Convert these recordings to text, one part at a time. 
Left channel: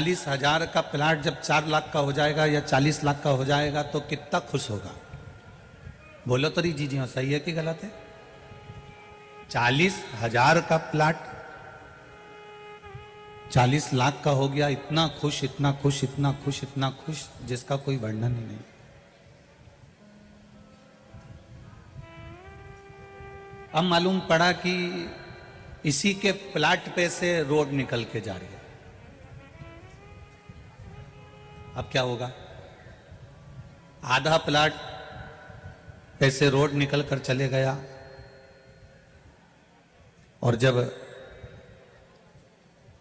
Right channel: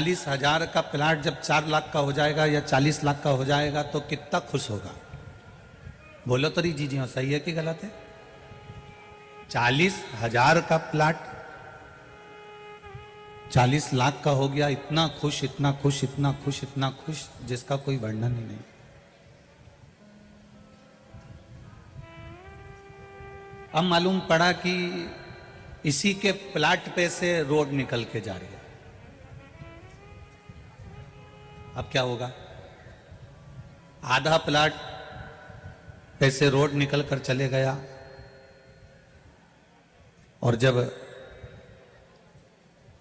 40,000 का प्लाट जब 4 लाख का हो जाएगा या 40 लाख का हो जाएगा तो कितना खुश होगा? बोलो तो री जी हाँ, सही है कि गलत है? 40,000 का प्लाट 40 लाख का हो गया, इतना खुश, इतना खुश, इतना खुश, इतना खुश जिसका कोई वर्णन ही नहीं। अब मालूम पड़ा कि इसी के प्लाट पे से रोड निकल के जा रही है। अब क्या होगा? आधा प्लाट पे से रोड निकल कर चले गया और जब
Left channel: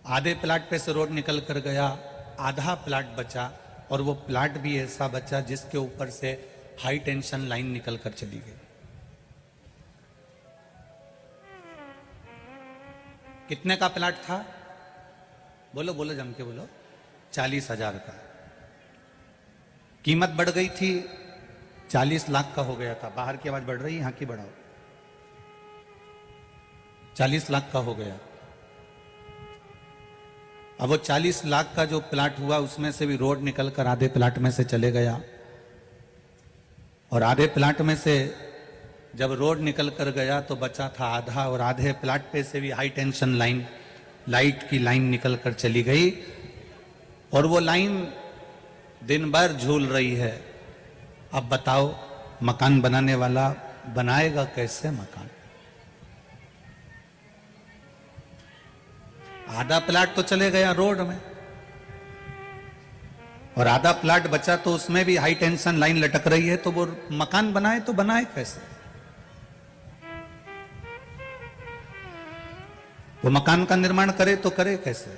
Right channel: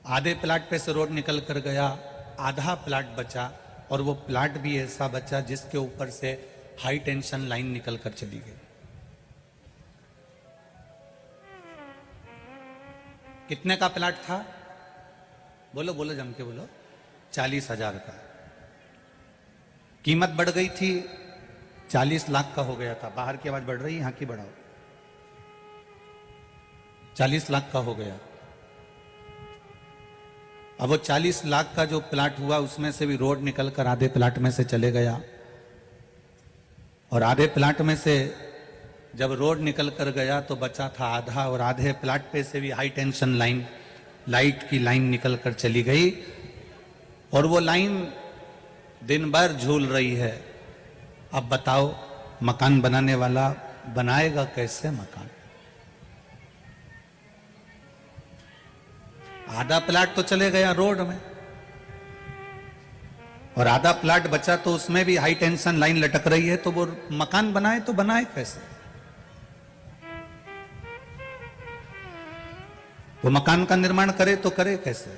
आधे प्लाट पे से रोड निकल कर गया, आधा प्लाट बचा और वो प्लाट भी ऐसा बचा जिसके ऊपर से हाई टेंशन लाइन निकल कर चली गई। कितने का प्लाट था? बोलो बोलो, जम के बोलो। 40,000 का। कीमत बढ़ गई थी, 40 लाख का हो गया था। बाहर की आवाज बढ़ रही है, यहां की बढ़ाओ। 40 लाख का हो गया। अब वो 40 लाख का जो प्लाट हुआ उसमें से भी रोड निकल कर आधे प्लाट में से चले गया और आधे प्लाट में से जब रोड निकल कर गया तो बचा था आधा और आधे प्लाट पे से भी हाई टेंशन लाइन, लाइट की लाइन निकल कर चली गई और वो लाइन दिन भर झूल रही है। अब बताओ मकान बनाने वाला बनाएगा कैसे मकान? आधा प्लाट तो चले गया रोड में और आधा प्लाट बचा तो उसमें भी हाई टेंशन लाइन लटक रही है, तो वो मकान बनाए तो बनाए कैसे? वो मकान का निर्माण करे तो करे कैसे?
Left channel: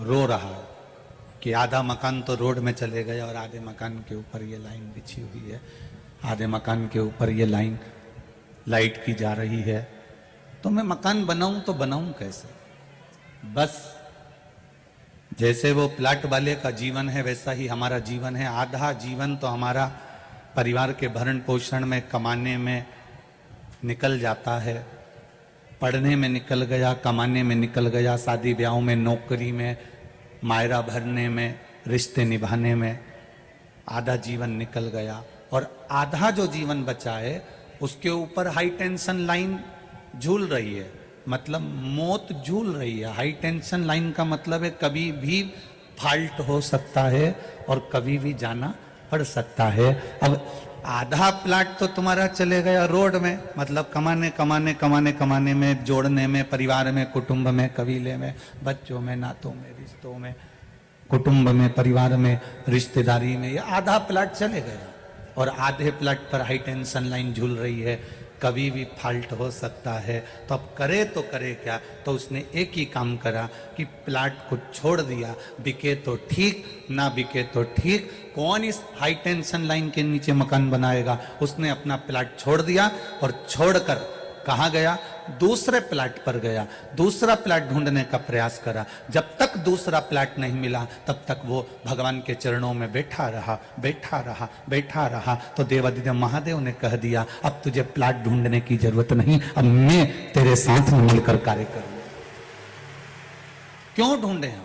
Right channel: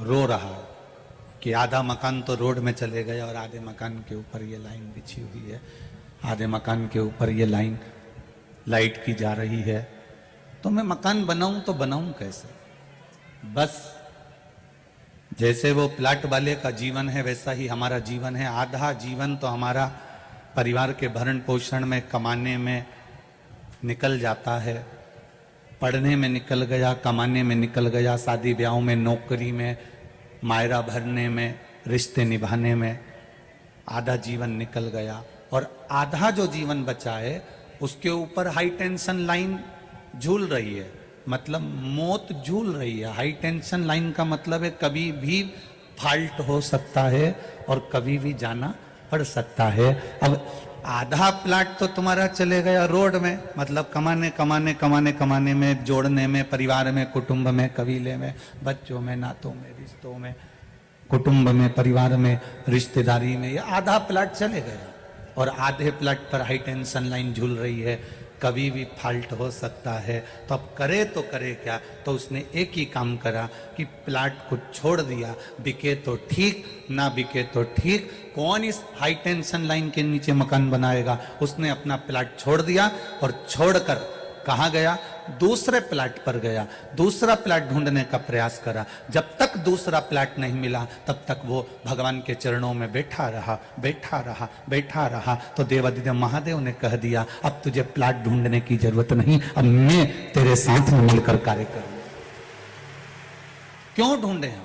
रो रहा हो कि आधा मकान तो रोड में चले गए और आधे मकान के ऊपर ये लाइन बिछी हुई है, आधे मकान के ऊपर ये लाइन लाइट की जा रही है, तो मैं मकान बनाऊं तो बनाऊं कैसे? बस जैसे वो प्लाट वाले का जीवन है वैसा ही हमारा जीवन है। आधा जीवन तो हमारा परिवार के भरण पोषण में, कमाने में निकल जाता है, पढ़ने में निकल गया, कमाने में निकल गया, शादी ब्याहों में, नौकरी में, मायरा भरने में, रिश्ते निभाने में आधा जीवन निकल गया और आधा जो जीवन बचा है उसके ऊपर हाई टेंशन लाइन झूल रही है, मतलब मौत झूल रही है। हाई टेंशन लाइन का मतलब है कभी भी फाल्ट हो सकता है और कभी भी जाना पड़ सकता है। आधा प्लाट तो तुम्हारा चले गया रोड में, मतलब कमाने कमाने कमाने कमाने में, जोड़ने में, परिवार में, कुटुंब में, कबीले में, बच्चों में, नातों में, रिश्तों में, कुटुंब में, परिवार में, रिश्तेदारी में, ये आधा प्लाट चले गया और आधे प्लाट पर हाई टेंशन लाइन झूल रही है, कभी भी फाल्ट हो सकता है। तो अब करे तो करे क्या? तो उसने एक ही काम करा कि प्लाट को छोड़ दिया। बिके तो ठीक, ना बिके तो ठीक, कौन इस हाई टेंशन लाइन के नीचे मकान बनाएगा? उसने अपना प्लाट छोड़ दिया और छोड़कर कहाँ गया? दूसरे प्लाट पर गया, दूसरा प्लाट ढूंढने का प्रयास करा। जब तक दूसरा प्लाट नहीं मिला तब तक वो भगवान के चरणों में बैठा रहा, बैठा रहा, बैठा रहा। तो देवादिदेव महादेव ने कह दिया अब तुझे प्लाट ढूंढने की जरूरत नहीं, अब मैं तेरे साथ में मिलकर कार्य करूंगा। क्यों ढूंढे हम?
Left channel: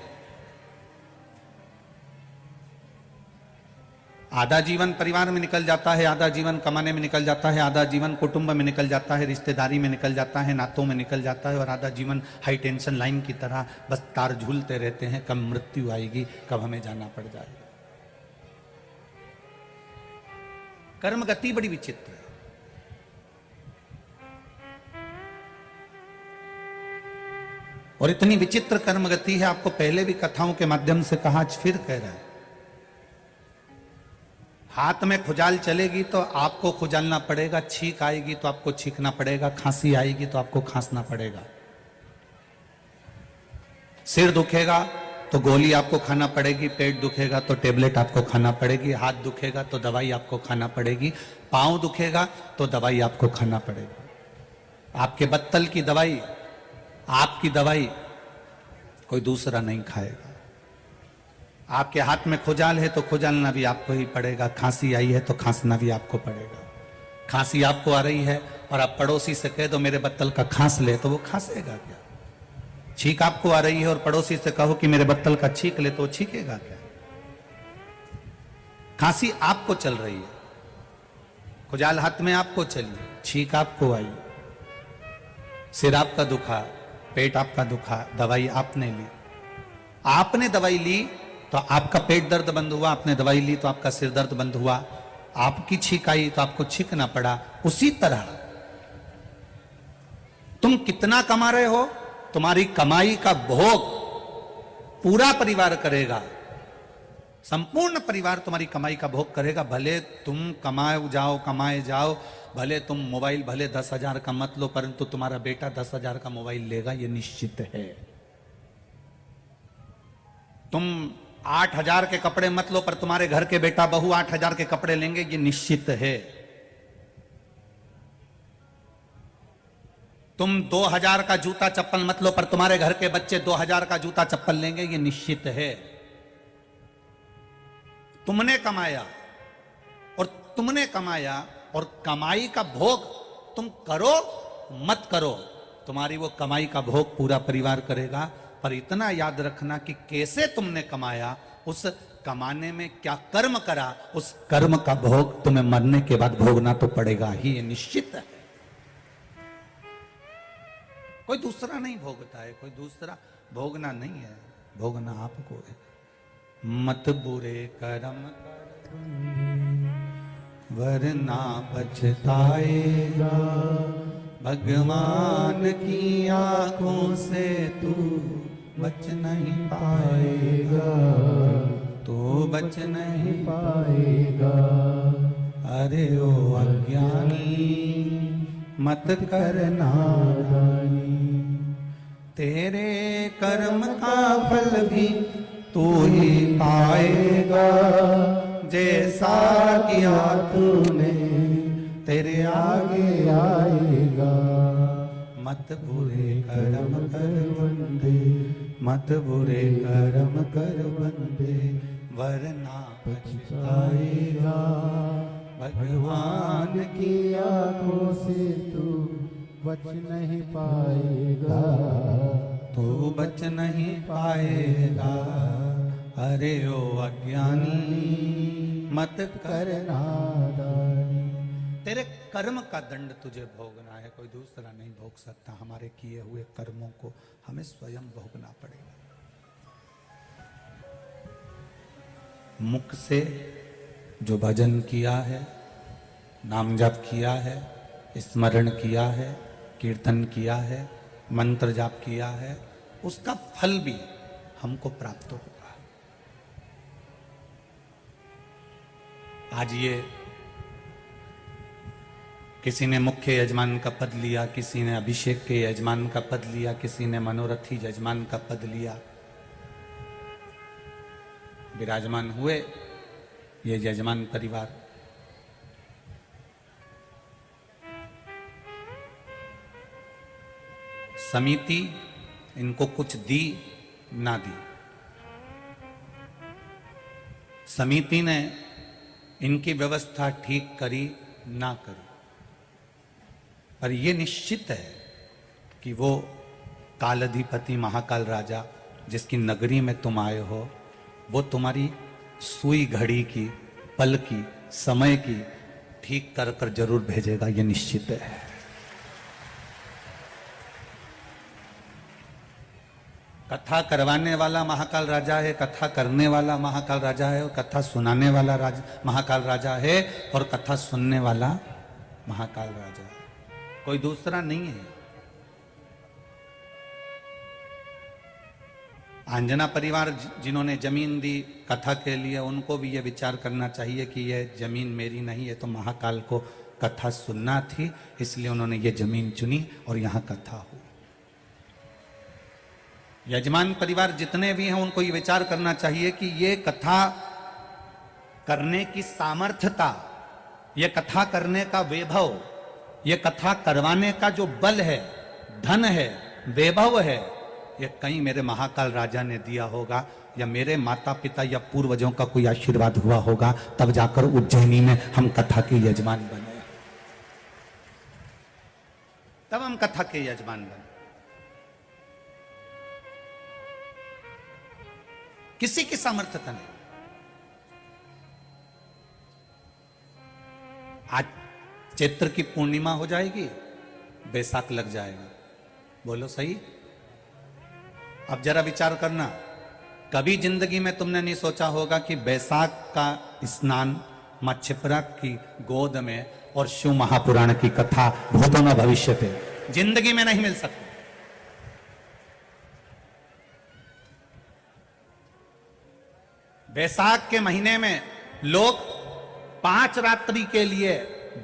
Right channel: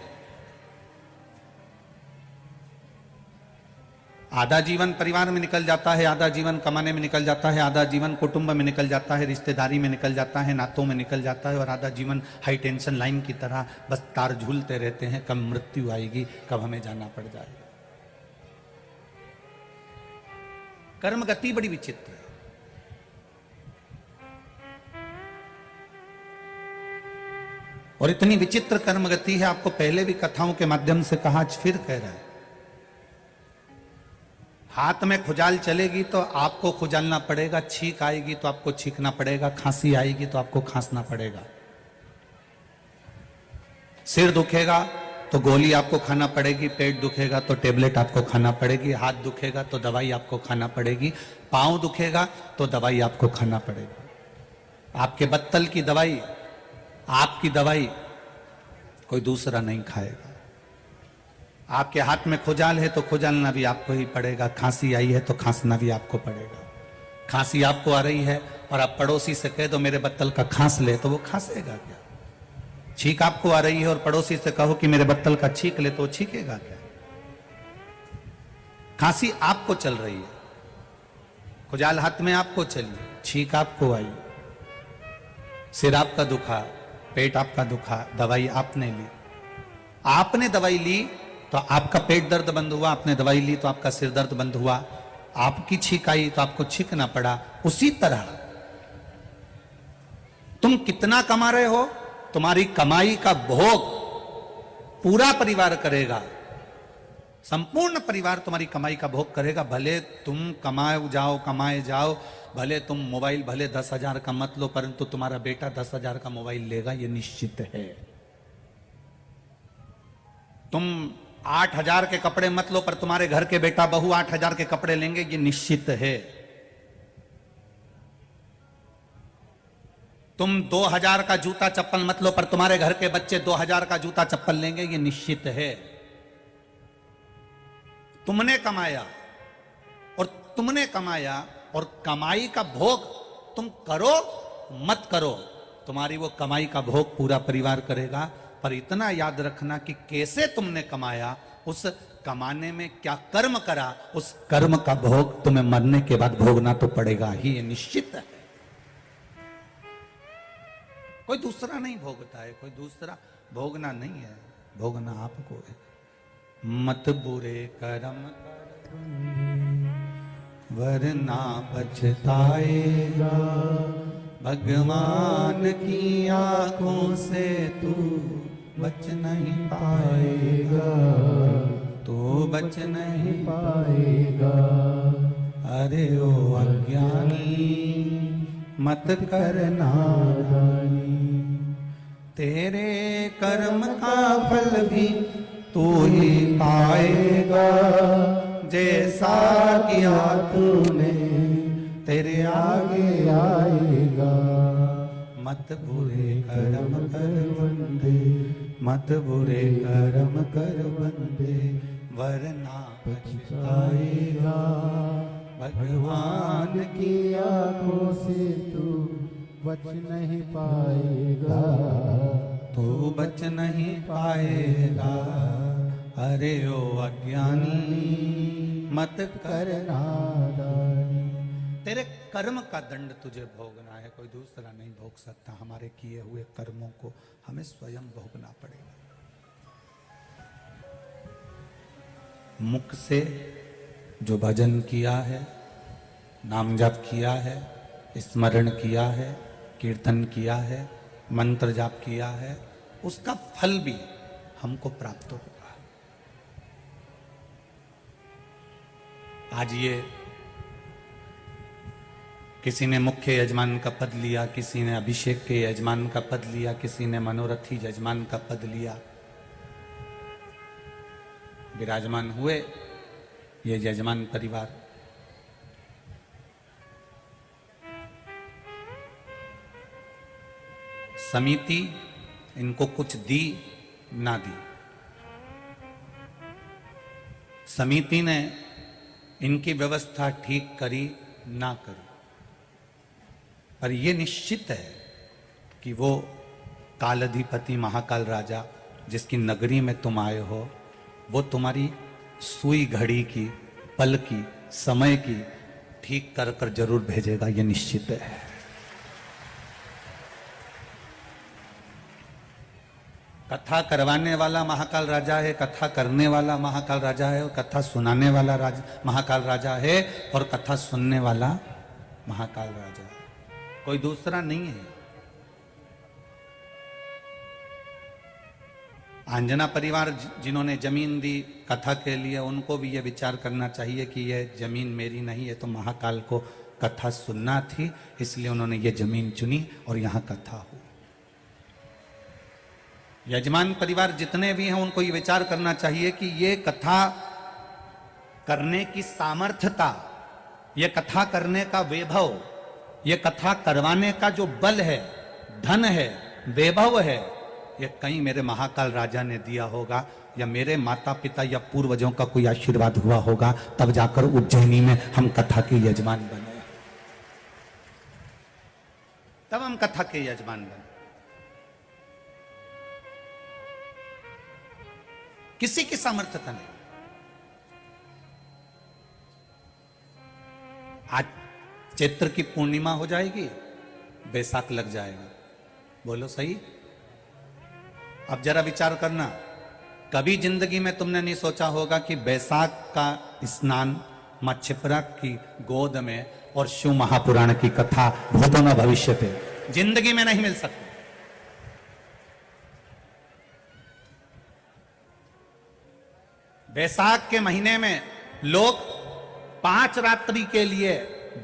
आधा जीवन परिवार में निकल जाता है, आधा जीवन कमाने में निकल जाता है, आधा जीवन कुटुंब में निकल जाता है, रिश्तेदारी में निकल जाता है, नातों में निकल जाता है और आधा जीवन हाई टेंशन लाइन की तरह बस तार झूलते रहते हैं। कब मृत्यु आएगी, कब हमें जाना पड़ जाएगा। कर्म गति बड़ी विचित्र है। और इतनी विचित्र कर्म गति है, आपको पहले भी कथाओं के माध्यम से कहा, फिर कह रहा हूं। हाथ में खुजाल चलेगी तो आपको खुजालना पड़ेगा, छींक आएगी तो आपको छींकना पड़ेगा, खांसी आएगी तो आपको खांसना पड़ेगा, सिर दुखेगा तो गोली आपको खाना पड़ेगी, पेट दुखेगा तो टेबलेट आपको खाना पड़ेगी, हाथ दुखेगा तो दवाई आपको खाना पड़ेगी, पांव दुखेगा तो दवाई आपको खाना पड़ेगी। आपके बत्तल की दवाई, आपकी दवाई कोई दूसरा नहीं खाएगा। आपके हाथ में खुजाल है तो खुजालना भी आपको ही पड़ेगा, खांसी आई है तो खांसना भी आपको पड़ेगा। खांसी आपको आ रही है और आप पड़ोसी से कह दो मेरे बत्तल का खांस ले, तो वो खांसेगा क्या? छींक आपको आ रही है और पड़ोसी से कहो कि मेरे बत्तल का छींक ले, तो छींकेगा क्या? खांसी आपको चल रही है, खुजाल हाथ में आपको चल रही है, छींक आपको आई, सिर आपका दुखा, पेट आपका दुखा, दवाई आपने ली, आपने दवाई ली तो आपका पेट दर्द बंद हुआ, आपने दवाई ली तो आपका सिर दर्द बंद हुआ, आपकी छींक आई तो आपको छींकना पड़ा। उसी तरह तुम कितना कमा रहे हो, तुम्हारी कमाई का भोग पूरा परिवार करेगा, संपूर्ण परिवार तुम्हारी कमाई का भोग करेगा। भले तुम कमाए जाओ, भले तुम मोबाइल भले 10,000 का मत लो, परंतु तुम्हारा बेटा 10,000 का मोबाइल लेगा, यह निश्चित है। तुम 8,000 के कपड़े मत लो, पर तुम्हारे घर के बेटा बहू 8,000 के कपड़े लेंगे, ये निश्चित है। तुम 2,000 का जूता चप्पल मत लो, पर तुम्हारे घर के बच्चे 2,000 का जूता चप्पल लेंगे, ये निश्चित है। तुमने कमाया और कमाई का भोग तुम करो मत करो, तुम्हारी वो कमाई का भोग पूरा परिवार करेगा। पर इतना याद रखना कि कैसे तुमने कमाया, उस कमाने में क्या कर्म करा, उस कर्म का भोग तुम्हें मरने के बाद भोगना तो पड़ेगा ही, ये निश्चित है। कोई दूसरा नहीं भोगता है, कोई दूसरा भोगना नहीं है, भोगना आपको है। मत बुरे कर्म वरना पछताएगा, भगवान की आंखों से तू बच नहीं पाएगा, तो बच नहीं पाएगा। अरे ओ अज्ञानी मत करना, तेरे कर्म का फल भी तू ही पाएगा, जैसा किया तूने तेरे आगे आएगा। मत बुरे कर्म कर बंदे, मत बुरे कर्म कर बंदे, वरना पछताएगा, भगवान की आंखों से तू बच नहीं पाएगा, तू बच नहीं पाएगा। अरे ओ अज्ञानी मत करना, तेरे कर्म का दंड तुझे भोगना है, कोई दूसरा नहीं भोग सकता। हमारे किए हुए कर्मों को हमें स्वयं भोगना पड़ेगा। मुख से जो भजन किया है, नाम जप किया है, स्मरण किया है, कीर्तन किया है, मंत्र जाप किया है, उसका फल भी हमको प्राप्त होगा। आज ये किसी ने मुख्य यजमान का पद लिया, किसी ने अभिषेक के यजमान का पद लिया, किसी ने मनोरथी यजमान का पद लिया, विराजमान हुए ये यजमान परिवार। समिति इनको कुछ दी ना दी, समिति ने इनकी व्यवस्था ठीक करी ना करी, पर यह निश्चित है कि वो कालाधिपति महाकाल राजा जिसकी नगरी में तुम आए हो, वो तुम्हारी सुई घड़ी की, पल की, समय की ठीक कर कर जरूर भेजेगा, यह निश्चित है। कथा करवाने वाला महाकाल राजा है, कथा करने वाला महाकाल राजा है, और कथा सुनाने वाला महाकाल राजा है, और कथा सुनने वाला महाकाल राजा है, कोई दूसरा नहीं है। आंजना परिवार जिन्होंने जमीन दी कथा के लिए, उनको भी ये विचार करना चाहिए कि ये जमीन मेरी नहीं है, तो महाकाल को कथा सुनना थी, इसलिए उन्होंने ये जमीन चुनी और यहाँ कथा हुई। यजमान परिवार जितने भी हैं उनको ये विचार करना चाहिए कि ये कथा करने की सामर्थ्यता, ये कथा करने का वैभव, ये कथा करवाने का जो बल है, धन है, वैभव है, ये कहीं मेरे महाकाल राजा ने दिया होगा, या मेरे माता पिता या पूर्वजों का कोई आशीर्वाद हुआ होगा, तब जाकर उज्जैनी में हम कथा के यजमान बने। तब हम कथा के यजमान बने। सामर्थ्यता नहीं। आज चैत्र की पूर्णिमा हो जाएगी, बैसाख लग जाएगा, बोलो सही। अब जरा विचार करना, कभी जिंदगी में तुमने नहीं सोचा होगा कि बैसाख का स्नान मां क्षिप्रा की गोद में और शिव महापुराण की कथा भूतों में भविष्य थे, जिंदगी में नहीं मिल सकती। बैसाख के महीने में लोग 5 रात्रि के लिए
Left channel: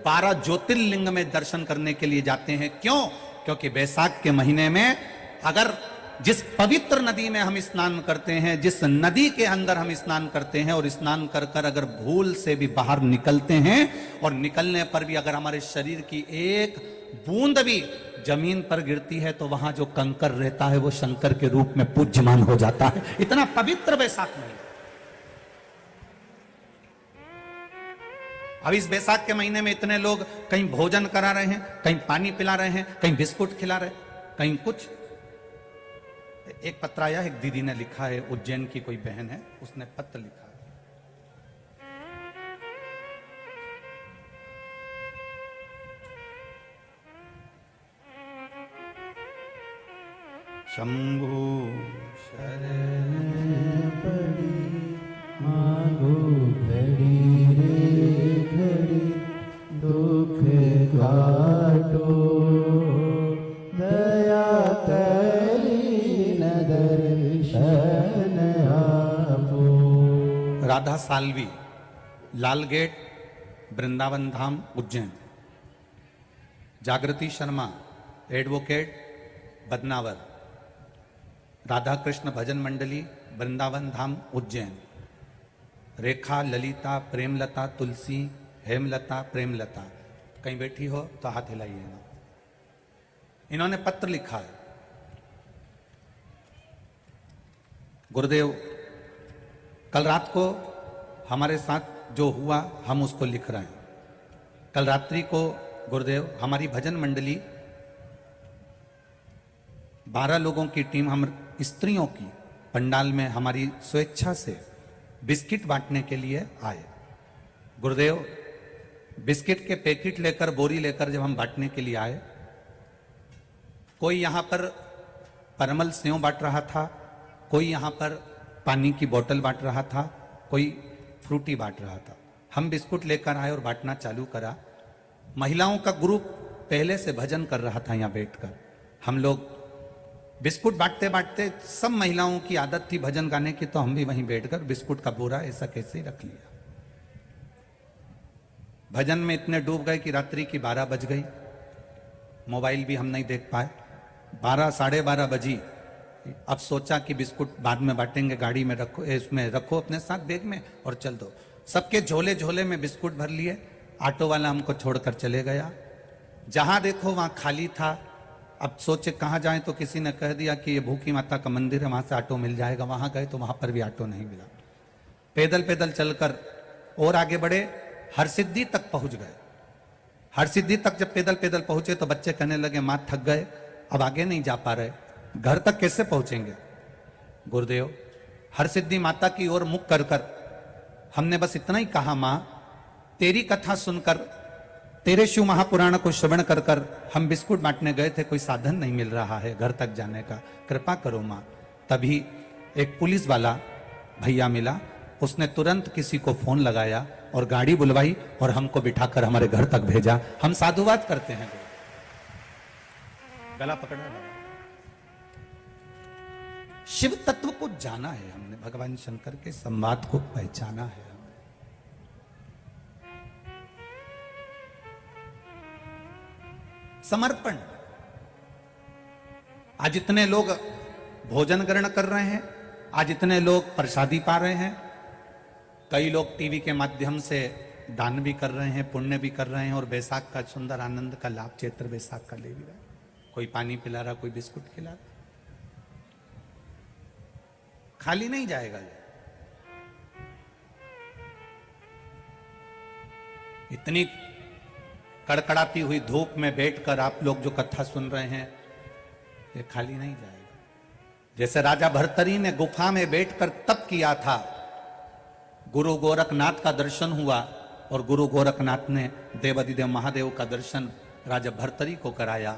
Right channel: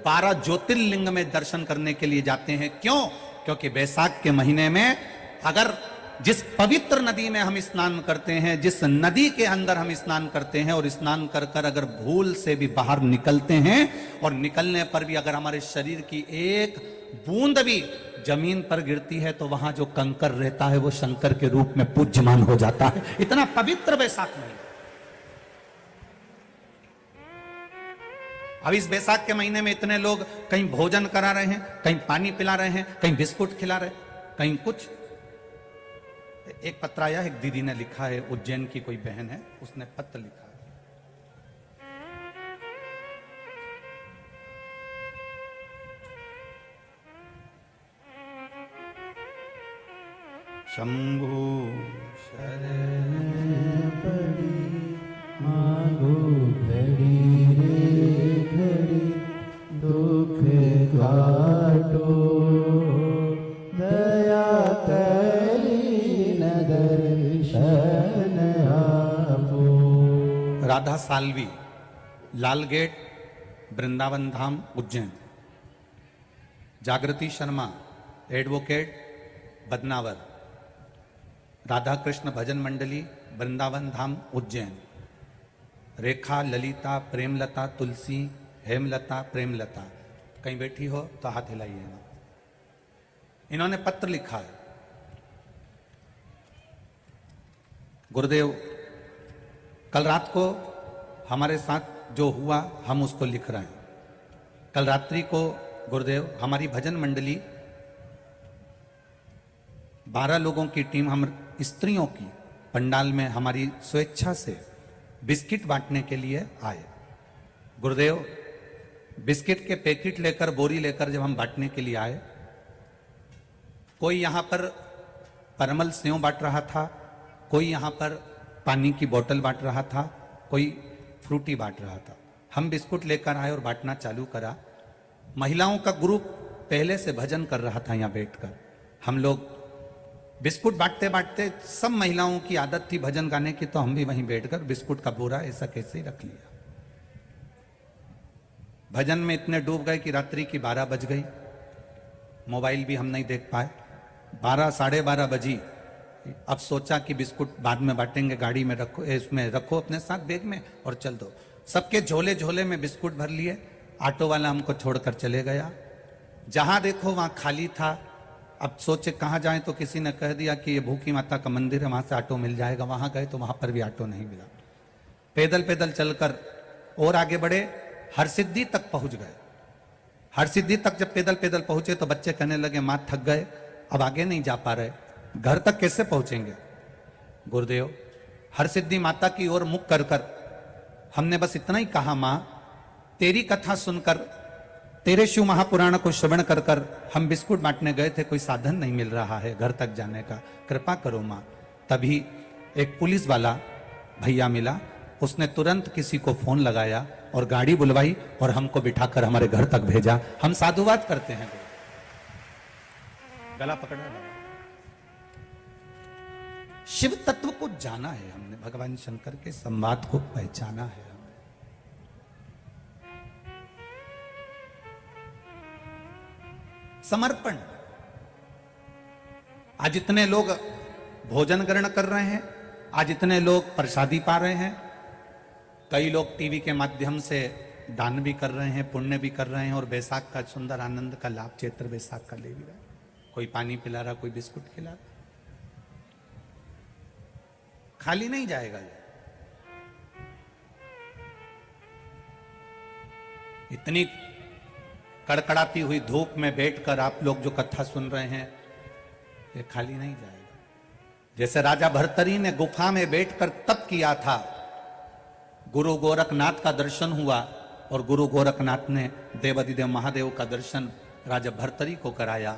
12 ज्योतिर्लिंग में दर्शन करने के लिए जाते हैं। क्यों? क्योंकि बैसाख के महीने में अगर जिस पवित्र नदी में हम स्नान करते हैं, जिस नदी के अंदर हम स्नान करते हैं और स्नान कर कर अगर भूल से भी बाहर निकलते हैं और निकलने पर भी अगर हमारे शरीर की एक बूंद भी जमीन पर गिरती है तो वहां जो कंकर रहता है वो शंकर के रूप में पूज्यमान हो जाता है। इतना पवित्र बैसाख महीना। अब इस बैसाख के महीने में इतने लोग कहीं भोजन करा रहे हैं, कहीं पानी पिला रहे हैं, कहीं बिस्कुट खिला रहे, कहीं कुछ। एक पत्र आया, एक दीदी ने लिखा है, उज्जैन की कोई बहन है, उसने पत्र लिखा है। शंभु शरण पड़ी मांगो घड़ी रे घड़ी दुख काटो दया दर्शन आपो। राधा साल्वी, लाल गेट, वृंदावन धाम, उज्जैन। जागृति शर्मा, एडवोकेट, बदनावर। राधा कृष्ण भजन मंडली, वृंदावन धाम, उज्जैन। रेखा, ललिता, प्रेमलता, तुलसी, हेमलता, प्रेमलता। कहीं बैठी हो तो हाथ हिलाइए ना। इन्होंने पत्र लिखा है। गुरुदेव, कल रात को हमारे साथ जो हुआ हम उसको लिख रहे हैं। कल रात्रि को गुरुदेव हमारी भजन मंडली 12 लोगों की टीम, हम स्त्रियों की पंडाल में हमारी स्वेच्छा से बिस्किट बांटने के लिए आए। गुरुदेव, बिस्किट के पैकेट लेकर, बोरी लेकर जब हम बांटने के लिए आए, कोई यहां पर परमल सेव बांट रहा था, कोई यहां पर पानी की बोतल बांट रहा था, कोई फ्रूटी बांट रहा था। हम बिस्कुट लेकर आए और बांटना चालू करा। महिलाओं का ग्रुप पहले से भजन कर रहा था यहां बैठकर। हम लोग बिस्कुट बांटते बांटते, सब महिलाओं की आदत थी भजन गाने की, तो हम भी वहीं बैठकर बिस्कुट का बोरा ऐसा कैसे ही रख लिया। भजन में इतने डूब गए कि रात्रि की 12 बज गई। मोबाइल भी हम नहीं देख पाए। 12 साढ़े 12 बजी। अब सोचा कि बिस्कुट बाद में बांटेंगे, गाड़ी में रखो, इसमें रखो अपने साथ बैग में और चल दो। सबके झोले झोले में बिस्कुट भर लिए। ऑटो वाला हमको छोड़कर चले गया। जहां देखो वहां खाली था। अब सोचे कहाँ जाए, तो किसी ने कह दिया कि भूखी माता का मंदिर है, वहां से ऑटो मिल जाएगा। वहां गए तो वहां पर भी ऑटो नहीं मिला। पैदल पैदल चलकर और आगे बढ़े, हरसिद्धि तक पहुंच गए। हरसिद्धि तक जब पैदल पैदल पहुंचे तो बच्चे कहने लगे मां थक गए, अब आगे नहीं जा पा रहे, घर तक कैसे पहुंचेंगे। गुरुदेव, हरसिद्धि माता की ओर मुख कर कर हमने बस इतना ही कहा, मां तेरी कथा सुनकर, तेरे शिव महापुराण को श्रवण कर कर हम बिस्कुट बांटने गए थे, कोई साधन नहीं मिल रहा है घर तक जाने का, कृपा करो मां। तभी एक पुलिस वाला भैया मिला। उसने तुरंत किसी को फोन लगाया और गाड़ी बुलवाई और हमको बिठाकर हमारे घर तक भेजा। हम साधुवाद करते हैं। गला पकड़ना, शिव तत्व को जाना है हमने, भगवान शंकर के संवाद को पहचाना है। समर्पण। आज इतने लोग भोजन ग्रहण कर रहे हैं, आज इतने लोग प्रसादी पा रहे हैं, कई लोग टीवी के माध्यम से दान भी कर रहे हैं, पुण्य भी कर रहे हैं और बैसाख का सुंदर आनंद का लाभ चैत्र बैसाख का ले रहे हैं। कोई पानी पिला रहा, कोई बिस्कुट खिला रहा। खाली नहीं जाएगा। इतनी कड़कड़ाती हुई धूप में बैठकर आप लोग जो कथा सुन रहे हैं, ये खाली नहीं जाएगा। जैसे राजा भर्तरी ने गुफा में बैठकर तप किया था, गुरु गोरखनाथ का दर्शन हुआ और गुरु गोरखनाथ ने देवाधिदेव महादेव का दर्शन राजा भर्तरी को कराया।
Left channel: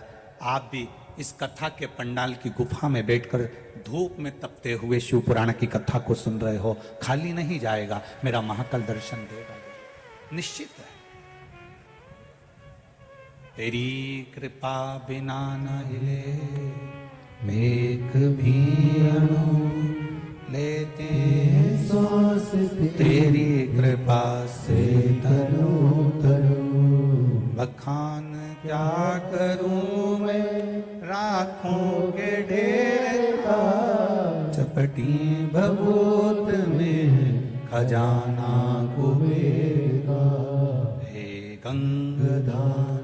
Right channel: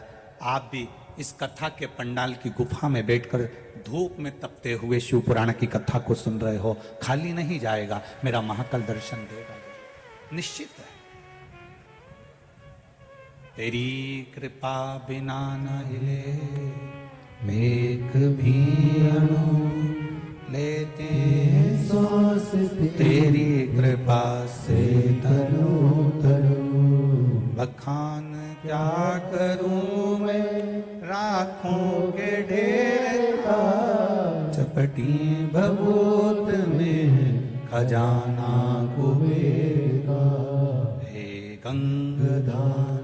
आप भी इस कथा के पंडाल की गुफा में बैठकर धूप में तपते हुए शिव पुराण की कथा को सुन रहे हो, खाली नहीं जाएगा, मेरा महाकाल दर्शन देगा, निश्चित है। तेरी कृपा बिना नहीं एक भी लेते सांस, तेरी कृपा से बखान क्या करूं मैं, राखों के ढेरा चपटी भभूत में खजाना कुबेरा। हे गंगाधार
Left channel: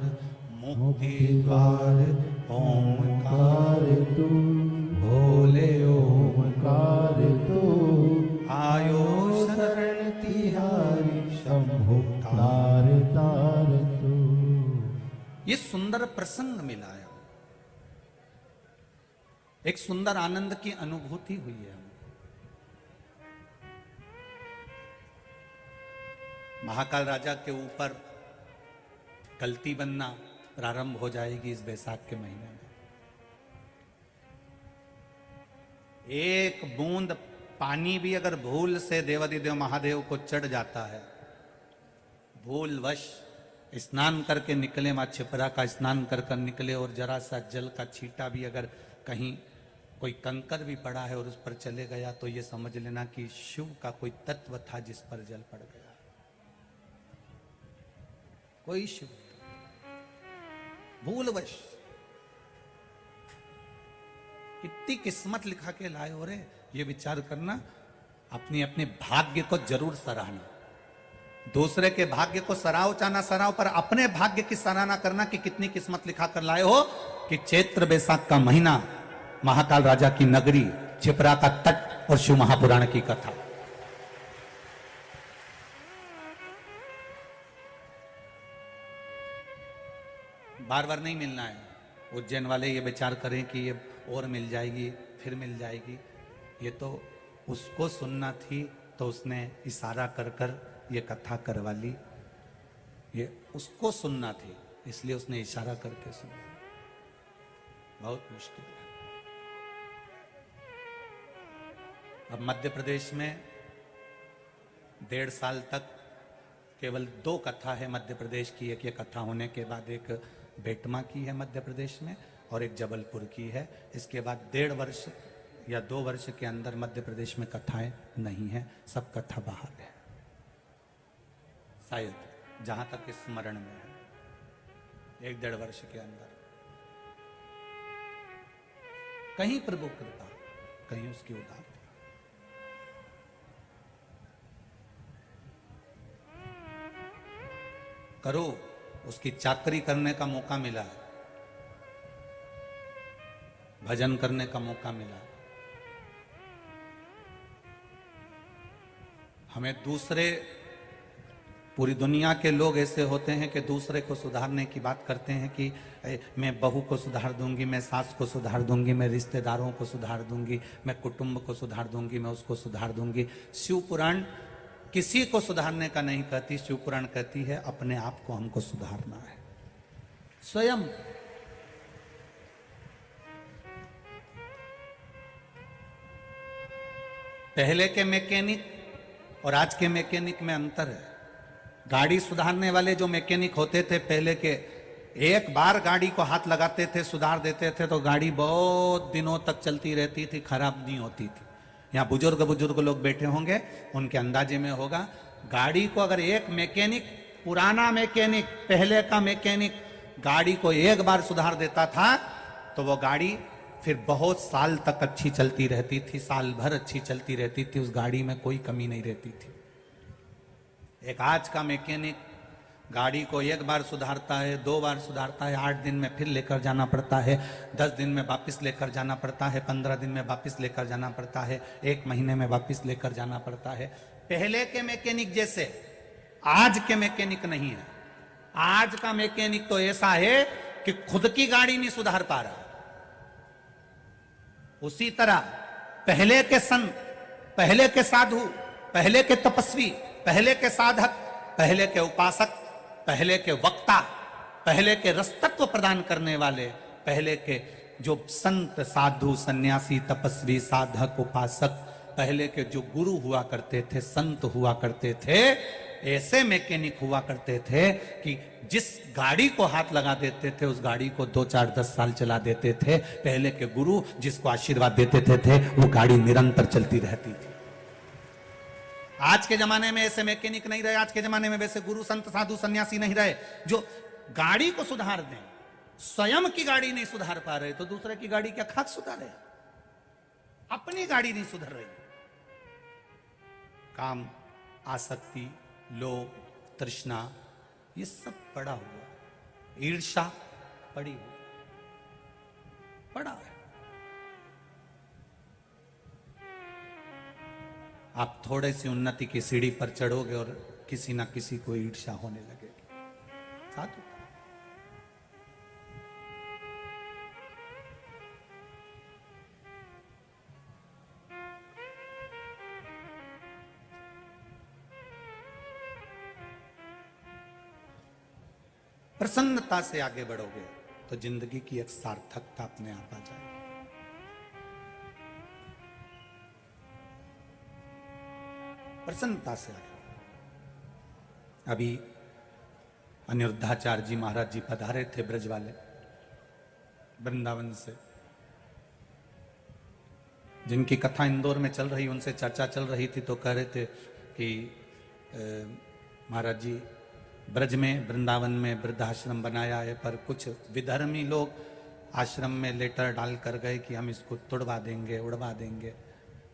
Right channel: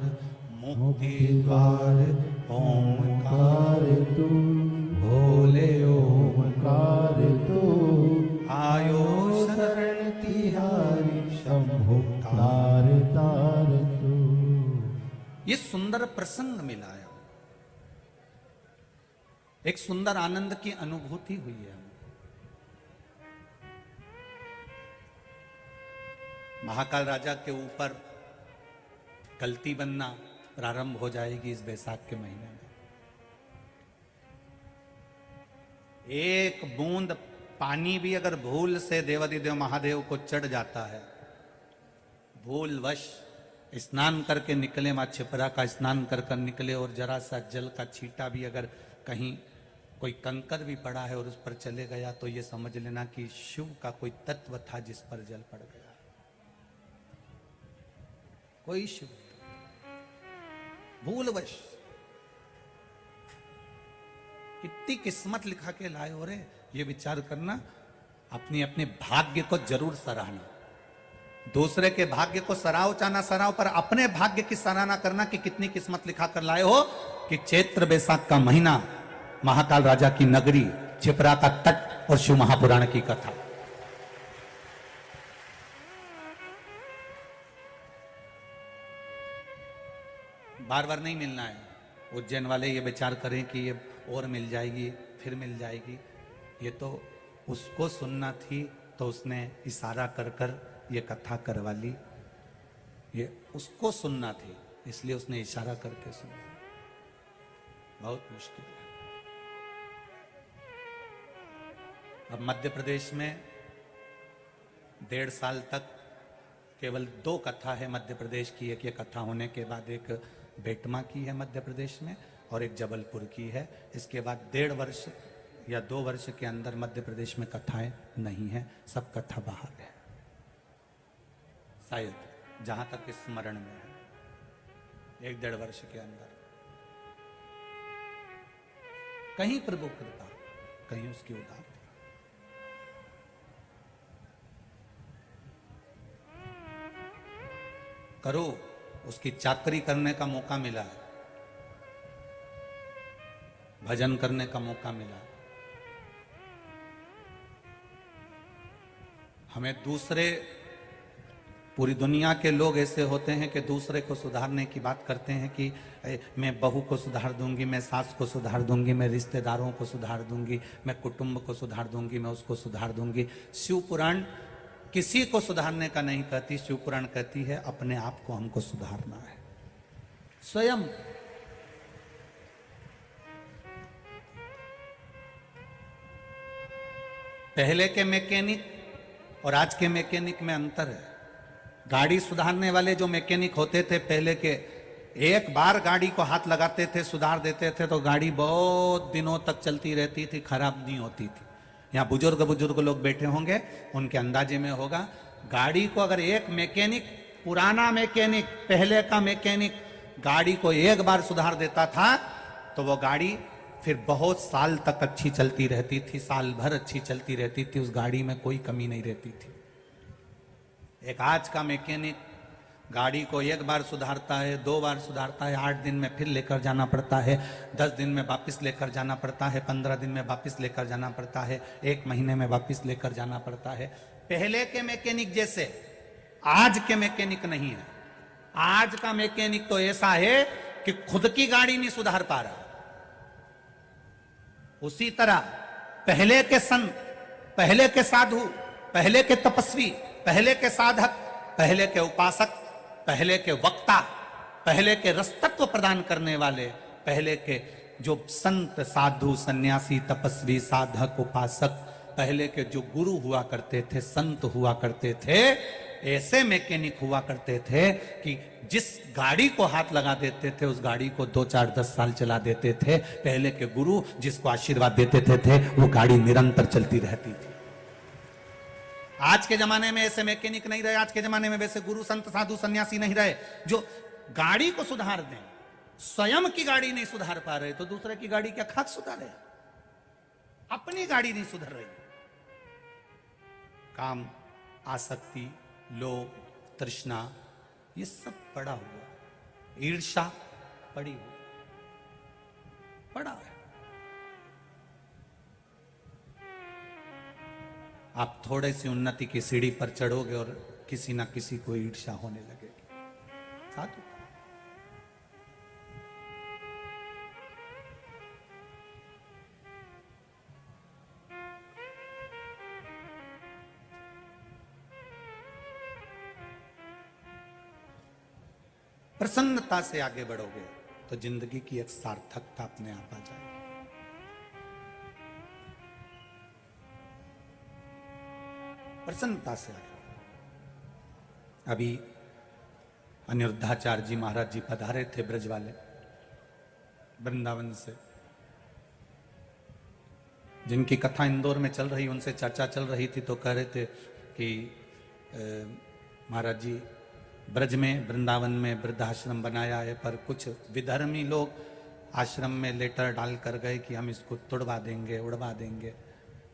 मुक्ति द्वार ओंकार तू, भोले ओंकार तू, आयो शरण तिहारी शंभु तार तार तू। ये सुंदर प्रसंग मिलाया, एक सुंदर आनंद की अनुभूति हुई है। महाकाल राजा के ऊपर गलती बनना प्रारंभ हो जाएगी इस बैसाख के महीने में। एक बूंद पानी भी अगर भूल से देवाधिदेव महादेव को चढ़ जाता है, भूलवश स्नान करके निकले, मां छिपरा का स्नान कर निकले और जरा सा जल का छींटा भी अगर कहीं कोई कंकर भी पड़ा है और उस पर चले गया, तो ये समझ लेना कि शिव का कोई तत्व था जिस पर जल पड़ गया, वही शिव। भूलवश कितनी किस्मत लिखा के लाए हो रे, ये विचार करना, अपनी अपने भाग्य को जरूर सराहना। दूसरे के भाग्य को सराहो चाहे सराहो, पर अपने भाग्य की सराहना करना कि कितनी किस्मत लिखा कर लाए हो कि चैत्र बैसाख का महीना, महाकाल राजा की नगरी, छिपरा का तट और शिव महापुराण की कथा। बार बार नहीं मिलना है। उज्जैन वाले ये विचार करें कि ये और मिल जाएगी, फिर मिल जाएगी, ये तो उसको सुनना थी तो उसने इशारा कर कर ये कथा करवा ली, ये उसको सुनना थी इसलिए उसने इशारा करके सुना। बहुत मुश्किल है। अब मध्य प्रदेश में 1.5 साल तक केवल 2 कथा है मध्य प्रदेश की। एक ये कथा होने के बाद एक बेटमा की है मध्य प्रदेश में और एक जबलपुर की है। इसके बाद 1.5 वर्ष या 2 वर्ष के अंदर मध्य प्रदेश में कथाएं नहीं है, सब कथा बाहर है शायद, जहां तक स्मरण में है। 1-1.5 वर्ष के अंदर कहीं प्रभु कृपा, कहीं उसकी उदारता। करो, उसकी चाकरी करने का मौका मिला है, भजन करने का मौका मिला है। हमें दूसरे, पूरी दुनिया के लोग ऐसे होते हैं कि दूसरे को सुधारने की बात करते हैं कि मैं बहू को सुधार दूंगी, मैं सास को सुधार दूंगी, मैं रिश्तेदारों को सुधार दूंगी, मैं कुटुंब को सुधार दूंगी, मैं उसको सुधार दूंगी। शिव पुराण किसी को सुधारने का नहीं कहती, शिव पुराण कहती है अपने आप को हमको सुधारना है स्वयं। पहले के मैकेनिक और आज के मैकेनिक में अंतर है। गाड़ी सुधारने वाले जो मैकेनिक होते थे पहले के, एक बार गाड़ी को हाथ लगाते थे, सुधार देते थे तो गाड़ी बहुत दिनों तक चलती रहती थी, खराब नहीं होती थी। यहाँ बुजुर्ग लोग बैठे होंगे, उनके अंदाजे में होगा, गाड़ी को अगर एक मैकेनिक, पुराना मैकेनिक, पहले का मैकेनिक गाड़ी को एक बार सुधार देता था तो वो गाड़ी फिर बहुत साल तक अच्छी चलती रहती थी, साल भर अच्छी चलती रहती थी, उस गाड़ी में कोई कमी नहीं रहती थी। एक आज का मैकेनिक गाड़ी को एक बार सुधारता है, 2 बार सुधारता है, 8 दिन में फिर लेकर जाना पड़ता है, 10 दिन में वापस लेकर जाना पड़ता है, 15 दिन में वापस लेकर जाना पड़ता है, 1 महीने में वापस लेकर जाना पड़ता है। पहले के मैकेनिक जैसे आज के मैकेनिक नहीं है। आज का मैकेनिक तो ऐसा है कि खुद की गाड़ी नहीं सुधार पा रहा। उसी तरह पहले के संत, पहले के साधु पहले के तपस्वी, पहले के साधक, पहले के उपासक, पहले के वक्ता, पहले के रसतत्व प्रदान करने वाले, पहले के जो संत साधु सन्यासी तपस्वी साधक उपासक, पहले के जो गुरु हुआ करते थे, संत हुआ करते थे, ऐसे मैकेनिक हुआ करते थे कि जिस गाड़ी को हाथ लगा देते थे उस गाड़ी को 2, 4, 10 साल चला देते थे। पहले के गुरु जिसको आशीर्वाद देते थे वो गाड़ी निरंतर चलती रहती थी। आज के जमाने में ऐसे मैकेनिक नहीं रहे, आज के जमाने में वैसे गुरु संत साधु सन्यासी नहीं रहे जो गाड़ी को सुधार दे। स्वयं की गाड़ी नहीं सुधार पा रहे तो दूसरे की गाड़ी क्या खाक सुधारे? अपनी गाड़ी नहीं सुधर रही। काम, आसक्ति, लोभ, तृष्णा, ये सब पड़ा हुआ, ईर्ष्या पड़ी हुई, पड़ा है। आप थोड़े सी उन्नति की सीढ़ी पर चढ़ोगे और किसी ना किसी को ईर्ष्या होने लगेगी। साधु प्रसन्नता से आगे बढ़ोगे तो जिंदगी की एक सार्थकता अपने आप आ जाएगी। प्रसन्नता से। अभी अनिरुद्धाचार्य जी महाराज जी पधारे थे ब्रज वाले वृंदावन से, जिनकी कथा इंदौर में चल रही, उनसे चर्चा चल रही थी तो कह रहे थे कि महाराज जी ब्रज में वृंदावन में वृद्धाश्रम बनाया है पर कुछ विधर्मी लोग आश्रम में लेटर डाल कर गए कि हम इसको तोड़वा देंगे, उड़वा देंगे।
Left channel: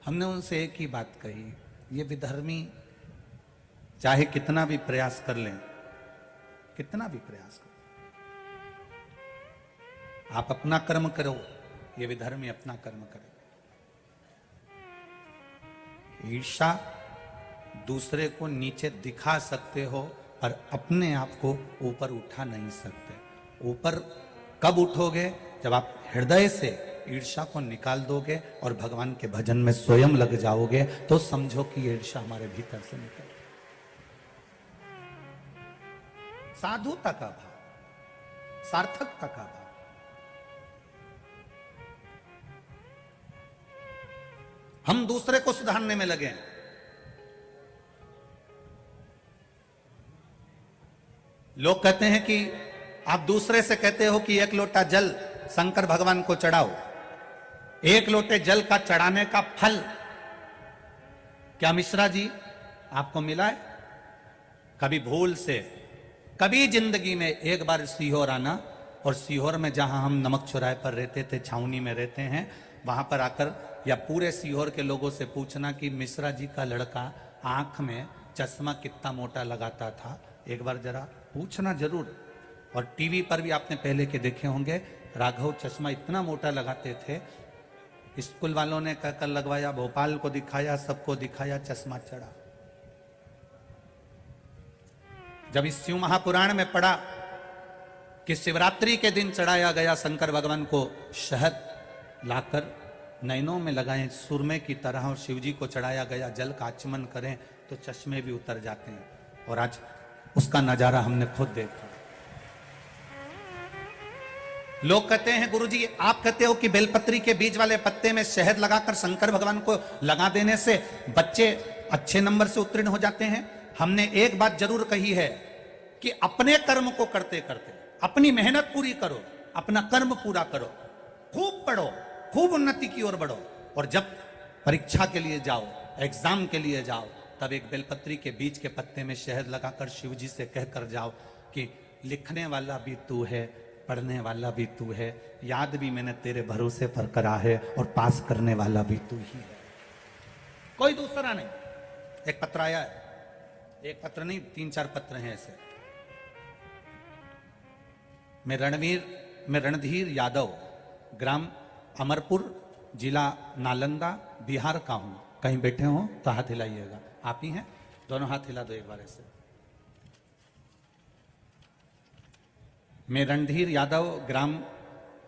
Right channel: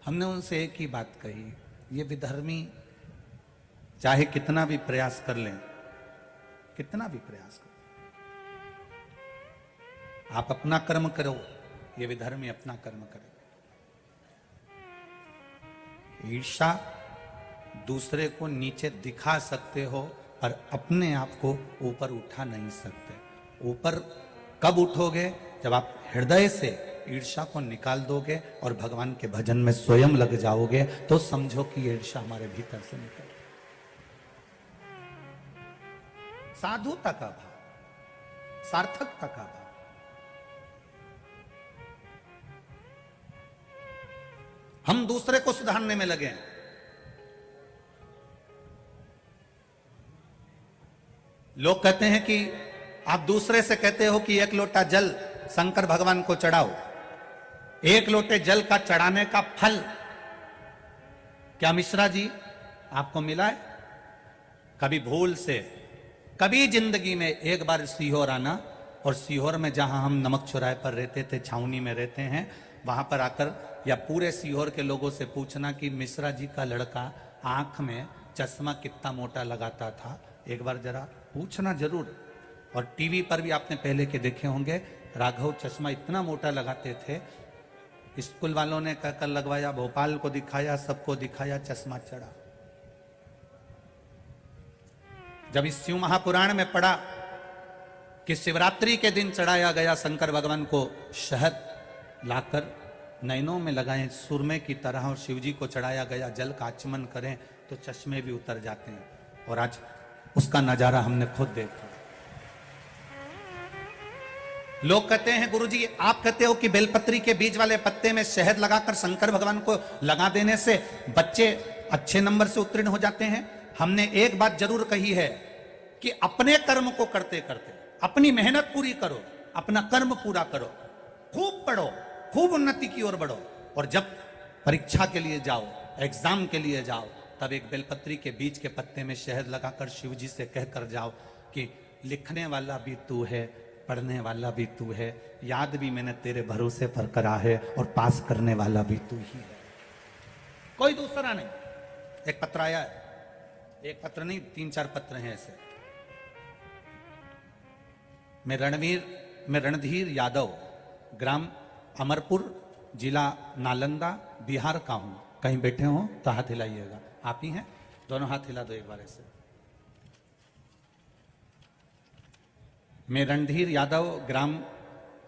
हमने उनसे एक ही बात कही, ये विधर्मी चाहे कितना भी प्रयास कर लें, कितना भी प्रयास कर, आप अपना कर्म करो, ये विधर्मी अपना कर्म करो। ईर्ष्या दूसरे को नीचे दिखा सकते हो और अपने आप को ऊपर उठा नहीं सकते। ऊपर कब उठोगे? जब आप हृदय से ईर्ष्या को निकाल दोगे और भगवान के भजन में स्वयं लग जाओगे तो समझो कि ईर्ष्या हमारे भीतर से निकल। साधुता क्या है? सार्थकता क्या है? हम दूसरे को सुधारने में लगे। लोग कहते हैं कि आप दूसरे से कहते हो कि 1 लोटा जल शंकर भगवान को चढ़ाओ। 1 लोटे जल का चढ़ाने का फल क्या मिश्रा जी आपको मिला है? कभी भूल से, कभी जिंदगी में एक बार सीहोर आना और सीहोर में जहां हम नमक चौराहे पर रहते थे, छावनी में रहते हैं, वहां पर आकर या पूरे सीहोर के लोगों से पूछना कि मिश्रा जी का लड़का आंख में चश्मा कितना मोटा लगाता था, एक बार जरा पूछना जरूर। और टीवी पर भी आपने पहले के देखे होंगे, राघव चश्मा इतना मोटा लगाते थे, स्कूल वालों ने कहकर लगवाया, भोपाल को दिखाया, सबको दिखाया, चश्मा चढ़ा। जब इस शिव महापुराण में पढ़ा कि शिवरात्रि के दिन चढ़ाया गया शंकर भगवान को शहद लाकर नैनों में लगाएं सुरमे की तरह और शिव जी को चढ़ाया गया जल का आचमन करें तो चश्मे भी उतर जाते हैं। और आज उसका नजारा हमने खुद देखा। लोग कहते हैं गुरुजी आप कहते हो कि बेलपत्री के बीज वाले पत्ते में शहद लगाकर शंकर भगवान को लगा देने से बच्चे अच्छे नंबर से उत्तीर्ण हो जाते हैं। हमने एक बात जरूर कही है कि अपने कर्म को करते करते अपनी मेहनत पूरी करो, अपना कर्म पूरा करो, खूब पढ़ो, खूब उन्नति की ओर बढ़ो, और जब परीक्षा के लिए जाओ, एग्जाम के लिए जाओ, तब एक बेलपत्री के बीज के पत्ते में शहद लगाकर शिव जी से कहकर जाओ कि लिखने वाला भी तू है, पढ़ने वाला भी तू है, याद भी मैंने तेरे भरोसे पर करा है और पास करने वाला भी तू ही है, कोई दूसरा नहीं। एक पत्र आया है, एक पत्र नहीं 3-4 पत्र हैं ऐसे। मैं रणधीर यादव, ग्राम अमरपुर, जिला नालंदा, बिहार का हूं। कहीं बैठे हो तो हाथ हिलाइएगा। आप ही हैं? दोनों हाथ हिला दो एक बार ऐसे। मैं रणधीर यादव, ग्राम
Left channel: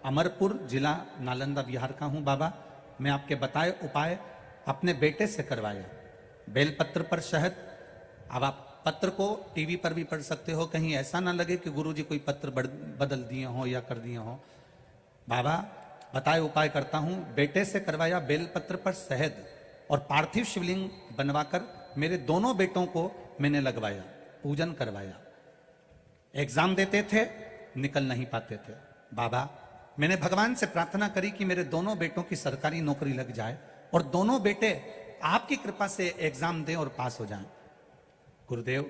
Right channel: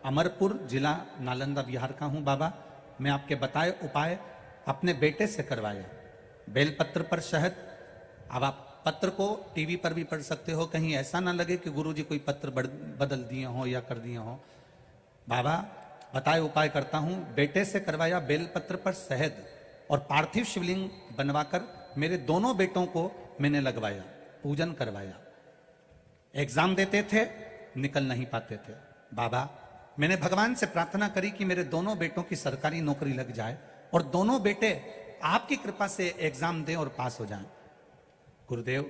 अमरपुर, जिला नालंदा, बिहार का हूं। बाबा मैं आपके बताए उपाय अपने बेटे से करवाया। बेलपत्र पर शहद। अब आप पत्र को टीवी पर भी पढ़ सकते हो, कहीं ऐसा ना लगे कि गुरुजी कोई पत्र बदल दिए हो या कर दिए हो। बाबा बताए उपाय करता हूं। बेटे से करवाया बेलपत्र पर शहद और पार्थिव शिवलिंग बनवाकर मेरे दोनों बेटों को मैंने लगवाया, पूजन करवाया। एग्जाम देते थे, निकल नहीं पाते थे। बाबा मैंने भगवान से प्रार्थना करी कि मेरे दोनों बेटों की सरकारी नौकरी लग जाए और दोनों बेटे आपकी कृपा से एग्जाम दें और पास हो जाएं। गुरुदेव,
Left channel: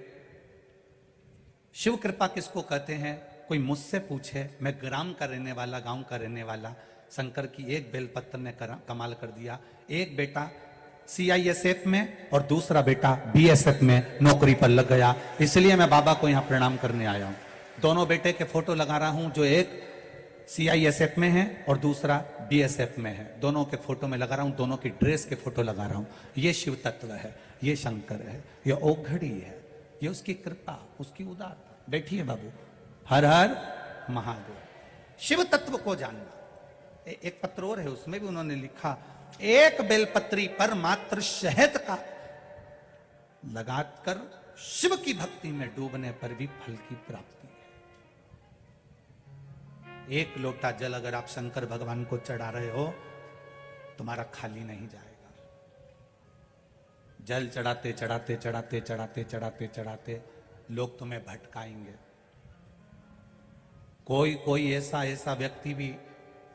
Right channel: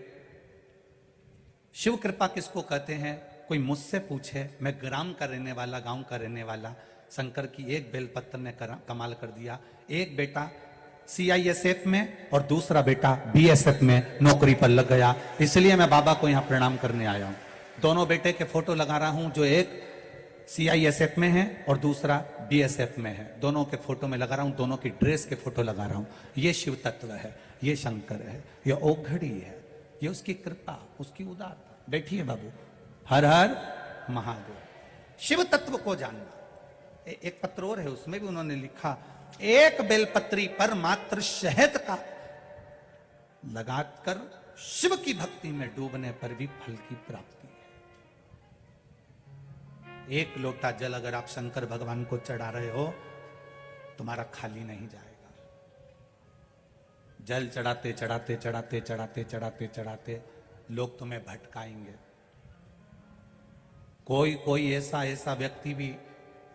शिव कृपा किसको कहते हैं? कोई मुझसे पूछे, मैं ग्राम का रहने वाला, गांव का रहने वाला, शंकर की एक बेलपत्र ने कमाल कर दिया। एक बेटा CISF में और दूसरा बेटा BSF में नौकरी पर लग गया। इसलिए मैं बाबा को यहाँ प्रणाम करने आया हूँ। दोनों बेटे के फोटो लगा रहा हूँ, जो एक CISF में है और दूसरा BSF में है। दोनों के फोटो में लगा रहा हूँ, दोनों की ड्रेस के फोटो लगा रहा हूँ। ये शिव तत्व है, ये शंकर है, ये ओघड़ी है, ये उसकी कृपा, उसकी उदार। देखिए बाबू, हर हर महादेव। शिव तत्व को जानना। एक पत्र और है, उसमें भी उन्होंने लिखा, एक बेलपत्री पर मात्र शहद का लगाकर शिव की भक्ति में डूबने पर भी फल की प्राप्ति है। एक लोटा जल अगर आप शंकर भगवान को चढ़ा रहे हो, तुम्हारा खाली नहीं जाएगा। जल चढ़ाते चढ़ाते चढ़ाते चढ़ाते चढ़ाते चढ़ाते लोग तुम्हें भटकाएंगे। कोई ऐसा व्यक्ति भी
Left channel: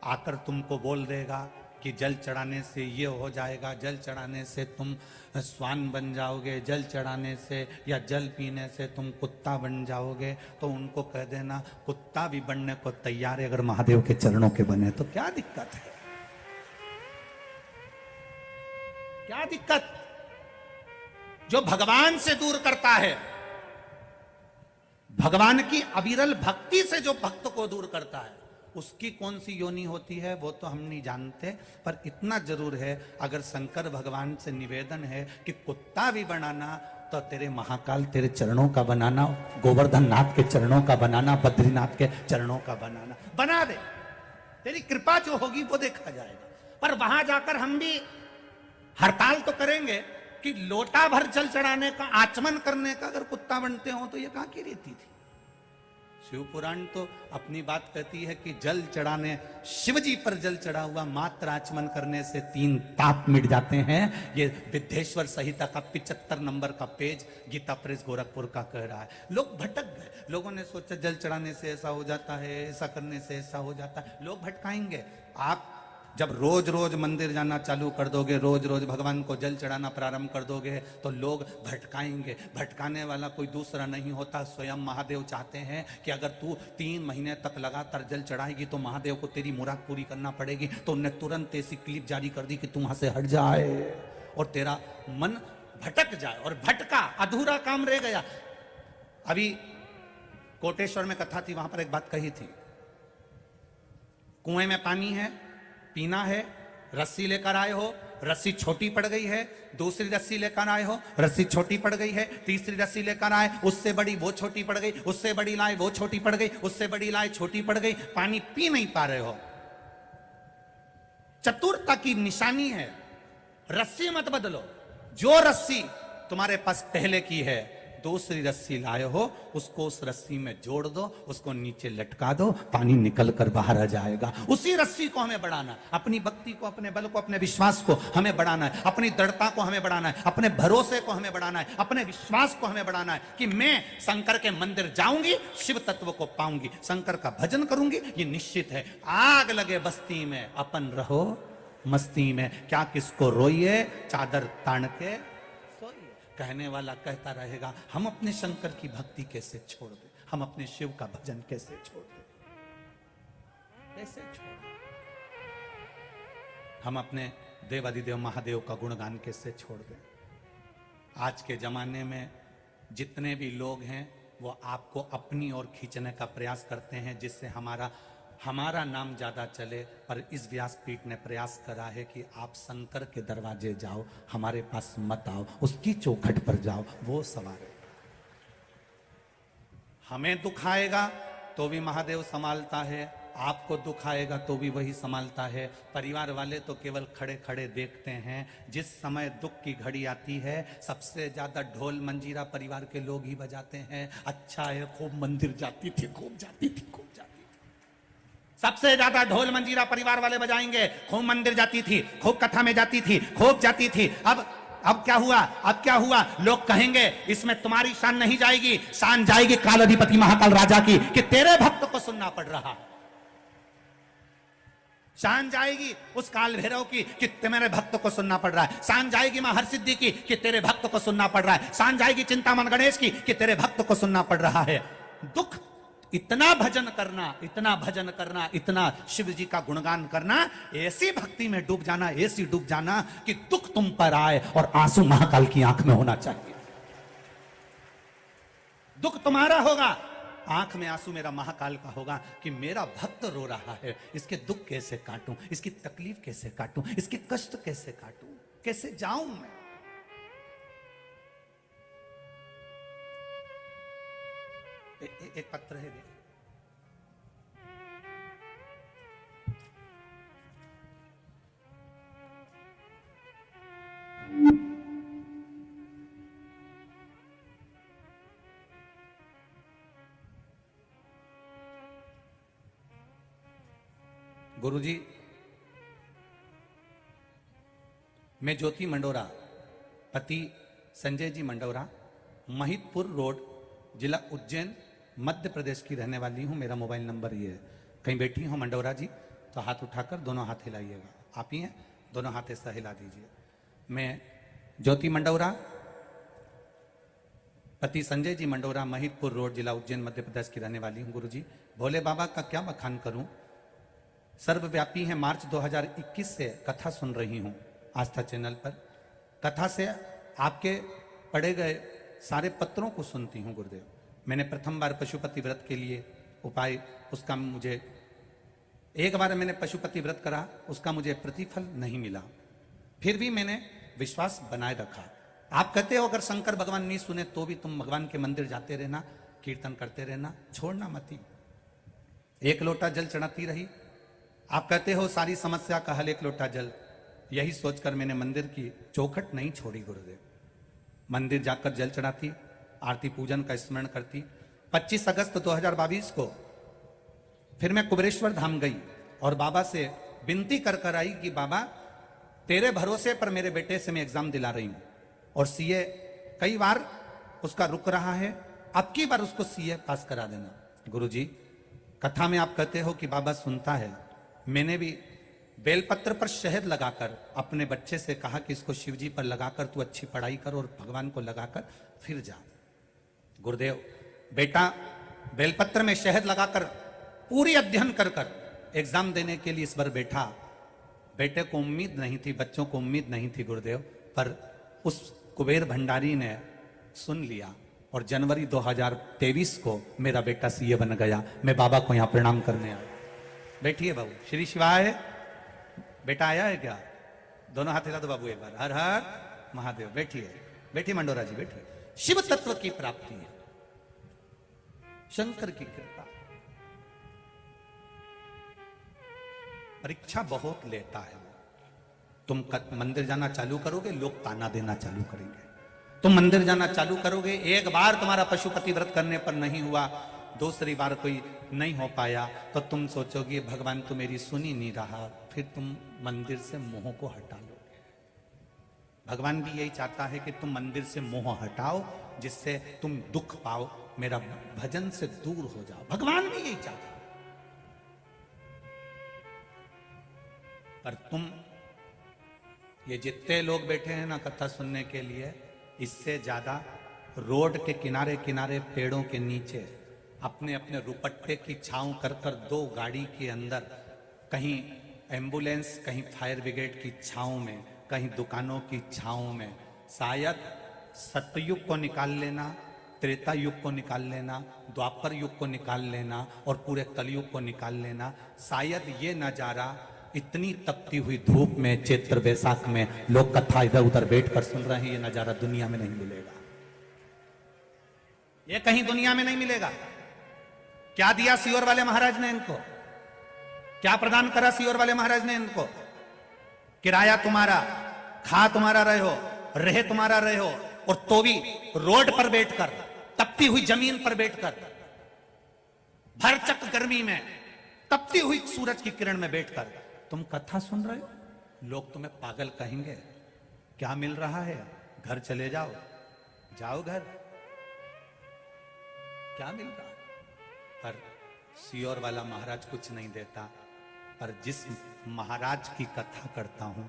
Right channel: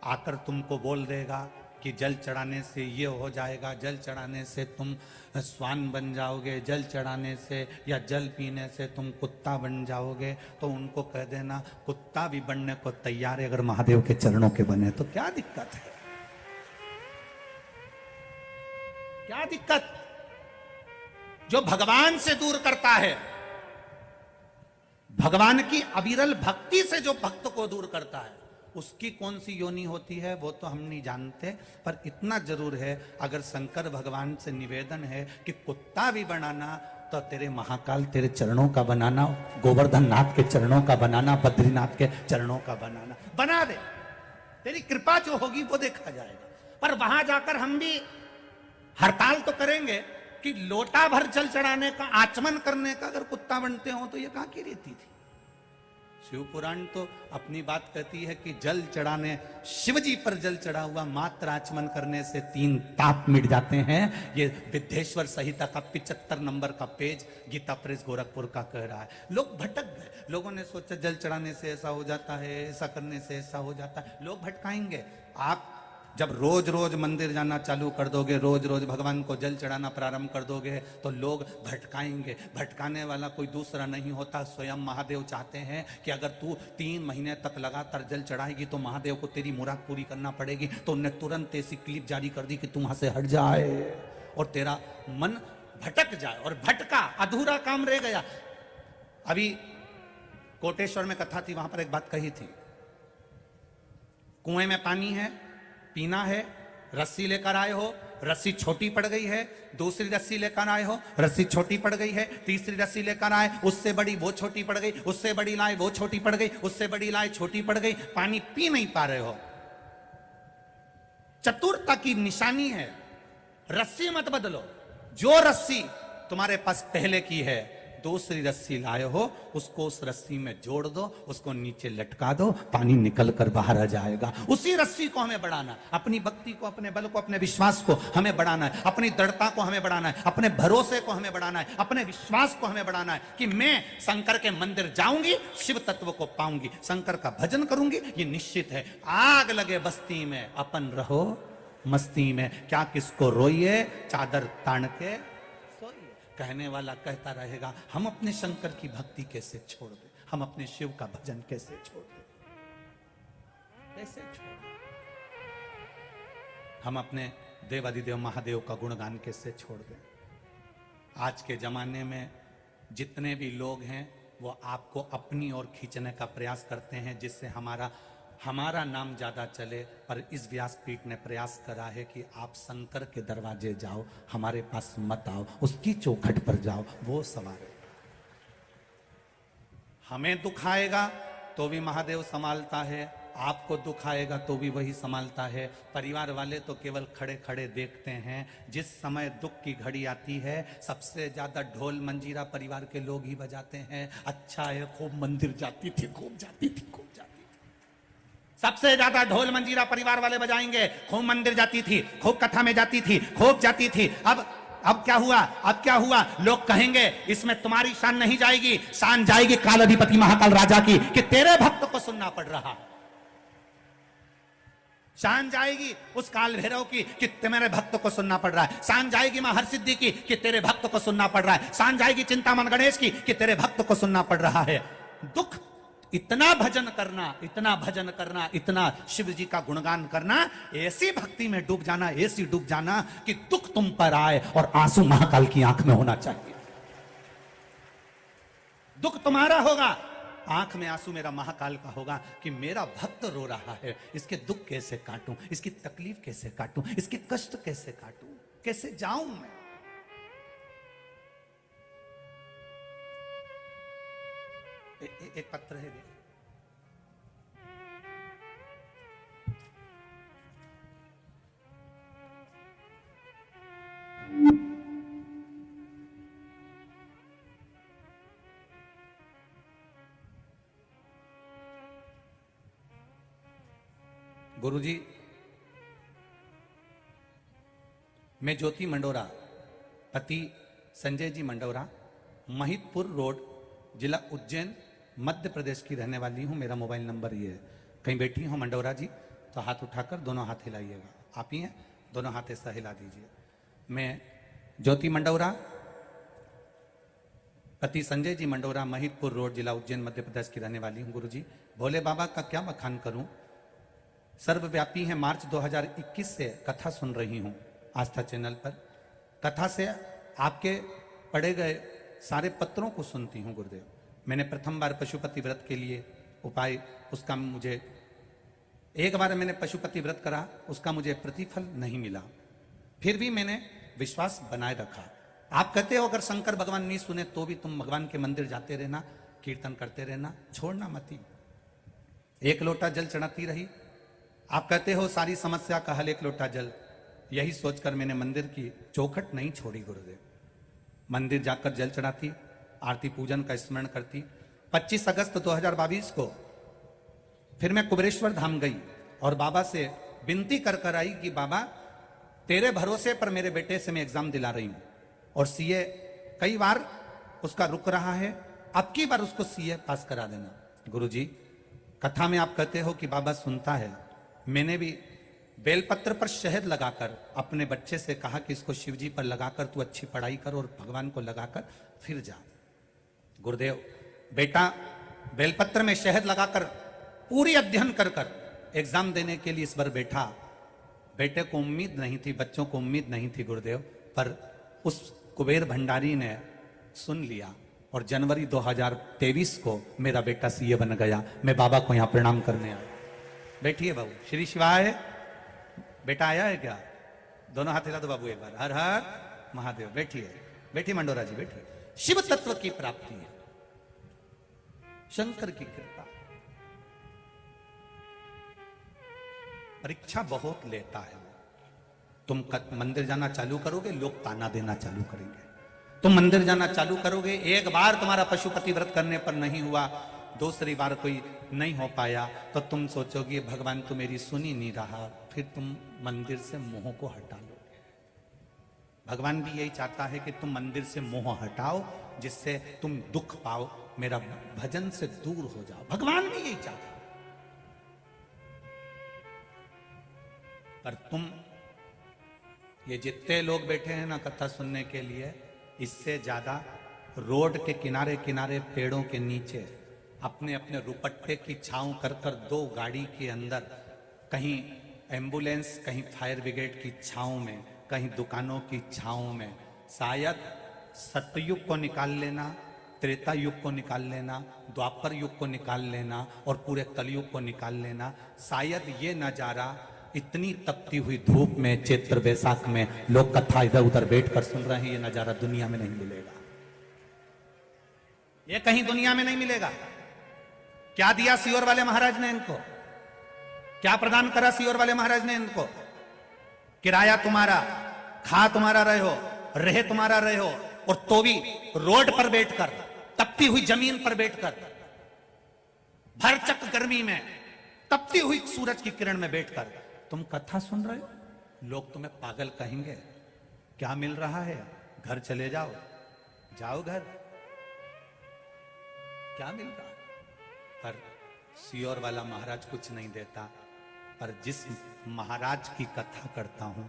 आकर तुमको बोल देगा कि जल चढ़ाने से ये हो जाएगा, जल चढ़ाने से तुम स्वान बन जाओगे, जल चढ़ाने से या जल पीने से तुम कुत्ता बन जाओगे, तो उनको कह देना कुत्ता भी बनने को तैयार है अगर महादेव के चरणों के बने तो। क्या दिक्कत है? क्या दिक्कत? जो भगवान से दूर करता है, भगवान की अविरल भक्ति से जो भक्त को दूर करता है, उसकी कौन सी योनि होती है वो तो हम नहीं जानते। पर इतना जरूर है, अगर शंकर भगवान से निवेदन है कि कुत्ता भी बनाना तो तेरे महाकाल तेरे चरणों का बनाना, गोवर्धन नाथ के चरणों का बनाना, बद्रीनाथ के चरणों का बनाना, बना दे। तेरी कृपा जो होगी वो देखा जाएगा। पर वहां जाकर हम भी हड़ताल तो करेंगे कि लोटा भर जल चढ़ाने का, आचमन करने का अगर कुत्ता बनते हो तो ये कहां की रीति थी? शिव पुराण तो अपनी बात कहती है कि जल चढ़ाने, शिवजी पर जल चढ़ा हुआ मात्र आचमन करने से 3 पाप मिट जाते हैं। ये विद्येश्वर संहिता का 75 नंबर का पेज गीता प्रेस गोरखपुर का कह रहा। लोग भटक गए। लोगों ने सोचा जल चढ़ाने से ऐसा हो जाता है, ऐसा करने से ऐसा हो जाता है। लोग भटकाएंगे। आप जब रोज रोज मंदिर जाना चालू कर दोगे, रोज रोज भगवान को जल चढ़ाना प्रारंभ कर दोगे, तो लोग भटकाएंगे। भटकाने वाला कोई दूसरा नहीं होता, स्वयं महादेव चाहते हैं कि अगर तू 3 महीने तक लगातार जल चढ़ाएगी तो महादेव को तेरी मुराद पूरी करना पड़ेगी। तो उन्होंने तुरंत ऐसी क्लिप जारी कर दी कि तू वहां से हट जाए और तेरा मन भटक जाए। और भटका, अधूरा काम रह गया। अभी कोटेश्वर में कथा थी, वहां पर एक बात कही थी, कुएं में पानी है, पीना है, रस्सी लेकर आए हो, रस्सी छोटी पड़ गई है, दूसरी रस्सी लेकर आए हो, रस्सी छोटी पड़ गई है, तीसरी रस्सी लेकर आए, उससे बड़ी वो छोटी पड़ गई, उससे बड़ी लाए वो छोटी पड़ गई, उससे बड़ी लाए छोटी पड़ गई, पानी पी नहीं पा रहे हो। चतुरता की निशानी है, रस्सी मत बदलो। जो रस्सी तुम्हारे पास पहले की है, दूसरी रस्सी लाए हो, उसको उस रस्सी में जोड़ दो, उसको नीचे लटका दो, पानी निकल कर बाहर आ जाएगा। उसी रस्सी को हमें बढ़ाना, अपनी भक्ति को, अपने बल को, अपने विश्वास को हमें बढ़ाना है, अपनी दृढ़ता को हमें बढ़ाना है, अपने भरोसे को हमें बढ़ाना है, अपने विश्वास को हमें बढ़ाना है कि मैं शंकर के मंदिर जाऊंगी, शिव तत्व को पाऊंगी, शंकर का भजन करूंगी, ये निश्चित है। आग लगे बस्ती में, अपन रहो मस्ती में, क्या किसको रोइए, चादर तान के सोइए। कहने वाला कहता रहेगा, हम अपने शंकर की भक्ति कैसे छोड़ दें, हम अपने शिव का भजन कैसे छोड़ दें, कैसे छोड़ दें, हम अपने देवादिदेव महादेव का गुणगान कैसे छोड़ दें। आज के जमाने में जितने भी लोग हैं वो आपको अपनी ओर खींचने का प्रयास करते हैं, जिससे हमारा नाम ज्यादा चले। पर इस व्यासपीठ ने प्रयास करा है कि आप शंकर के दरवाजे जाओ, हमारे पास मत आओ, उसकी चौखट पर जाओ, वो सवार है। हमें दुख आएगा तो भी महादेव संभालता है, आपको दुख आएगा तो भी वही संभालता है। परिवार वाले तो केवल खड़े खड़े देखते हैं। जिस समय दुख की घड़ी आती है सबसे ज्यादा ढोल मंजीरा परिवार के लोग ही बजाते हैं। अच्छा है खूब मंदिर जाती थी, खूब जाती थी, खूब जाती थी। सबसे ज्यादा ढोल मंजीरा परिवार वाले बजाएंगे। खूब मंदिर जाती थी, खूब कथा में जाती थी, खूब जाती थी। अब क्या हुआ? अब क्या हुआ? लोग कहेंगे इसमें तुम्हारी शान नहीं जाएगी, शान जाएगी काल अधिपति महाकाल राजा की कि तेरे भक्त को सुनना पड़ रहा है। शान जाएगी उस काल भैरव की कि मेरे भक्त को सुनना पड़ रहा है। शान जाएगी मां हरसिद्धि की कि तेरे भक्त को सुनना पड़ रहा है। शान जाएगी चिंतामन गणेश की कि तेरे भक्त को सुनना पड़ रहा है। दुख इतना भजन करना, इतना भजन करना, इतना शिव जी का गुणगान करना, ऐसी भक्ति में डूब जाना, ऐसी डूब जाना कि दुख तुम पर आए और आंसू महाकाल की आंख में होना चाहिए। दुख तुम्हारा होगा, आंख में आंसू मेरा महाकाल का होगा कि मेरा भक्त रो रहा है, इसके दुख कैसे काटूं, इसकी तकलीफ कैसे काटूं, इसके कष्ट कैसे काटूं, कैसे जाऊं। एक पत्र है देखो। गुरुजी, मैं ज्योति मंडोरा, पति संजय जी मंडोरा, महितपुर रोड, जिला उज्जैन, मध्य प्रदेश की रहने वाली हूं। मेरा मोबाइल नंबर ये है। कहीं बैठी हो मंडोरा जी तो हाथ उठाकर दोनों हाथ हिलाइएगा। आप ही हैं, दोनों हाथ ऐसा हिला दीजिए। मैं ज्योति मंडोरा, पति संजय जी मंडोरा, महितपुर रोड, जिला उज्जैन, मध्य प्रदेश की रहने वाली हूँ। गुरुजी, भोले बाबा का क्या बखान करूं। सर्वव्यापी है। मार्च 2021 से कथा सुन रही हूं आस्था चैनल पर। कथा से आपके पढ़े गए सारे पत्रों को सुनती हूं गुरुदेव। मैंने प्रथम बार पशुपति व्रत के लिए उपाय, उसका मुझे एक बार मैंने पशुपति व्रत करा, उसका मुझे प्रतिफल नहीं मिला, फिर भी मैंने विश्वास बनाए रखा। आप कहते हो अगर शंकर भगवान नहीं सुने तो भी तुम भगवान के मंदिर जाते रहना, कीर्तन करते रहना, छोड़ना मत ही। एक लोटा जल चढ़ाती रही। आप कहते हो सारी समस्या का हल एक लोटा जल। यही सोचकर मैंने मंदिर की चौखट नहीं छोड़ी गुरुदेव। मंदिर जाकर जल चढ़ाती, आरती पूजन का स्मरण करती। 25 अगस्त 2022 को फिर मैं कुबेरेश्वर धाम गई और बाबा से विनती कर कर आई कि बाबा तेरे भरोसे पर मेरे बेटे से मैं एग्जाम दिला रही हूं और सीए कई बार उसका रुक रहा है, अब की बार उसको सीए पास करा देना। गुरुजी, कथा में आप कहते हो कि बाबा सुनता है। मैंने भी बेलपत्र पर शहद लगाकर अपने बच्चे से कहा कि इसको शिवजी पर लगाकर तू अच्छी पढ़ाई कर और भगवान को लगाकर फिर जा। गुरुदेव, बेटा बेलपत्र में शहद लगाकर पूरी अध्ययन कर कर एग्जाम देने के लिए इस बार बैठा। बेटे को उम्मीद नहीं थी, बच्चों को उम्मीद नहीं थी गुरुदेव, पर उस कुबेर भंडारी ने सुन लिया और जनवरी 2023 को मेरा बेटा सीए बन गया। मैं बाबा को यहाँ प्रणाम करने आया। बैठिए बाबू, श्री शिवाय। बेटा आया है क्या? दोनों हाथ हिला दो बाबू एक बार। हर हर महादेव। बैठिए, बैठिए मंडोरा जी, बैठिए। शिव तत्व की प्राप्ति है, शंकर की कृपा। परीक्षा बहुत लेता है। तुम मंदिर जाना चालू करोगे, लोग ताना देना चालू करेंगे। तुम मंदिर जाना चालू करोगे, एक बार तुम्हारा पशुपति व्रत करने पर नहीं हुआ, दूसरी बार कोई नहीं हो पाया तो तुम सोचोगे भगवान तो मेरी सुन ही नहीं रहा, फिर तुम मंदिर से मोह को हटा लो। भगवान भी यही चाहता है कि तुम मंदिर से मोह हटाओ, जिससे तुम दुख पाओ, मेरा भजन से दूर हो जाओ। भगवान भी यही चाहता है। पर तुम ये जितने लोग बैठे हैं ना कथा सुनने के लिए, इससे ज्यादा रोड के किनारे किनारे पेड़ों के नीचे अपने अपने रुपट्टे की छांव कर कर, दो गाड़ी के अंदर, कहीं एम्बुलेंस, कहीं फायर ब्रिगेड की छांव में, कहीं दुकानों की छांव में, शायद सतयुग को निकाल लेना, त्रेता युग को निकाल लेना, द्वापर युग को निकाल लेना और पूरे कलयुग को निकाल लेना, शायद ये नजारा इतनी तपती हुई धूप में, चैत्र बैसाख में लोग कथा इधर उधर बैठकर सुन रहे हैं, ये नजारा दुनिया में नहीं मिलेगा। ये कहीं दुनिया में नहीं मिलेगा। क्या दिया सियोर वाले महाराज ने इनको? क्या प्रदान करा सीहोर वाले महाराज ने इनको? किराया तुम्हारा, खा तुम्हारा रहे हो, रहे तुम्हारा रहे हो, और तो भी रोड पर बैठकर, तपती हुई जमीन पर बैठकर, भरचक गर्मी में, तपती हुई सूरज की किरण में बैठकर तुम कथा सुन रहे हो। लोग तुम्हें पागल कहेंगे। क्या मिल रहा है? घर चले जाओ, जाओ घर, क्या मिल रहा है? पर सीहोर वाला महाराज कुछ नहीं देता। पर जिस महाराज की कथा करता हूं,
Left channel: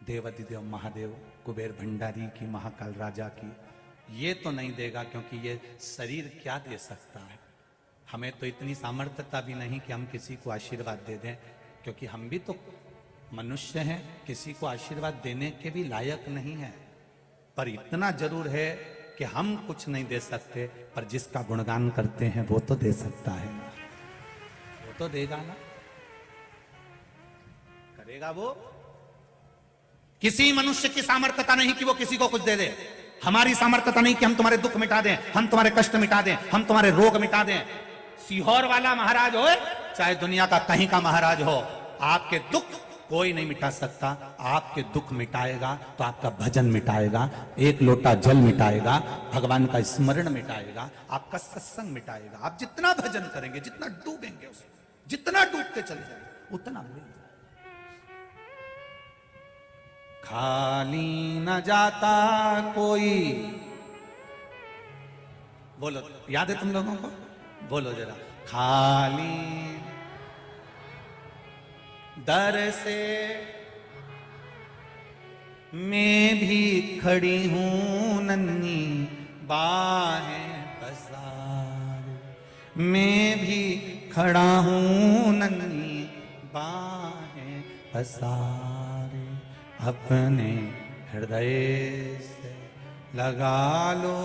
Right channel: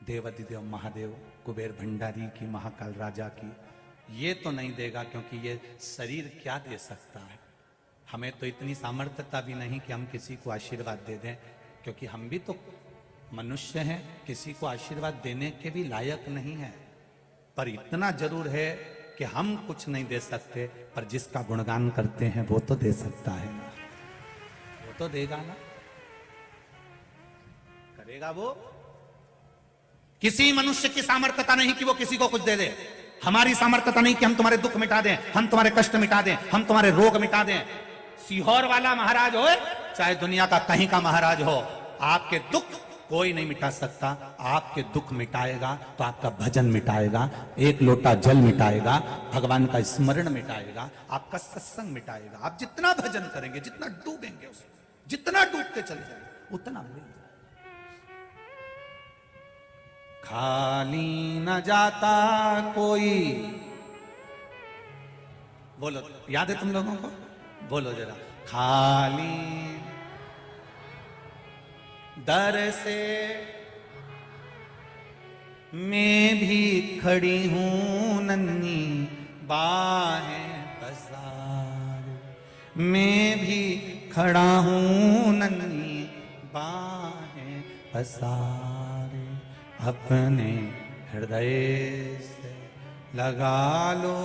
देवाधिदेव महादेव, कुबेर भंडारी की, महाकाल राजा की, ये तो नहीं देगा, क्योंकि ये शरीर क्या दे सकता है? हमें तो इतनी सामर्थ्यता भी नहीं कि हम किसी को आशीर्वाद दे दें, क्योंकि हम भी तो मनुष्य हैं, किसी को आशीर्वाद देने के भी लायक नहीं है। पर इतना जरूर है कि हम कुछ नहीं दे सकते, पर जिसका गुणगान करते हैं वो तो दे सकता है ना, वो तो देगा ना, करेगा वो। किसी मनुष्य की सामर्थ्यता नहीं कि वो किसी को कुछ दे दे। हमारी सामर्थ्यता नहीं कि हम तुम्हारे दुख मिटा दें, हम तुम्हारे कष्ट मिटा दें, हम तुम्हारे रोग मिटा दें। सीहोर वाला महाराज हो, चाहे दुनिया का कहीं का महाराज हो, आपके दुख कोई नहीं मिटा सकता। आपके दुख मिटाएगा तो आपका भजन मिटाएगा, एक लोटा जल मिटाएगा, भगवान का स्मरण मिटाएगा, आपका सत्संग मिटाएगा। आप जितना भजन करेंगे, जितना डूबेंगे उसमें, जितना डूबते चलेंगे, उतना खाली न जाता कोई। बोलो, याद है तुम लोगों को? बोलो जरा, खाली दर से मैं भी खड़ी हूं नन्ही बाहें पसारे, मैं भी खड़ा हूं नन्ही बाहें पसारे, अपने हृदय से लगा लो,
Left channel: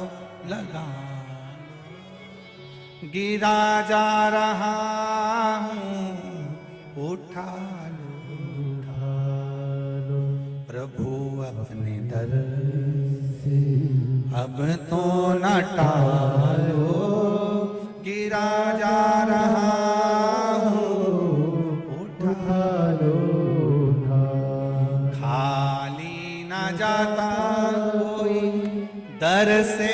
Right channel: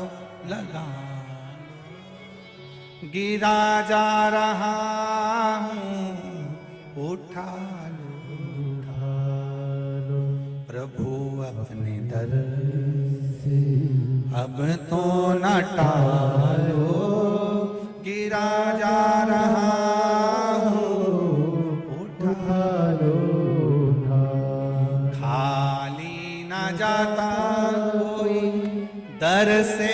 लगा लो, गिरा जा रहा हूं, उठा लो, उठा लो, प्रभु अपने दर से अब तो न टालो, गिरा जा रहा हूं, उठा लो, जाता कोई दर से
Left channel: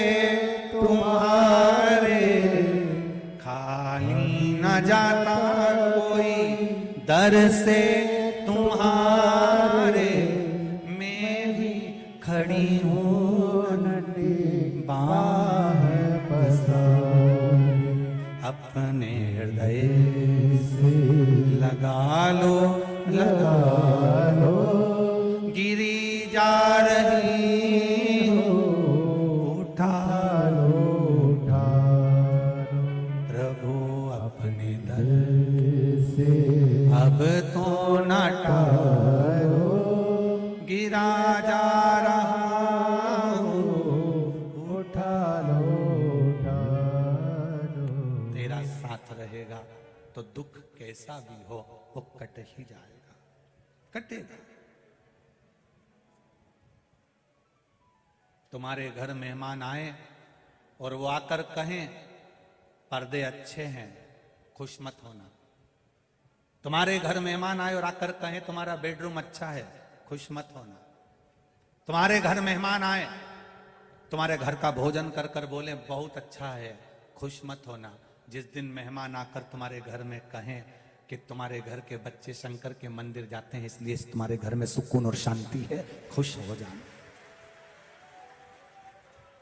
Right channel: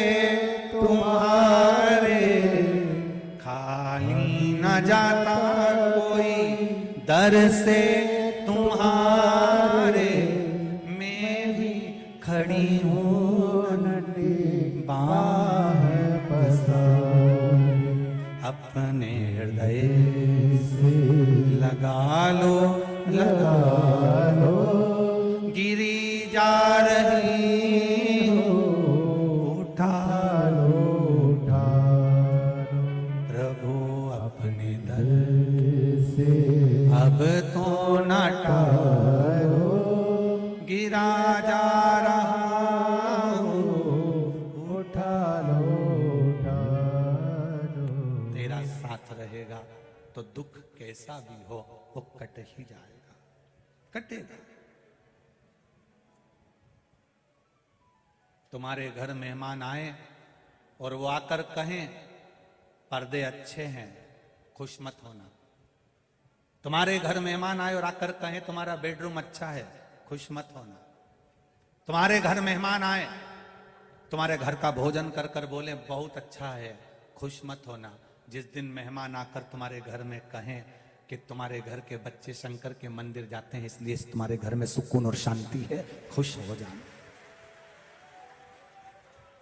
तुम्हारे, खाली न जाता कोई दर से तुम्हारे, मैं भी खड़ी हूँ बाहें पसारे, अपने हृदय से लगा लो, लगा लो, गिरी जा रही हो, उठा लो, उठा लो, प्रभु अपने दर से अब तो न टालो, गिरा जा रहा हो, उठा लो, उठा लो। तेरा साथ रहेगा तो दुख कैसा भी हो वो कट ही जाएगा, कटेगा। तुम्हारे घर मेहमान आए और वो आकर कहें पर्दे अच्छे हैं, खुश मत होना। तुम्हारे घर मेहमान आए और आकर कहें तुम्हारा बेडरूम अच्छा है, खुश मत होना। तुम्हारे घर मेहमान आए, तुम्हारे घर का भोजन कर कर बोले बहुत अच्छा है, खुश मत होना। जिस दिन मेहमान आकर तुम्हारे घर में कहें कि तुम्हारे घर के बच्चे शंकर के मंदिर जाते हैं इसलिए तुम्हारे घर में सुकून और शांति है, खुश हो जाना।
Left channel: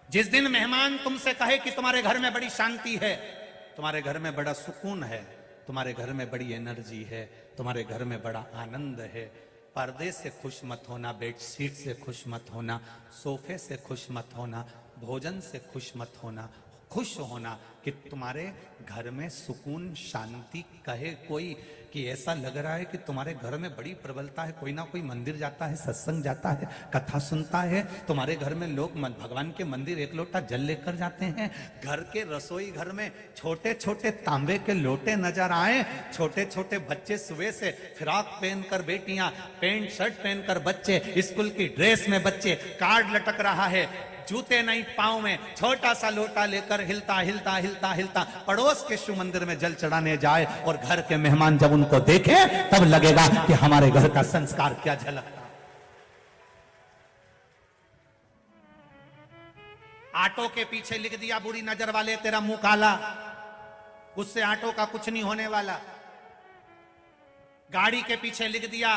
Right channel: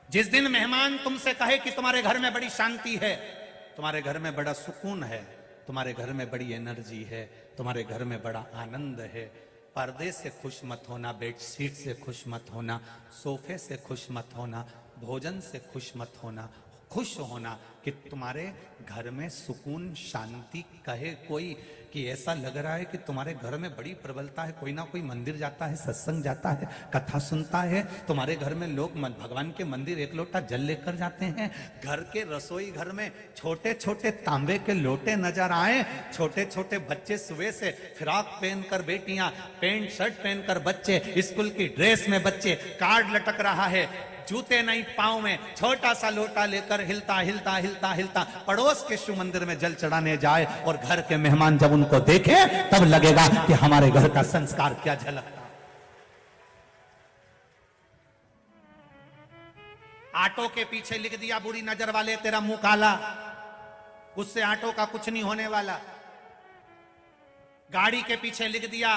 जिस दिन मेहमान तुमसे कहे कि तुम्हारे घर में बड़ी शांति है, तुम्हारे घर में बड़ा सुकून है, तुम्हारे घर में बड़ी एनर्जी है, तुम्हारे घर में बड़ा आनंद है, पर्दे से खुश मत होना, बेडशीट से खुश मत होना, सोफे से खुश मत होना, भोजन से खुश मत होना। खुश होना कि तुम्हारे घर में सुकून शांति। कहे कोई कि ऐसा लग रहा है कि तुम्हारे घर में बड़ी प्रबलता है, कोई ना कोई मंदिर जाता है, सत्संग जाता है, कथा सुनता है, तुम्हारे घर में लोग भगवान के मंदिर एक लोटा जल लेकर जाते हैं। घर के रसोई घर में छोटे छोटे तांबे के लोटे नजर आए, छोटे छोटे बच्चे सुबह से फ्रॉक पहनकर, बेटियां पेंट शर्ट पहनकर, बच्चे स्कूल की ड्रेस में, बच्चे कार्ड लटक रहा है, जूते नहीं पाँव में, छोटा सा लोटा लेकर हिलता हिलता हिलता हिलता पड़ोस के शिव मंदिर में जल चढ़ाने जाए और घर के मेहमान जब उनको देखें तब लगेगा कि हमारे घर का संस्कार क्या झलकता। ऑटो के पीछे लिख दिया बुरी नजर वाले तेरा मुंह काला, उससे ऑटो का कुछ नहीं होने वाला। गाड़ी के पीछे लिख दिया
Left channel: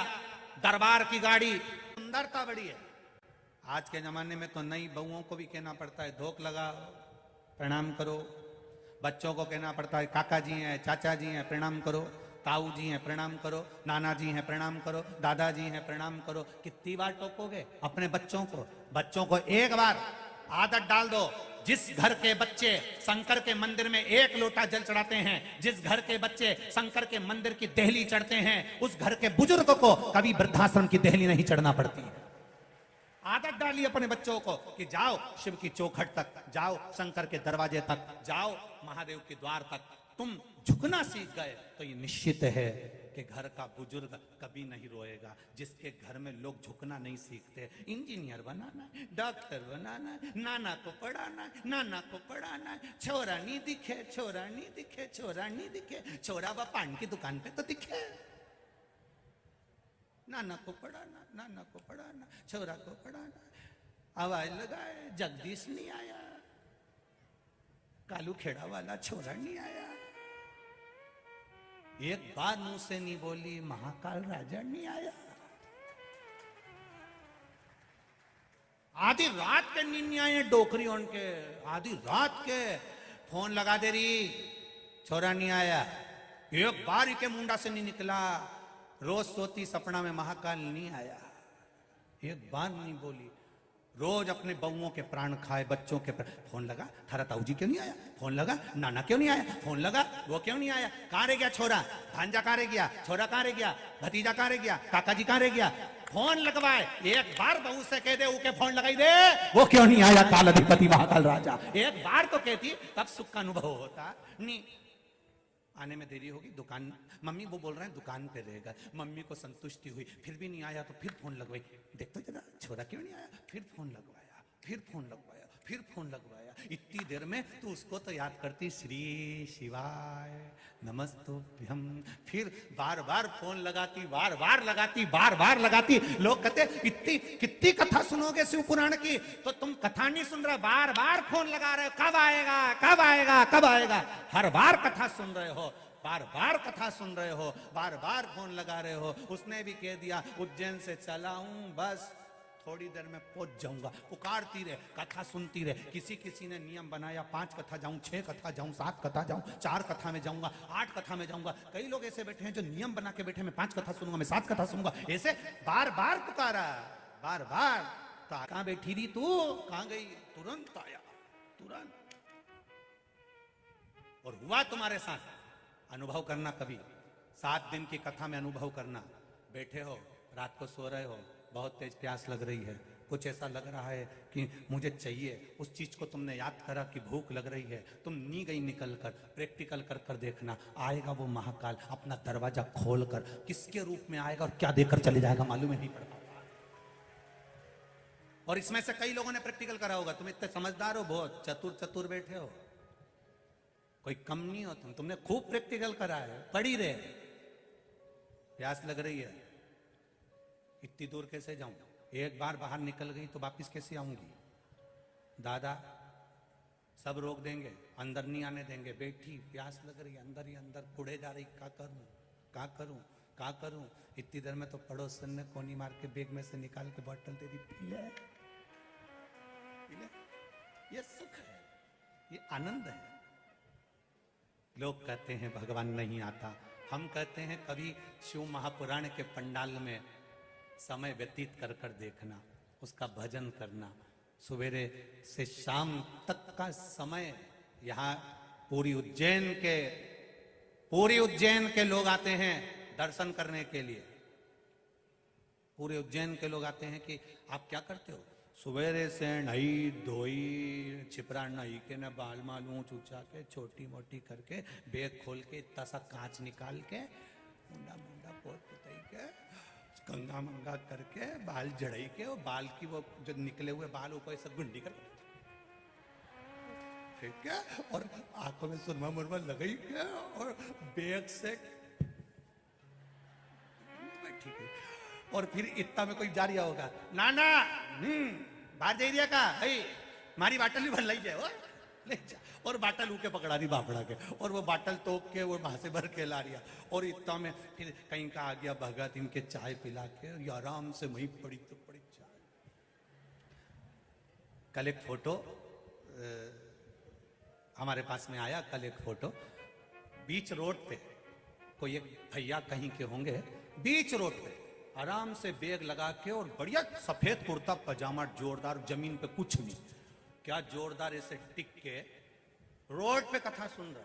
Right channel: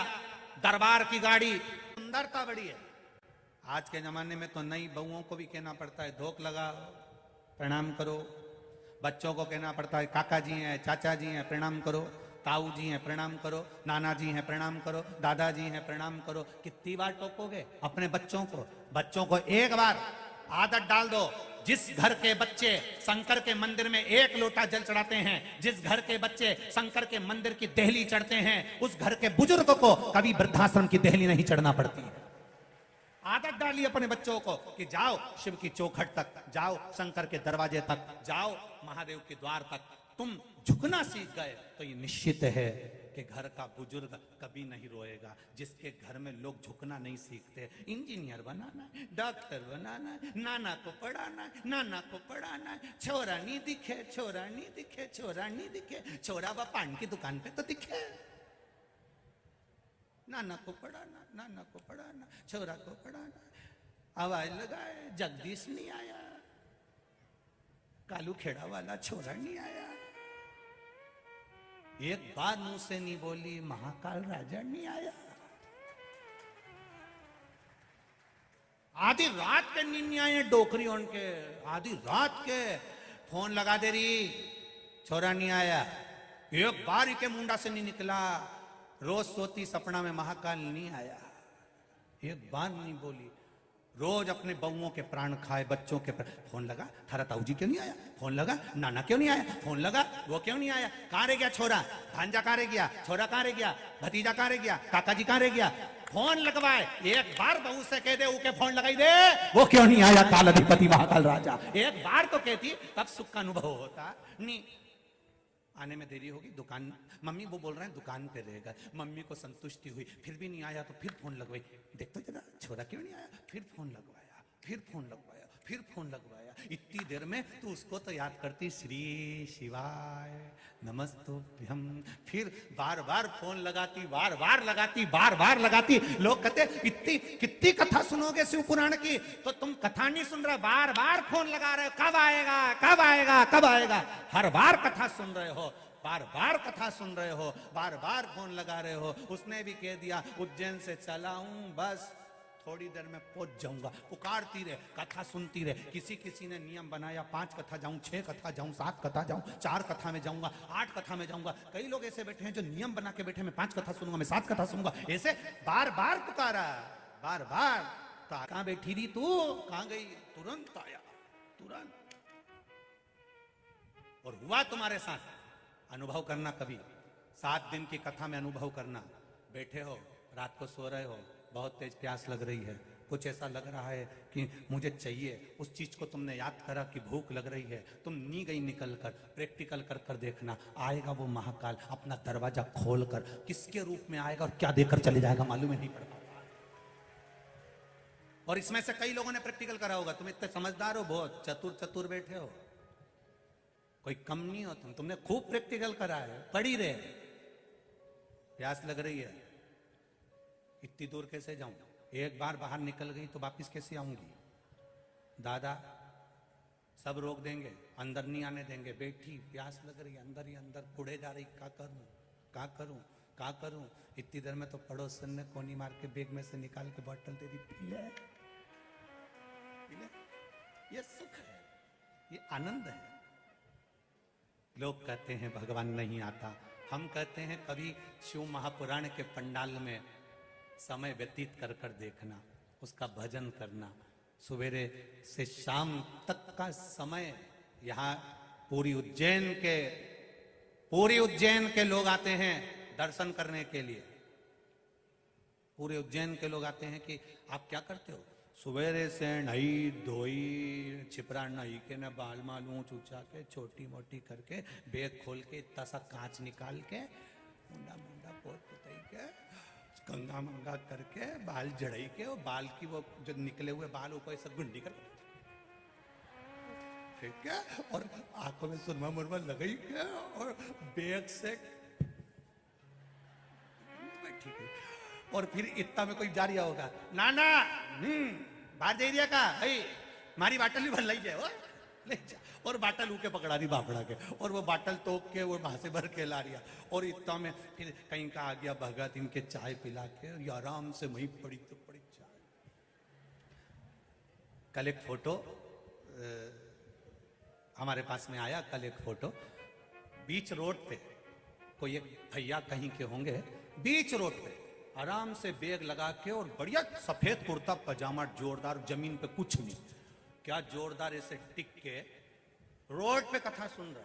दरबार की गाड़ी, सुंदरता बड़ी है। आज के जमाने में तो नई बहुओं को भी कहना पड़ता है धोख लगाओ, प्रणाम करो। बच्चों को कहना पड़ता है काका जी हैं, चाचा जी हैं, प्रणाम करो। ताऊ जी हैं, प्रणाम करो। नाना जी हैं, प्रणाम करो। दादाजी हैं, प्रणाम करो। कितनी बार टोकोगे अपने बच्चों को? बच्चों को एक बार आदत डाल दो। जिस घर के बच्चे शंकर के मंदिर में एक लोटा जल चढ़ाते हैं, जिस घर के बच्चे शंकर के मंदिर की देहली चढ़ते हैं, उस घर के बुजुर्ग को कभी वृद्धाश्रम की देहली नहीं चढ़ना पड़ती है। आदत डालिए अपने बच्चों को कि जाओ शिव की चौखट तक, जाओ शंकर के दरवाजे तक, जाओ महादेव के द्वार तक। तुम झुकना सीख गए तो ये निश्चित है कि घर का बुजुर्ग कभी नहीं रोएगा। जिसके घर में लोग झुकना नहीं सीखते, इंजीनियर बनाना, डॉक्टर बनाना, नाना को पढ़ाना, नाना को पढ़ाना, छोरा नहीं दिखे, छोरा नहीं दिखे, छोरा नहीं दिखे, छोरा वह पान की दुकान पे तो दिखे। नाना को पढ़ाना, नाना को पढ़ाना, छोरा को पढ़ाना। आवाज लगाए जगदीश नहीं आया, कालू खेड़ा वाला छोरा नहीं आया। एक बात मुंह से नहीं बोली, महाकाल राजा नहीं आया। आधी रात के नींद नहीं आए डोकरी उनके, आधी रात के फोन लगा दे रही, छोरा नहीं आया। एक बार के मुंडा से नहीं निकला, रोज सोती सपना में महाकाल नहीं आया। एक बार नहीं बोली, रोज अपनी बहुओं के प्राण खाए, बच्चों के फोन लगा, थारा ताऊ जी क्यों नहीं आया? फोन लगा, नाना क्यों नहीं आया? फोन लगा, वो क्यों नहीं आया? कहाँ रह गया छोरा? भांजा कहाँ रह गया? छोरा कहाँ रह गया? भतीजा कहाँ रह गया? काका जी कहाँ रह गया? फोन लगवाए। एक बार बहू से कह दे उके फोन लगाई दे, वो क्यों नहीं आया? काला दिखाती महाकाल राजा। एक बार तो कहती तब सुख का अनुभव होता। नहीं, आने में देरी होगी, दुकान मम्मी वो बोल रहे हैं दुकान पे रहेगा। मम्मी को संतुष्टि हुई, फिर भी नहीं आया तो फिर फोन लगवाई, देखो जरा छोरा क्यों नहीं आया? फिर फोन लगवाया, फिर फोन लगवाया, फिर फोन लगवाया। इतनी देर में तो उसको तो याद करती श्री शिवाय नमस्तुभ्यं। फिर बार बार फोन लगाती, बार बार लगाती, बार बार लगाती। लोग कहते इतनी कितनी कथा सुनोगे शिव पुराण की? तो तुम कथा नहीं सुन रहे, बार बार फोन लगा रहे हो, कब आएगा, कब आएगा, कब आएगा। हर बार कथा सुन रहे हो, बार बार कथा सुन रहे हो, बार बार फोन लगा रहे हो। उसने भी कह दिया उज्जैन से चला हूं, बस थोड़ी देर में पहुंच जाऊंगा। पुकारती रहे, कथा सुनती रहे। किसी किसी ने नियम बनाया 5 कथा जाऊं, 6 कथा जाऊं, 7 कथा जाऊं, 4 कथा में जाऊंगा, 8 कथा में जाऊंगा। कई लोग ऐसे बैठे हैं जो नियम बना के बैठे, मैं 5 कथा सुनूंगा, मैं 7 कथा सुनूंगा। ऐसे बार बार पुकारा है, बार बार। कहाँ बैठी रही तू? कहाँ गई? तुरंत आया, तुरंत। और हुआ तुम्हारे साथ अनुभव करना कभी 7 दिन की कथा में अनुभव करना। बैठे हो, रात को सो रहे हो, बहुत तेज प्यास लग रही है, कुछ ऐसा लग रहा है कि मुझे चाहिए, उस चीज को तुमने याद करा कि भूख लग रही है, तुम नी गई निकल कर, प्रैक्टिकल कर कर देखना। आएगा वो महाकाल अपना दरवाजा खोल कर, किसके रूप में आएगा और क्या देकर चले जाएगा मालूम ही नहीं पड़ता। और इसमें से कई लोगों ने प्रैक्टिकल करा होगा। तुम इतने समझदार हो, बहुत चतुर चतुर बैठे हो, कोई कम नहीं हो तुमने खूब प्रैक्टिकल करा है, पढ़ी रहे। प्यास लग रही है, इतनी दूर कैसे जाऊं? एक बार बाहर निकल गई तो वापिस कैसे आऊंगी? दादा सब रोक देंगे, अंदर नहीं आने देंगे। बैठी प्यास लग रही, अंदर ही अंदर कुड़े जा रही, क्या करूं, क्या करूं, क्या करूं? इतनी देर में तो पड़ोसन ने कोनी मार के बैग में से निकाल के बोतल दे दी, पी ले। ये सुख है, ये आनंद है। लोग कहते हैं भगवान नहीं आता, हम कहते हैं कभी शिव महापुराण के पंडाल में समय व्यतीत कर कर देखना, उसका भजन करना। सवेरे से शाम तक का समय यहाँ पूरी उज्जैन के लोग आते हैं दर्शन करने के लिए। पूरे उज्जैन के लोग आते हैं कि आप क्या करते हो? सवेरे से नई धोई छिपरा नई के न बाल मालूम चूचा के छोटी मोटी करके बैग खोल के इतना सा कांच निकाल के मुंडा मुंडा पोत पुतई के कंगा मंगा करके बाल जड़ई के, और बाल की वो जो निकले हुए बाल ऊपर सब गुंडी कर, ठीक है, और आंखों में सुरमा मुरमा लगई के, और बैग से ठीक है, और फिर इतना में कोई जा रहा होगा, नाना बाहर दे दिया का है, मारी बाटल भी भर लाई जाए वो ले जा, और बाटल ऊके पकड़ा दी बापड़ा के, और वो बाटल तोप के वो वहां से भर के ला रहा, और इतना में फिर कहीं का आ गया भगत, इनके चाय पिला के आराम से वहीं पड़ी चाय। कल एक फोटो हमारे पास में आया, कल एक फोटो बीच रोड पे, कोई एक भैया कहीं के होंगे, बीच रोड पे आराम से बैग लगा के, और बढ़िया सफेद कुर्ता पजामा जोरदार, जमीन पे कुछ नहीं, क्या जोरदार ऐसे टिक के रोड पे कथा सुन रहा।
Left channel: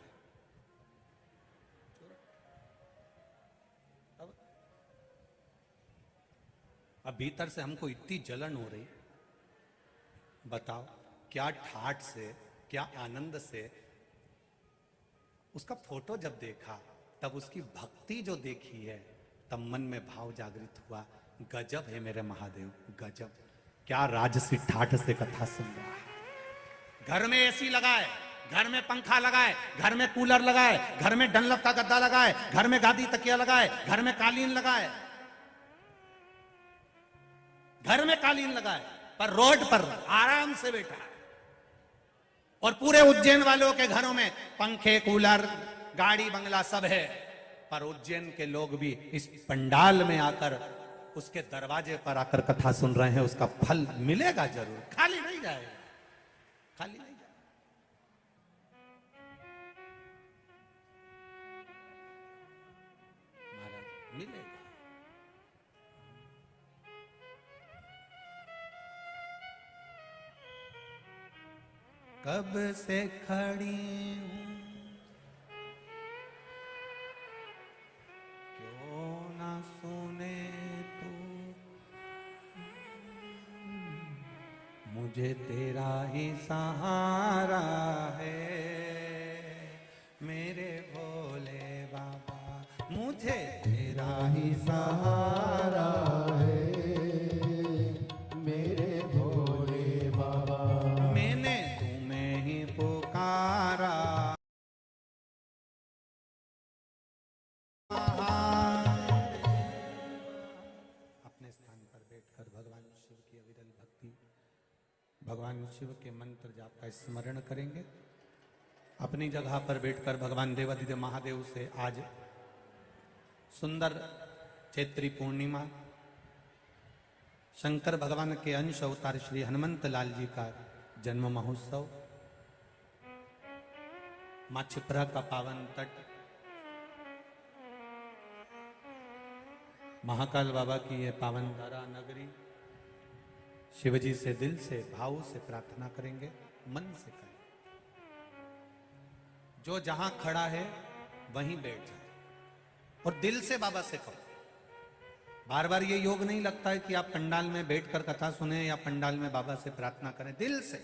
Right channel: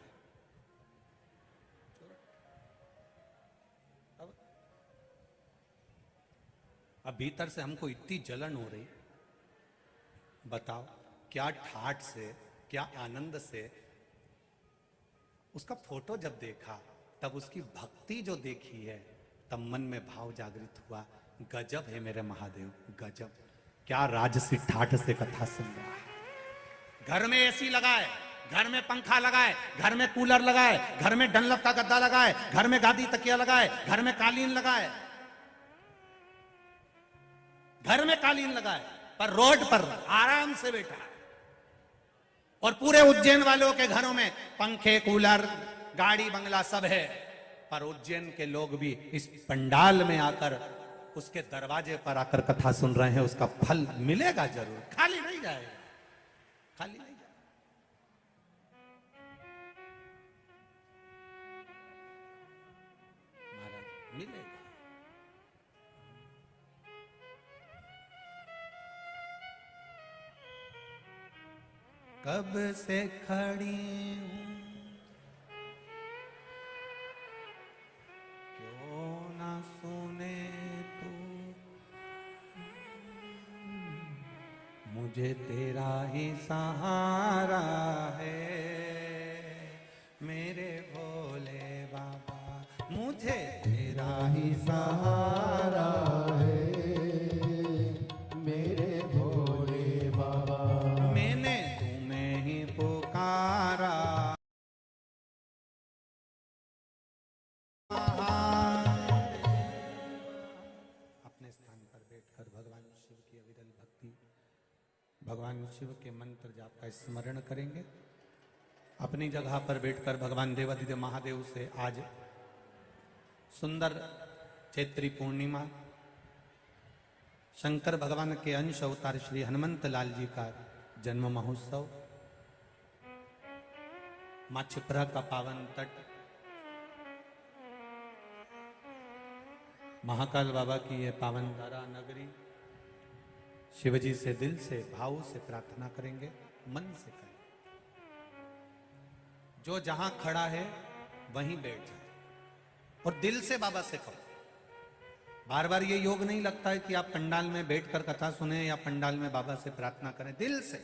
अब भीतर से हमको इतनी जलन हो रही, बताओ क्या ठाठ से, क्या आनंद से उसका फोटो जब देखा, तब उसकी भक्ति जो देखी है, तब मन में भाव जागृत हुआ, गजब है मेरे महादेव, गजब, क्या राज से ठाठ से कथा सुन रहा है। घर में एसी लगाए, घर में पंखा लगाए, घर में कूलर लगाए, घर में डनलप का गद्दा लगाए, घर में गादी तकिया लगाए, घर में कालीन लगाए, घर में कालीन लगाए, पर रोड पर आराम से बैठा है। और पूरे उज्जैन वालों के घरों में पंखे, कूलर, गाड़ी, बंगला सब है, पर उज्जैन के लोग भी इस पंडाल में आकर, उसके दरवाजे पर आकर कथा सुन रहे हैं, उसका फल मिलेगा जरूर, खाली नहीं जाएगा, खाली नहीं जाएगा। मिलेगा। कब से खड़ी क्यों ना सुने तू, मुझे तेरा ही सहारा है, मेरे भोले बाबा, मुझे तेरा ही सहारा है, मेरे भोले बाबा, मैंने तुम्हें ही पुकारा। अपने स्थान पर बैठकर भगवान शिव की अविरल भक्ति, भगवान शिव के मंत्र जाप का स्मरण करेंगे। अपनी जगह पर बैठकर भगवान देवादिदेव महादेव से आज सुंदर चैत्री पूर्णिमा, शंकर भगवान के अंश अवतार श्री हनुमंत लाल जी का जन्म महोत्सव, मां छिपरा का पावन तट, महाकाल बाबा की ये पावन धारा नगरी, शिवजी से दिल से भाव से प्रार्थना करेंगे, मन से करें। जो जहां खड़ा है वहीं बैठ जाए और दिल से बाबा से कहो। बार बार ये योग नहीं लगता है कि आप पंडाल में बैठकर कथा सुने या पंडाल में बाबा से प्रार्थना करें, दिल से।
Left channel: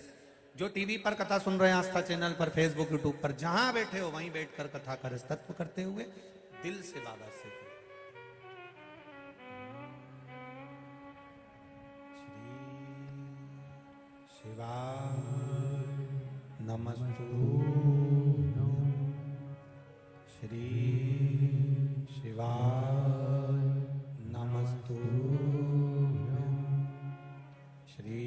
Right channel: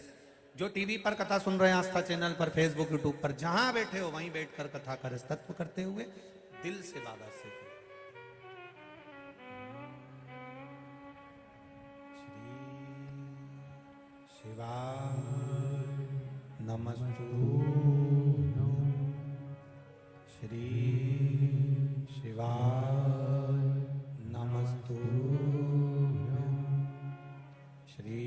जो टीवी पर कथा सुन रहे हैं, आस्था चैनल पर, फेसबुक, यूट्यूब पर, जहां बैठे हो वहीं बैठकर कथा करें, तत्व करते हुए दिल से बाबा से कहो। शिवाय नमस्तु, श्री शिवाय नमस्तु, श्री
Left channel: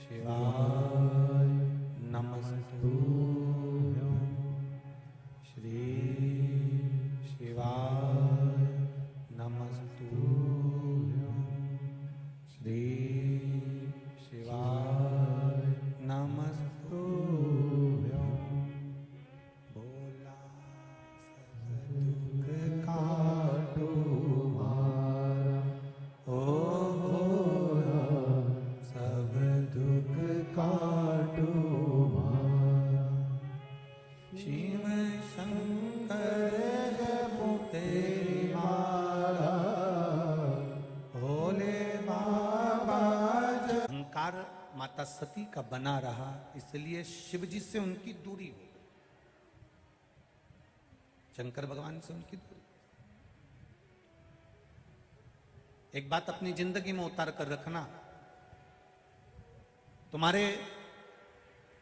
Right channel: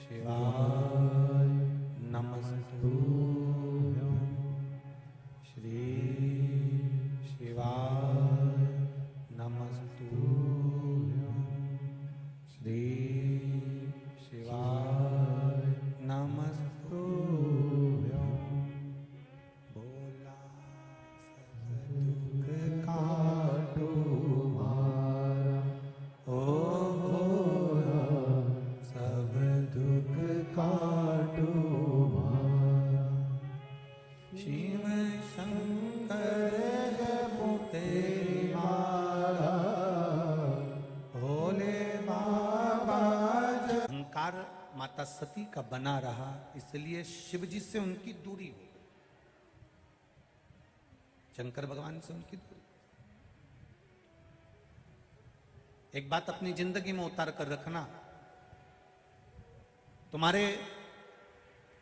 शिवाय नमस्तु, श्री शिवाय नमस्तु, श्री शिवाय नमस्तु। बोला दुख काटो ओ भोला, सब दुख काटो शिव शंकर तेरी माया, भोले बाबा। अहंकार माता सती का बना रहा, इसलिए शिव जी से उनकी दूरी हो गई, शंकर भगवान से उनकी दूरी। एक बात अपनी जिंदगी में उतार कर रखना, तुम्हारे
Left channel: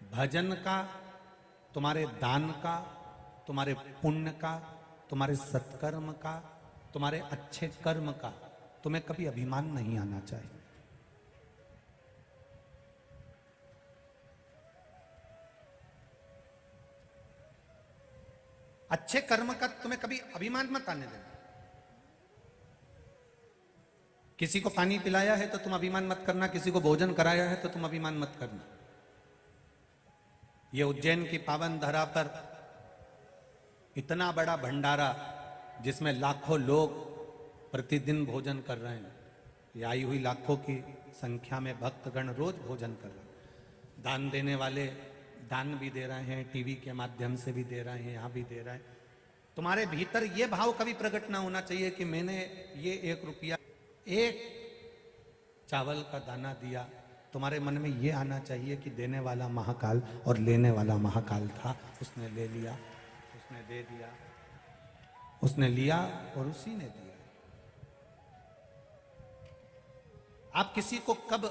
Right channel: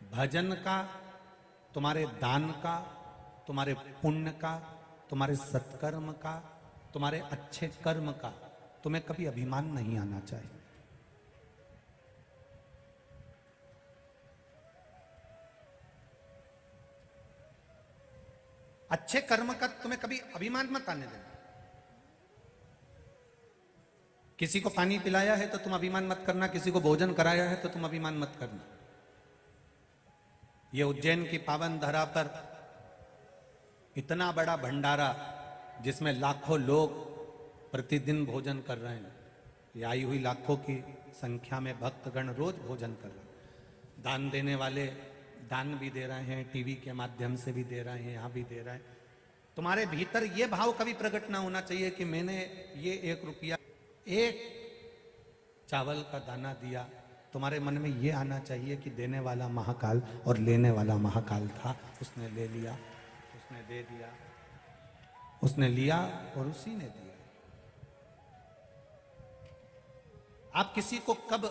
भजन का, तुम्हारे दान का, तुम्हारे पुण्य का, तुम्हारे सत्कर्म का, तुम्हारे अच्छे कर्म का तुम्हें कभी अभिमान नहीं आना चाहिए। अच्छे कर्म का तुम्हें कभी अभिमान मत आने देना। किसी को पानी पिलाया है तो तुम अभिमान मत करना, किसी को भोजन कराया है तो तुम अभिमान मत करना। ये उज्जैन की पावन धरा पर इतना बड़ा भंडारा जिसमें लाखों लोग प्रतिदिन भोजन कर रहे हैं, ये आई हुई लाखों की संख्या में भक्तगण रोज भोजन कर रहे हैं। दान देने वाले दान भी दे रहे हैं, टीवी के माध्यम से भी दे रहे हैं, यहाँ भी दे रहे हैं। तुम्हारे भीतर ये भाव कभी प्रकट ना होना चाहिए कि मैंने ये 1 रुपया, एक चावल का दाना दिया। तुम्हारे मन में ये आना चाहिए कि देने वाला महाकाल और लेने वाला महाकाल था, उसने ले लिया, उसने दे दिया, उसने लिया और उसी ने दिया। आप किसी को कब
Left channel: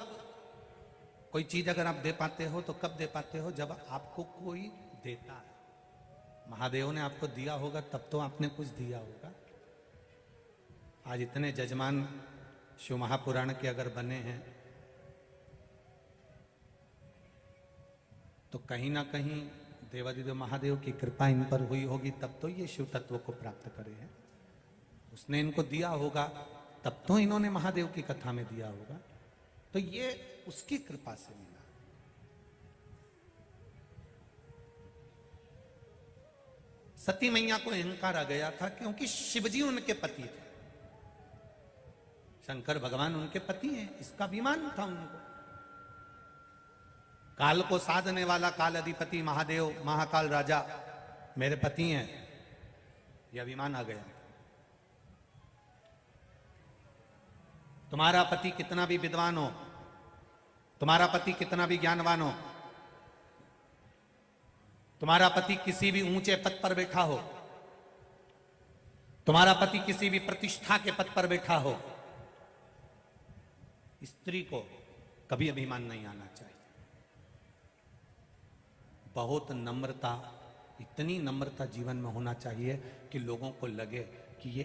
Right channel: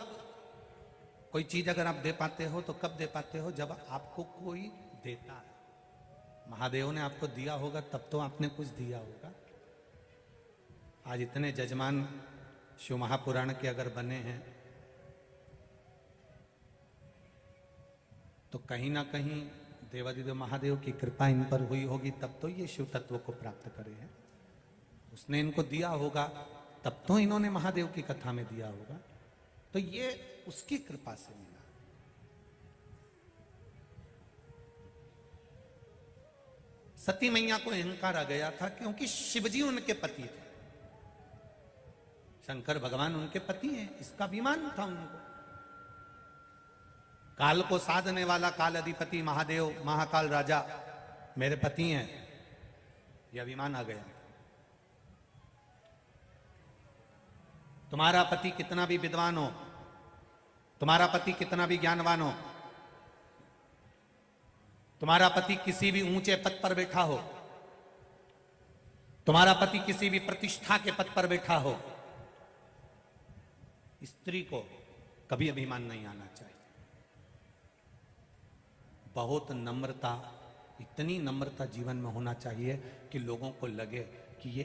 कोई चीज अगर आप दे पाते हो तो कब दे पाते हो? जब आपको कोई देता है। महादेव ने आपको दिया होगा तब तो आपने कुछ दिया होगा। आज इतने जजमान शिव महापुराण के अगर बने हैं तो कहीं ना कहीं देवादिदेव महादेव की कृपा इन पर हुई होगी, तब तो ये शिव तत्व को प्राप्त करे हैं। उसने इनको दिया होगा तब तो इन्होंने महादेव की कथा में दिया होगा, तो ये उसकी कृपा से मिला। सती मैया को अहंकार आ गया था क्योंकि शिवजी उनके पति थे, शंकर भगवान उनके पति हैं, इसका अभिमान था उनको। काल को साधने वाला काल अधिपति महादेव महाकाल राजा मेरे पति हैं, यह अभिमान आ गया। तुम्हारा पति कितना भी विद्वान हो, तुम्हारा पति कितना भी ज्ञानवान हो, तुम्हारा पति किसी भी ऊंचे पद पर बैठा हो, तुम्हारा पति किसी भी प्रतिष्ठा के पद पर बैठा हो, स्त्री को कभी अभिमान नहीं आना चाहिए। बहुत नम्रता, इतनी नम्रता जीवन में होना चाहिए कि लोगों को लगे कि ये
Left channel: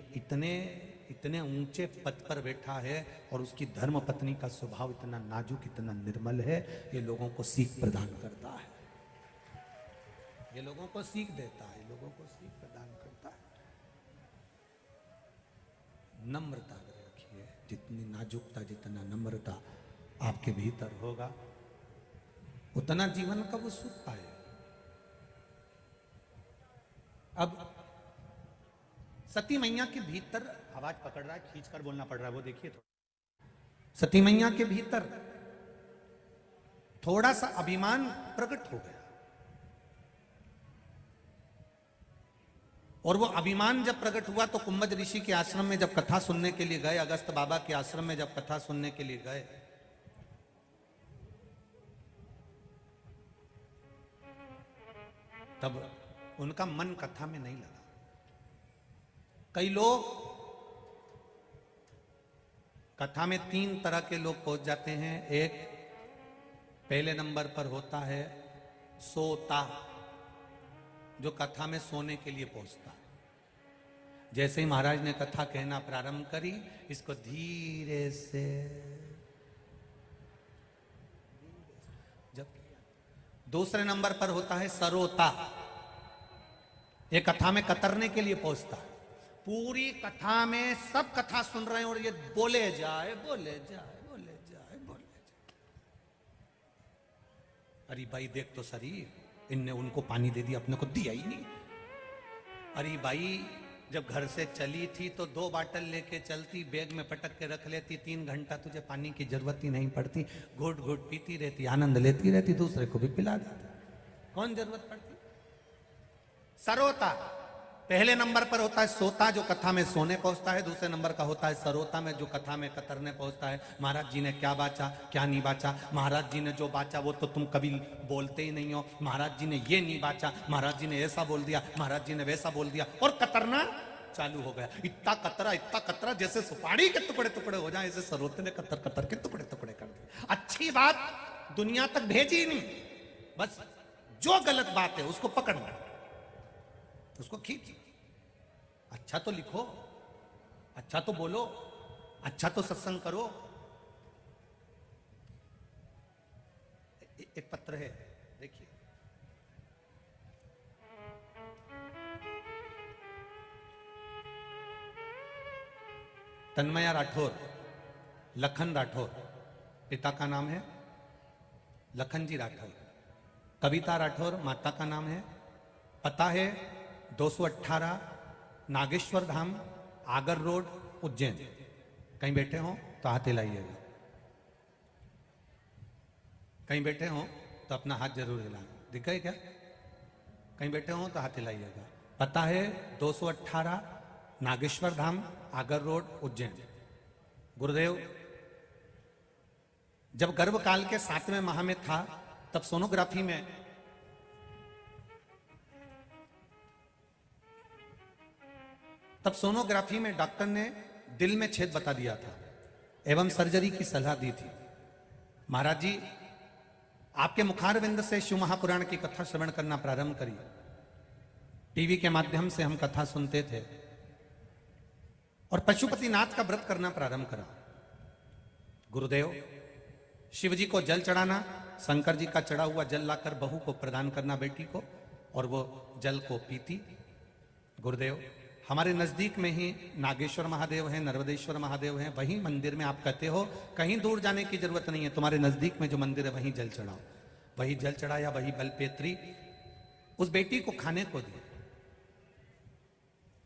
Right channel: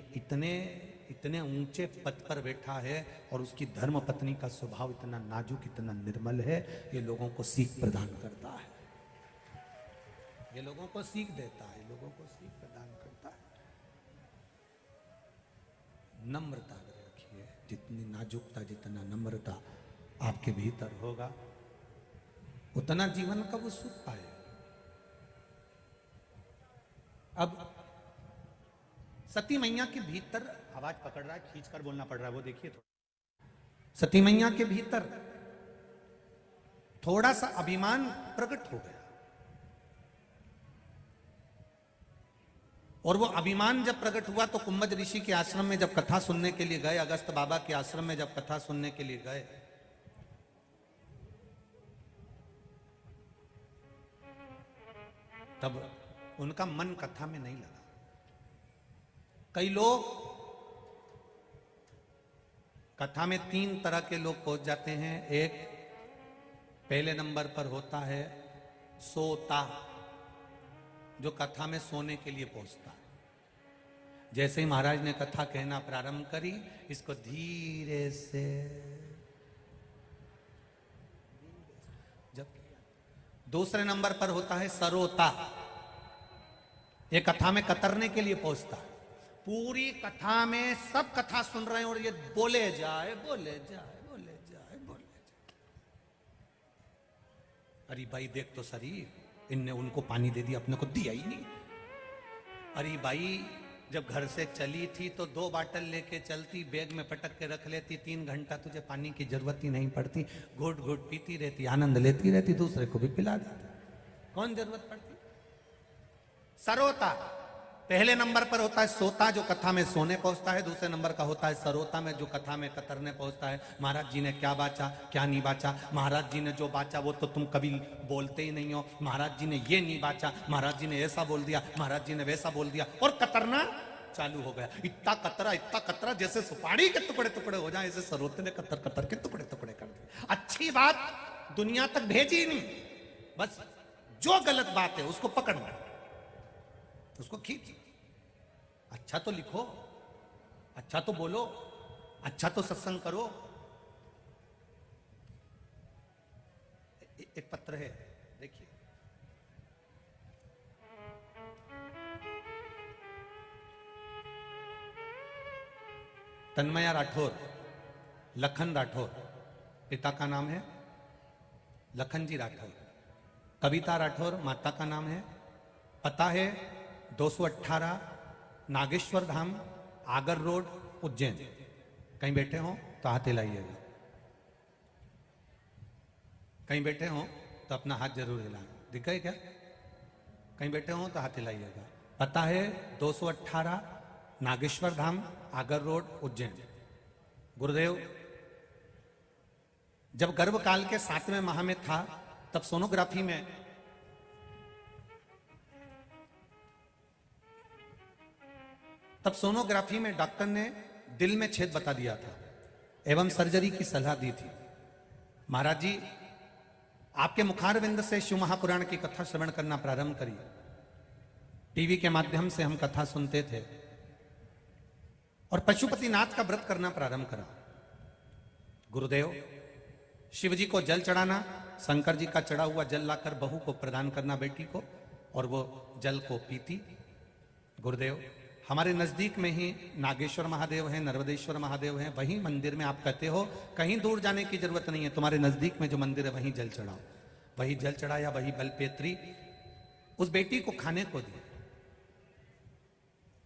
इतने ऊंचे पद पर बैठा है और उसकी धर्म पत्नी का स्वभाव इतना नाजुक, इतना निर्मल है, ये लोगों को सीख प्रदान करता है, ये लोगों को सीख देता है, लोगों को सीख प्रदान करता है। नम्रता रखिए, जितनी नाजुकता, जितना नम्रता आपके भीतर होगा उतना जीवन का वो सुख पाएगा। अब सती मैया के भीतर आवाज पकड़ रहा है, खींच कर बोलना पड़ रहा है, वो देखिए। सती मैया के भीतर थोड़ा सा अभिमान प्रकट हो गया, और वो अभिमान जब प्रकट हुआ तो कुंभज ऋषि के आश्रम में जब कथा सुनने के लिए गए, अगस्त बाबा के आश्रम में जब कथा सुनने के लिए गए, तब उनका मन कथा में नहीं लगा। कई लोग कथा में 3 तरह के लोग पहुंच जाते हैं। एक पहले नंबर पर होता है सोता, जो कथा में सोने के लिए पहुंचता है। जैसे ही महाराज ने कथा कहना प्रारंभ करी, इसको धीरे से दूसरे नंबर पर होता है सरोता, ये कथा में कतरने के लिए पहुंचता है। पूरी कथा में सब कथा सुन रहे हैं और ये बोले जाए बोले जाए बोले जाए बोले जाए। अरे भाई देख तो सही, इनने उनको पानी दे दिया, अपने को दिया ही नहीं। अरे भाई जब घर से चली थी तो 2 बाटल लेके चलती, बैग में पटक के रख लेती, 3 घंटा तुझे पानी की जरूरत ही नहीं पड़ती, घोट घोट पीती रहती, आनंद लेती रहती, दूसरे को भी पिला देती, कौन जरूरत पड़ती। सरोता पहले नंबर पर होता है सोता, जो कथा में सोने पहुंचता है। दूसरे नंबर का होता है सरोता में, जो कथा में कतरने पहुंचता है। महाराज जी ने क्या बाचा, क्या नहीं बाचा, महाराज जी ने जो बाचा वो तो तुम कभी बोलते ही नहीं हो, महाराज जी ने ये नहीं बाचा, महाराज जी ने ऐसा बोल दिया, महाराज जी ने वैसा बोल दिया। और कतरने चालू हो गया। इतना कतरा जैसे सुपारी के टुकड़े टुकड़े हो जाए, ऐसे सरोते ने कतर कतर के टुकड़े टुकड़े कर दिए। अच्छी बात दुनिया तक भेजी नहीं, बस जो गलत बात है उसको पकड़ना, उसको खींच। अच्छा तो लिखो, अच्छा तो बोलो, अच्छा तो सत्संग करो। एक पत्र है, देखिए। तन्मया राठौर, लखन राठौर, पिता का नाम है लखन जी राठौर। कविता राठौर माता का नाम है। पता है 218 नागेश्वर धाम, आगर रोड, उज्जैन। कहीं बैठे हो तो हाथ हिलाइएगा, कहीं बैठे हो तो अपना हाथ जरूर हिलाएं। दिख गए क्या? कहीं बैठे हो तो हाथ हिलाइएगा। पता है 218 नागेश्वर धाम, आगर रोड, उज्जैन। गुरुदेव जब गर्भकाल के 7वें माह में था, तब सोनोग्राफी में डॉक्टर ने दिल में छेद बता दिया था एवं सर्जरी की सलाह दी थी। महाराज जी आपके मुखारविंद से शिव महापुराण की कथा श्रवण करना प्रारंभ करी। टीवी के माध्यम से हम कथा सुनते थे और पशुपतिनाथ का व्रत करना प्रारंभ करा। गुरुदेव शिव जी को जल चढ़ाना, शंकर जी का चढ़ा हुआ जल लाकर बहू को प्रदान करना बेटी को, और वो जल को पीती। गुरुदेव हमारे नजदीक में ही नागेश्वर महादेव हैं, नर्मदेश्वर महादेव हैं, वही मंदिर में आप कहते हो कहीं दूर जाने की जरूरत नहीं है, तुम्हारे नजदीक में जो मंदिर है वहीं जल चढ़ाओ। वही जल चढ़ाया, वही बलपेत्री उस बेटी को खाने को दी।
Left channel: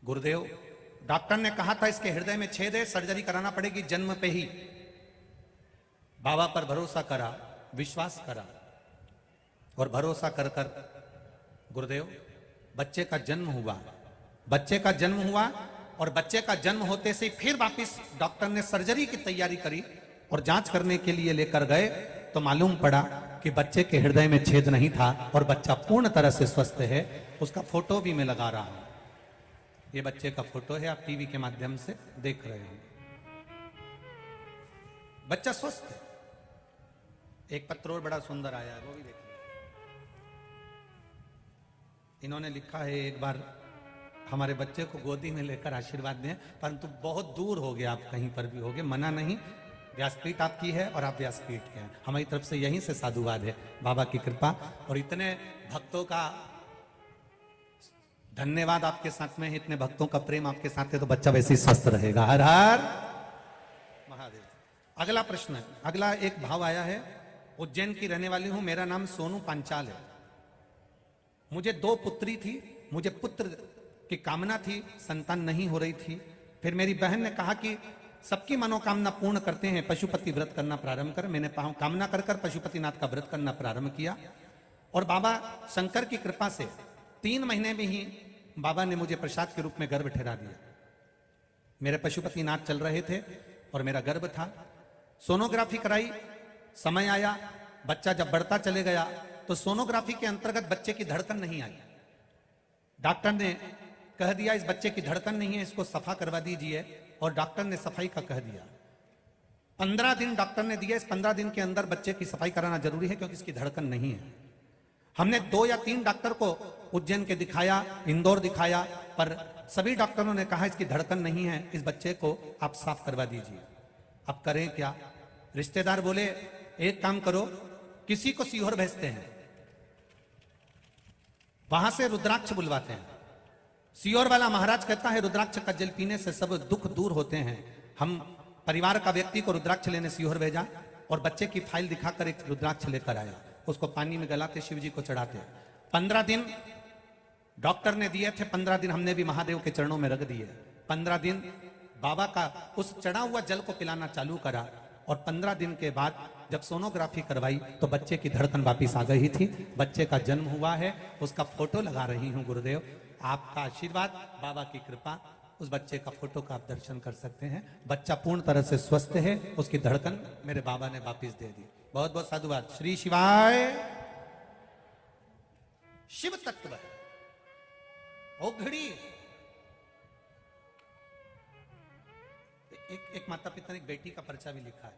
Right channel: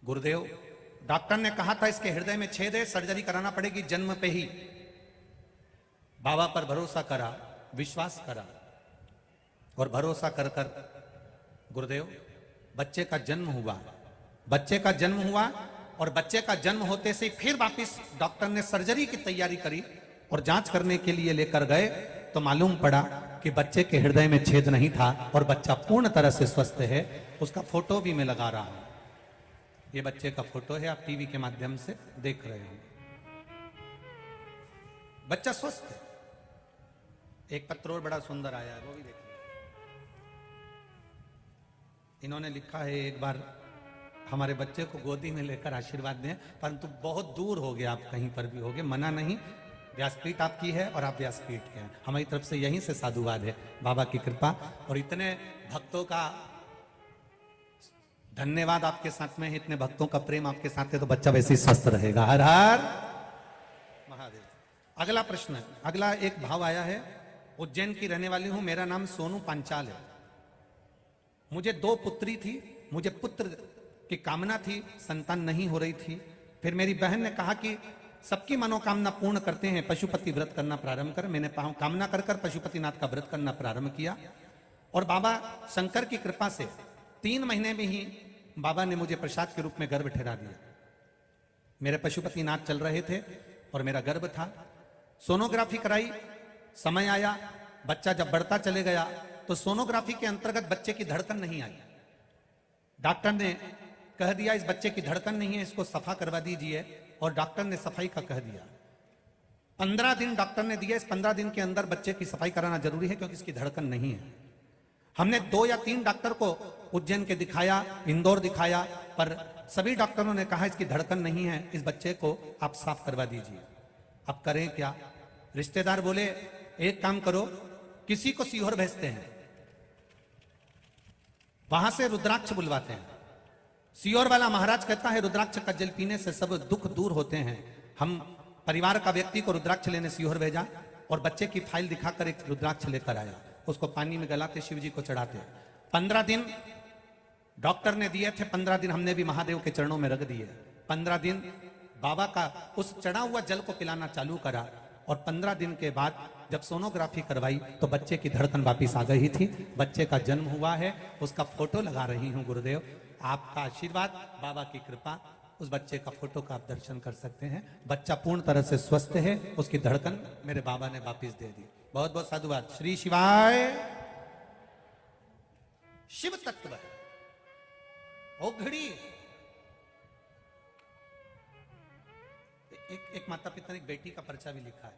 गुरुदेव डॉक्टर ने कहा था इसके हृदय में छेद है, सर्जरी कराना पड़ेगी जन्म पे ही। बाबा पर भरोसा करा, विश्वास करा और भरोसा कर कर गुरुदेव बच्चे का जन्म हुआ। बच्चे का जन्म हुआ और बच्चे का जन्म होते से फिर वापस डॉक्टर ने सर्जरी की तैयारी करी और जांच करने के लिए लेकर गए तो मालूम पड़ा कि बच्चे के हृदय में छेद नहीं था और बच्चा पूर्ण तरह से स्वस्थ है। उसका फोटो भी मैं लगा रहा हूं, ये बच्चे का फोटो है, आप टीवी के माध्यम से देख रहे हैं। बच्चा स्वस्थ है। एक पत्र और बड़ा सुंदर आया है, वो भी देखिए। इन्होंने लिखा है एक बार हमारे बच्चे को गोदी में लेकर आशीर्वाद दें, परंतु बहुत दूर हो गया, आप कहीं पर भी हो गए, मना नहीं। व्यासपीठ आपकी है और आप व्यासपीठ के हैं, हमारी तरफ से यहीं से साधुवाद है, बाबा की कृपा। और इतने भक्तों का धन्यवाद आपके साथ में है, इतने भक्तों का प्रेम आपके साथ है, तो बच्चा वैसे ही स्वस्थ रहेगा। हर हर महादेव। अगला प्रश्न है, अगला एक भाव आया है। उज्जैन की रहने वाली हूं, मेरा नाम सोनू पांचाल है। मुझे 2 पुत्री थी, मुझे पुत्र की कामना थी, संतान नहीं हो रही थी। फिर मेरी बहन ने कहा कि सबकी मनोकामना पूर्ण करते हैं, पशुपति व्रत करना प्रारंभ कर। मैंने कामना कर कर पशुपतिनाथ का व्रत करना प्रारंभ किया और बाबा शंकर की कृपा से 3 महीने में ही बाबा ने मुझे प्रसाद के रूप में गर्भ ठहरा दिया। मेरे पशुपतिनाथ चल रहे थे और मेरा गर्भ था। सोनोग्राफी कराई, समय आया, बच्चा जब बढ़ता चले गया तो सोनोग्राफी के अंतर्गत बच्चे की धड़कन नहीं आई। डॉक्टर ने कह दिया इस बच्चे की धड़कन नहीं है, इसको सफा करवा दीजिए, और डॉक्टर ने सफाई का कह दिया। 15 दिन डॉक्टर ने दिया, इस 15 दिन के अंदर बच्चे की सफाई कराना जरूरी है क्योंकि इसकी धड़कन नहीं है। हमने 2 या 3 डॉक्टर को उज्जैन के दिखाया, इंदौर दिखाया, पर सभी डॉक्टरों ने कहा इसकी धड़कन नहीं है, इस बच्चे को आप साफ करवा दीजिए। अब करें क्या? रिश्तेदार बोले एक काम करो, किसी को सीहोर भेजते हैं, वहां से रुद्राक्ष बुलवाते हैं। सीहोर वाला महाराज कहता है रुद्राक्ष का जल पीने से सब दुख दूर होते हैं। हम परिवार का व्यक्ति को रुद्राक्ष लेने सीहोर भेजा और बच्चे की फाइल दिखाकर एक रुद्राक्ष लेकर आया, उसको पानी में गलाते शिव जी को चढ़ाते। 15 दिन डॉक्टर ने दिए थे, 15 दिन हमने भी महादेव के चरणों में रख दिए। 15 दिन बाबा का उस चढ़ा हुआ जल को पिलाना चालू करा और 15 दिन के बाद जब सोनोग्राफी करवाई तो बच्चे की धड़कन वापिस आ गई थी। बच्चे का जन्म हुआ है, उसका फोटो लगा रही हूं। गुरुदेव आपका आशीर्वाद, बाबा की कृपा, उस बच्चे का फोटो का आप दर्शन कर सकते हैं। बच्चा पूर्ण तरह से स्वस्थ है, उसकी धड़कन मेरे बाबा ने वापिस दे दी। बहुत बहुत साधुवाद। श्री शिवाय। शिव तत्व है, वो घड़ी एक माता पिता एक बेटी का परिचय भी लिखा है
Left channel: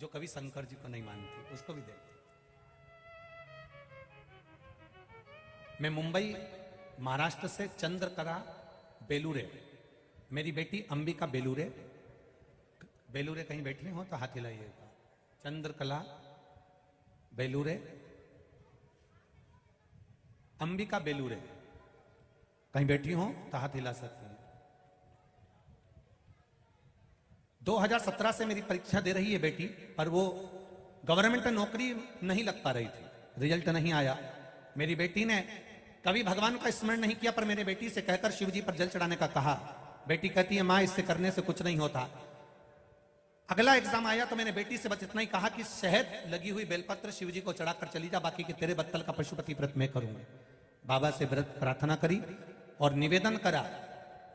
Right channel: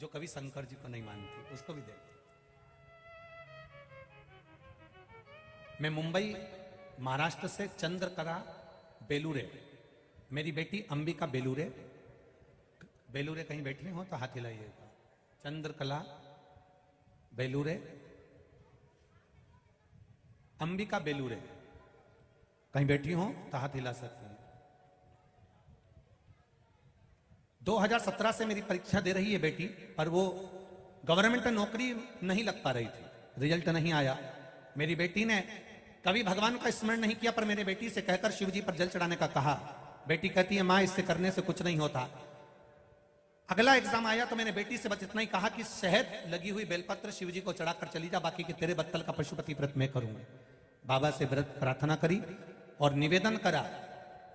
जो कभी शंकर जी को नहीं मानती, उसको भी देखो। मैं मुंबई महाराष्ट्र से चंद्रकला बेलूरे, मेरी बेटी अंबिका बेलूरे, बेलूरे कहीं बैठे हो तो हाथ हिलाइएगा। चंद्रकला बेलूरे, अंबिका बेलूरे कहीं बैठी हो तो हाथ हिला सकते हैं। 2017 से मेरी परीक्षा दे रही है बेटी, पर वो गवर्नमेंट नौकरी नहीं लग पा रही थी, रिजल्ट नहीं आया। मेरी बेटी ने कभी भगवान का स्मरण नहीं किया, पर मेरे बेटी से कहकर शिव जी पर जल चढ़ाने का कहा। बेटी कहती है माँ इससे करने से कुछ नहीं होता। अगला एग्जाम आया तो मैंने बेटी से बस इतना ही कहा कि शहद लगी हुई बेलपत्र शिव जी को चढ़ाकर चली जा, बाकी के तेरे बत्तल का पशुपति व्रत मैं करूंगा। बाबा से व्रत प्रार्थना करी और निवेदन करा।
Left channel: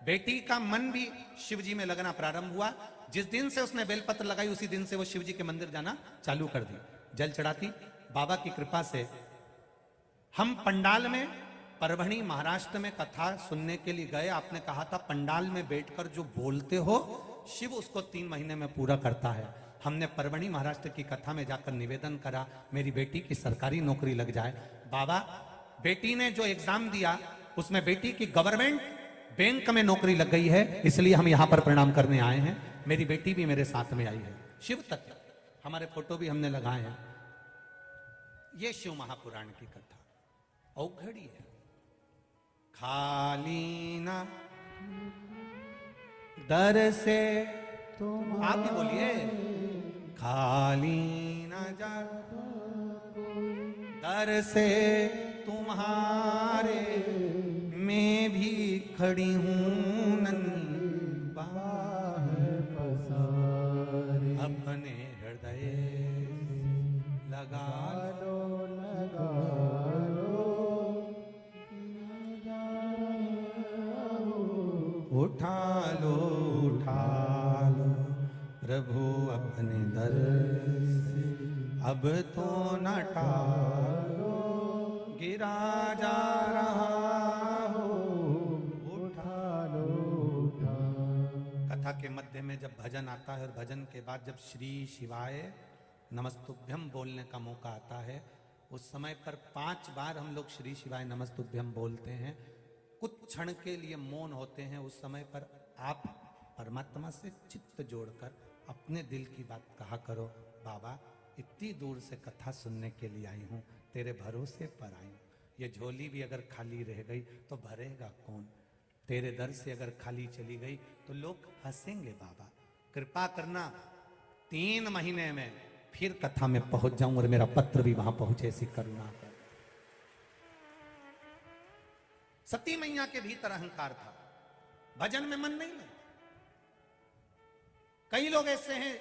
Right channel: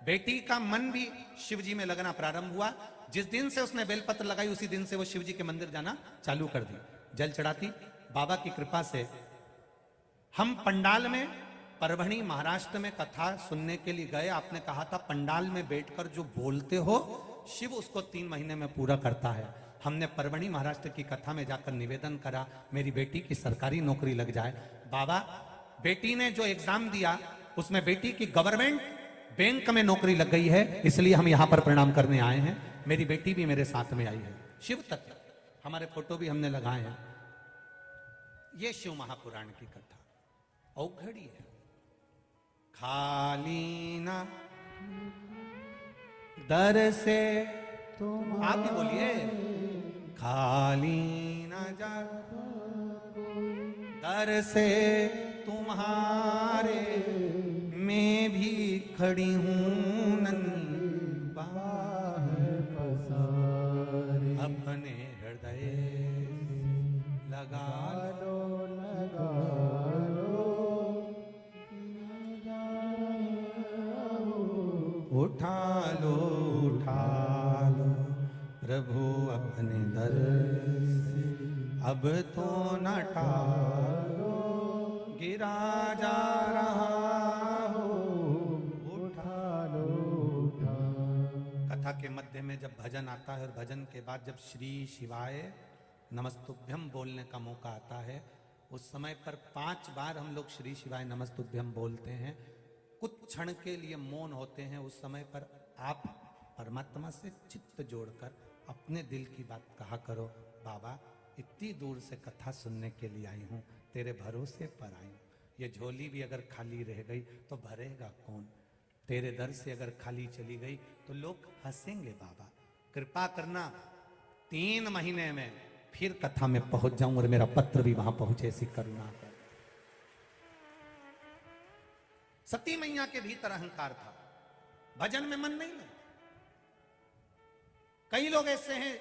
बेटी का मन भी शिव जी में लगना प्रारंभ हुआ। जिस दिन से उसने बेलपत्र लगाई उसी दिन से वो शिव जी के मंदिर जाना चालू कर दी, जल चढ़ाती। बाबा की कृपा से हम पंडाल में परभणी महाराष्ट्र में कथा सुनने के लिए गए। आपने कहा था पंडाल में बैठकर जो बोलते हो शिव उसको 3 महीने में पूरा करता है। हमने परभणी महाराष्ट्र की कथा में जाकर निवेदन करा मेरी बेटी की सरकारी नौकरी लग जाए। बाबा बेटी ने जो एग्जाम दिया उसमें बेटी की गवर्नमेंट बैंक में नौकरी लग गई है, इसलिए हम यहाँ पर प्रणाम करने आए हैं। मेरी बेटी भी मेरे साथ में आई है। शिव तत्व हमारे फोटो भी हमने लगाए हैं। ये शिव महापुराण की कथा औघड़ी है। खाली न दर से तुम, आप भी बोलिए, खाली न जा दर से तुम्हारे मैं भी खड़ी हूं नंदा, अपने हृदय लगा लो उठा लो प्रभु अपने दर, अब तो न गिरा जा रहा हो, उठा लो। कथा के मध्य में जब भजन आता है और भजन के बाद जब श्री शिवाय नमस्तुभ्यम बोलने का मौका आता है, उस समय पर 5 बार हम लोग श्री शिवाय नमस्तुभ्यम बोलते हैं। कुछ क्षण के लिए मौन होते हैं। उस समय पर आप परमात्मा से चित्त जोड़कर अपने दिल की बात कहा करो। बाबा इतनी दूर से कथा सुनने के लिए आई हूँ, तेरे भरोसे पर आई हूँ। ये झोली भी अगर खाली रह गई तो भरेगा कौन? तेरे दर से अगर खाली चली गई तो लोग हंसेंगे। बाबा कृपा करना 3 महीने में फिर कथा में पहुंच जाऊं और मेरा पत्र भी वहां पहुंचे, ऐसी करुणा। सती मैया के भीतर अहंकार था, भजन में मन नहीं लगा। कई लोग ऐसे हैं,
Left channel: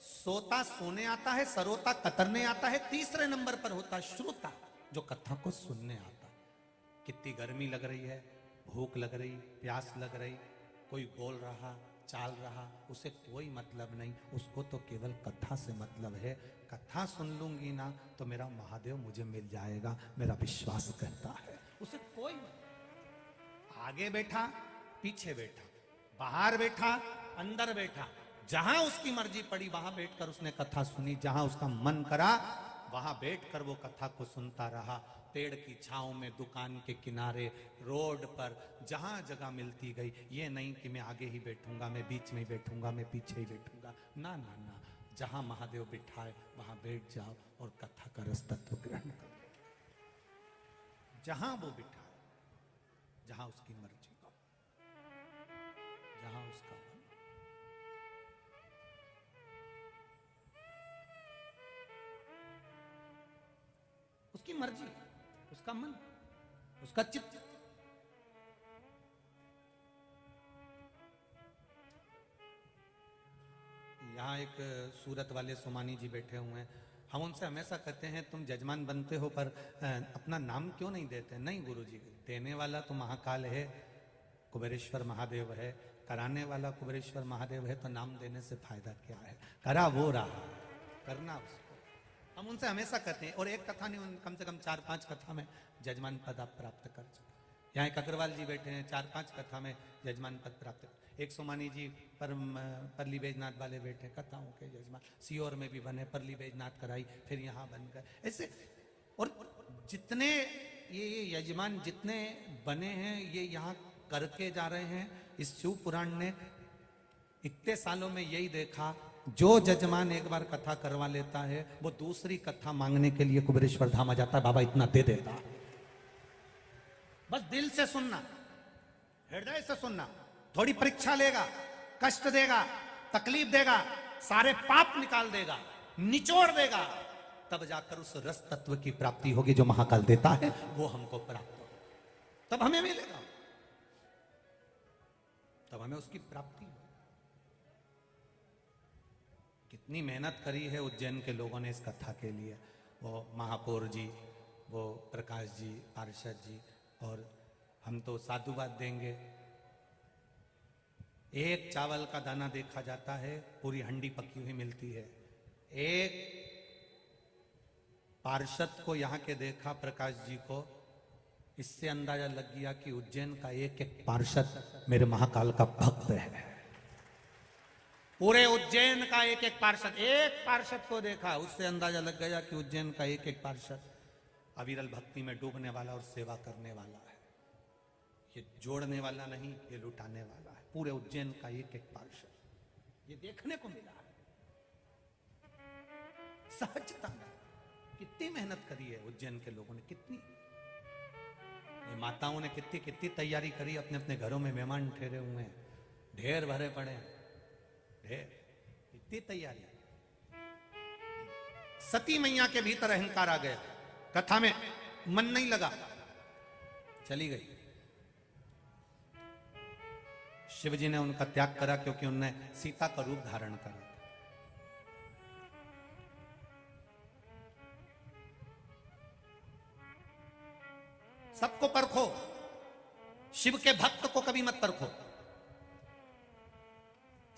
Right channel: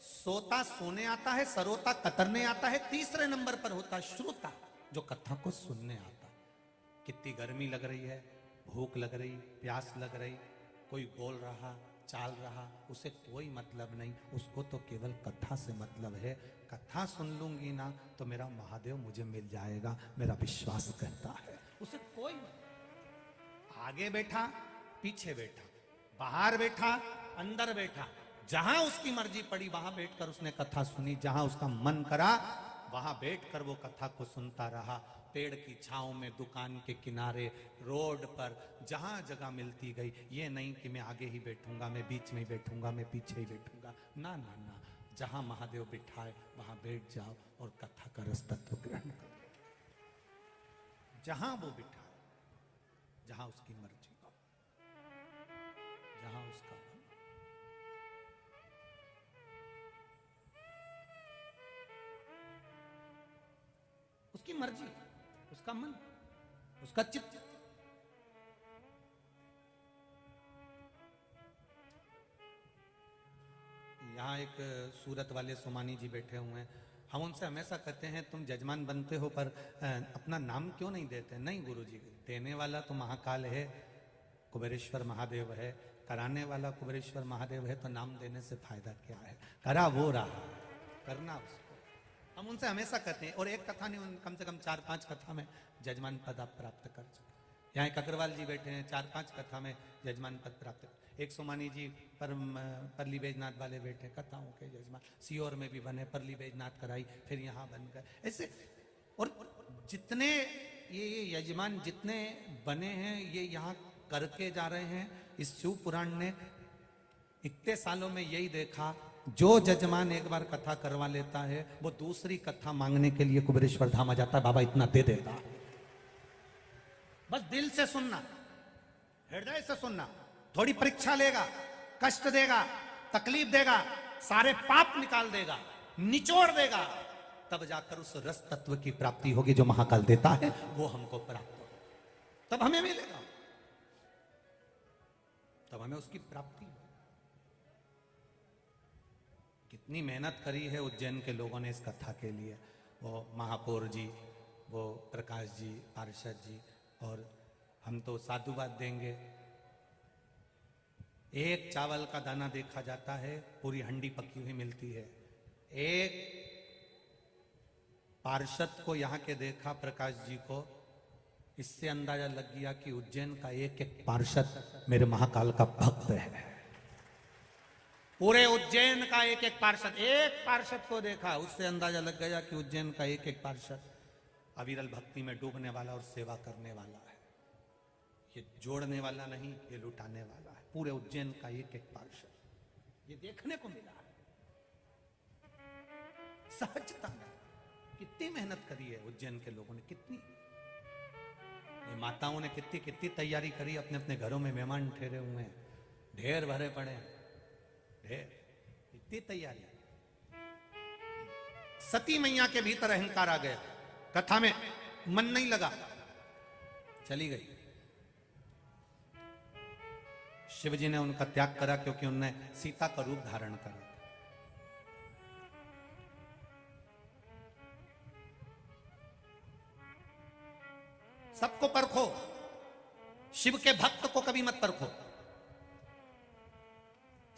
सोता सोने आता है, सरोता कतरने आता है, तीसरे नंबर पर होता श्रोता जो कथा को सुनने आता। कितनी गर्मी लग रही है, भूख लग रही, प्यास लग रही, कोई बोल रहा चाल रहा, उसे कोई मतलब नहीं, उसको तो केवल कथा से मतलब है। कथा सुन लूंगी ना तो मेरा महादेव मुझे मिल जाएगा, मेरा विश्वास करता है। उसे कोई मतलब, आगे बैठा पीछे बैठा, बाहर बैठा अंदर बैठा, जहां उसकी मर्जी पड़ी वहां बैठकर उसने कथा सुनी। जहां उसका मन करा वहां बैठकर वो कथा को सुनता रहा। पेड़ की छांव में, दुकान के किनारे, रोड पर, जहां जगह मिलती गई। ये नहीं कि मैं आगे ही बैठूंगा, मैं बीच में बैठूंगा, मैं पीछे ही बैठूंगा, ना ना ना। जहां महादेव बिठाए वहां बैठ जाओ और कथा का रस तत्व ग्रहण करो। जहां वो बिठाए, जहां उसकी मर्जी, जहां उसका मन, उसकी मर्जी, उसका मन, उसका चित्त। यहाँ एक सूरत वाले सोमानी जी बैठे हुए हैं। हम उनसे हमेशा कहते हैं तुम जजमान बनते हो पर अपना नाम क्यों नहीं देते? नहीं गुरुजी, देने वाला तो महाकाल है, कुबेरेश्वर महादेव है, कराने वाला कुबेरेश्वर महादेव है, तो नाम देने से फायदा क्या है? करा वो रहा, करना उसको। हम उनसे हमेशा कहते हैं, और एक कथा नहीं, कम से कम 4-5 कथा में जजमान पद आप प्राप्त कर चुके। यहाँ एक अग्रवाल जी बैठे हैं, 4-5 कथा में यजमान पद प्राप्त। एक सोमानी जी परली बैजनाथ वाले बैठे, कथाओं के यजमान। सीहोर में भी बने, परली बैजनाथ कराई, फिर यहाँ बन गए ऐसे। और जितने ये यजमान जितने बने हैं ये यहाँ करके जा रहे हैं। इस शिव पुराण ने इतने सालों में यही देखा, जो जजमान एक बार कथा करवा लेता है वो दूसरी कथा मांगने के लिए कुबेरेश्वर धाम आ जाता है, बाबा इतना दे देता। बस दिल से सुनना, हृदय से सुनना। थोड़ी परीक्षा लेगा, कष्ट देगा, तकलीफ देगा, सारे पाप निकाल देगा, निचोड़ देगा, तब जाकर उस रस तत्व की प्राप्ति होगी जो महाकाल देता है, वो हमको प्राप्त होगी, तब हमें मिलेगा, तब हमें उसकी प्राप्ति होगी। कितनी मेहनत करी है उज्जैन के लोगों ने इस कथा के लिए। वो महापौर जी, वो प्रकाश जी, पार्षद जी, और हम तो साधुवाद देंगे। एक चावल का दाना देखा जाता है, पूरी हंडी पकी हुई मिलती है। एक पार्षद को यहाँ के देखा, प्रकाश जी को, इससे अंदाजा लग गया कि उज्जैन का एक एक पार्षद मेरे महाकाल का भक्त है। पूरे उज्जैन का एक एक पार्षद को देखा, उससे अंदाजा लग गया कि उज्जैन का एक एक पार्षद अविरल भक्ति में डूबने वाला और सेवा करने वाला है। ये जोड़ने वाला नहीं, ये लुटाने वाला। पूरे उज्जैन का एक एक पार्षद, ये देखने को मिला। सहजता है, कितनी मेहनत करी है उज्जैन के लोगों ने, कितनी माताओं ने कितनी कितनी तैयारी करी। अपने अपने घरों में मेहमान ठहरे हुए हैं, ढेर भरे पड़े हैं, ढेर, इतनी तैयारी। सती मैया के भीतर अहंकार आ गया, कथा में मन नहीं लगा, चली गई। शिव जी ने उनका त्याग करा क्योंकि उनने सीता का रूप धारण करा। सबको परखो, शिव के भक्त को कभी मत परखो।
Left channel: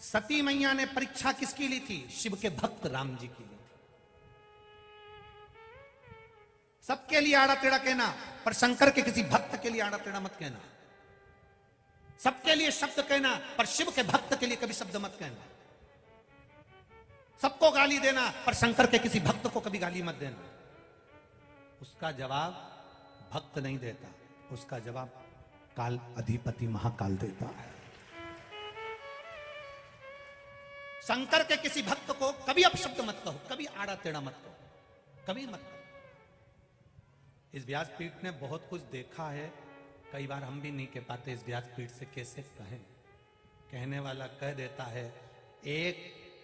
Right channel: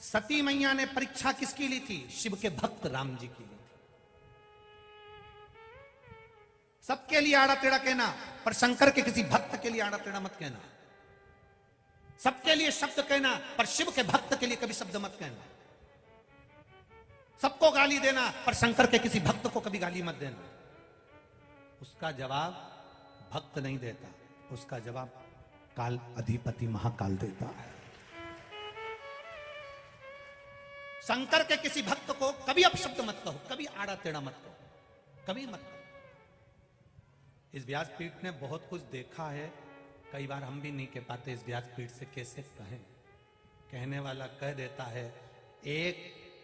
सती मैया ने परीक्षा किसकी ली थी? शिव के भक्त राम जी की ली थी। सबके लिए आड़ा टेढ़ा कहना, पर शंकर के किसी भक्त के लिए आड़ा टेढ़ा मत कहना। सबके लिए शब्द कहना, पर शिव के भक्त के लिए कभी शब्द मत कहना। सबको गाली देना, पर शंकर के किसी भक्त को कभी गाली मत देना। उसका जवाब भक्त नहीं देता, उसका जवाब काल अधिपति महाकाल देता है। शंकर के किसी भक्त को कभी अपशब्द मत कहो, कभी आड़ा टेढ़ा मत कहो, कभी मत कहो। इस व्यासपीठ ने बहुत कुछ देखा है, कई बार हम भी नहीं कह पाते इस व्यासपीठ से कैसे कहे। कहने वाला कह देता है। एक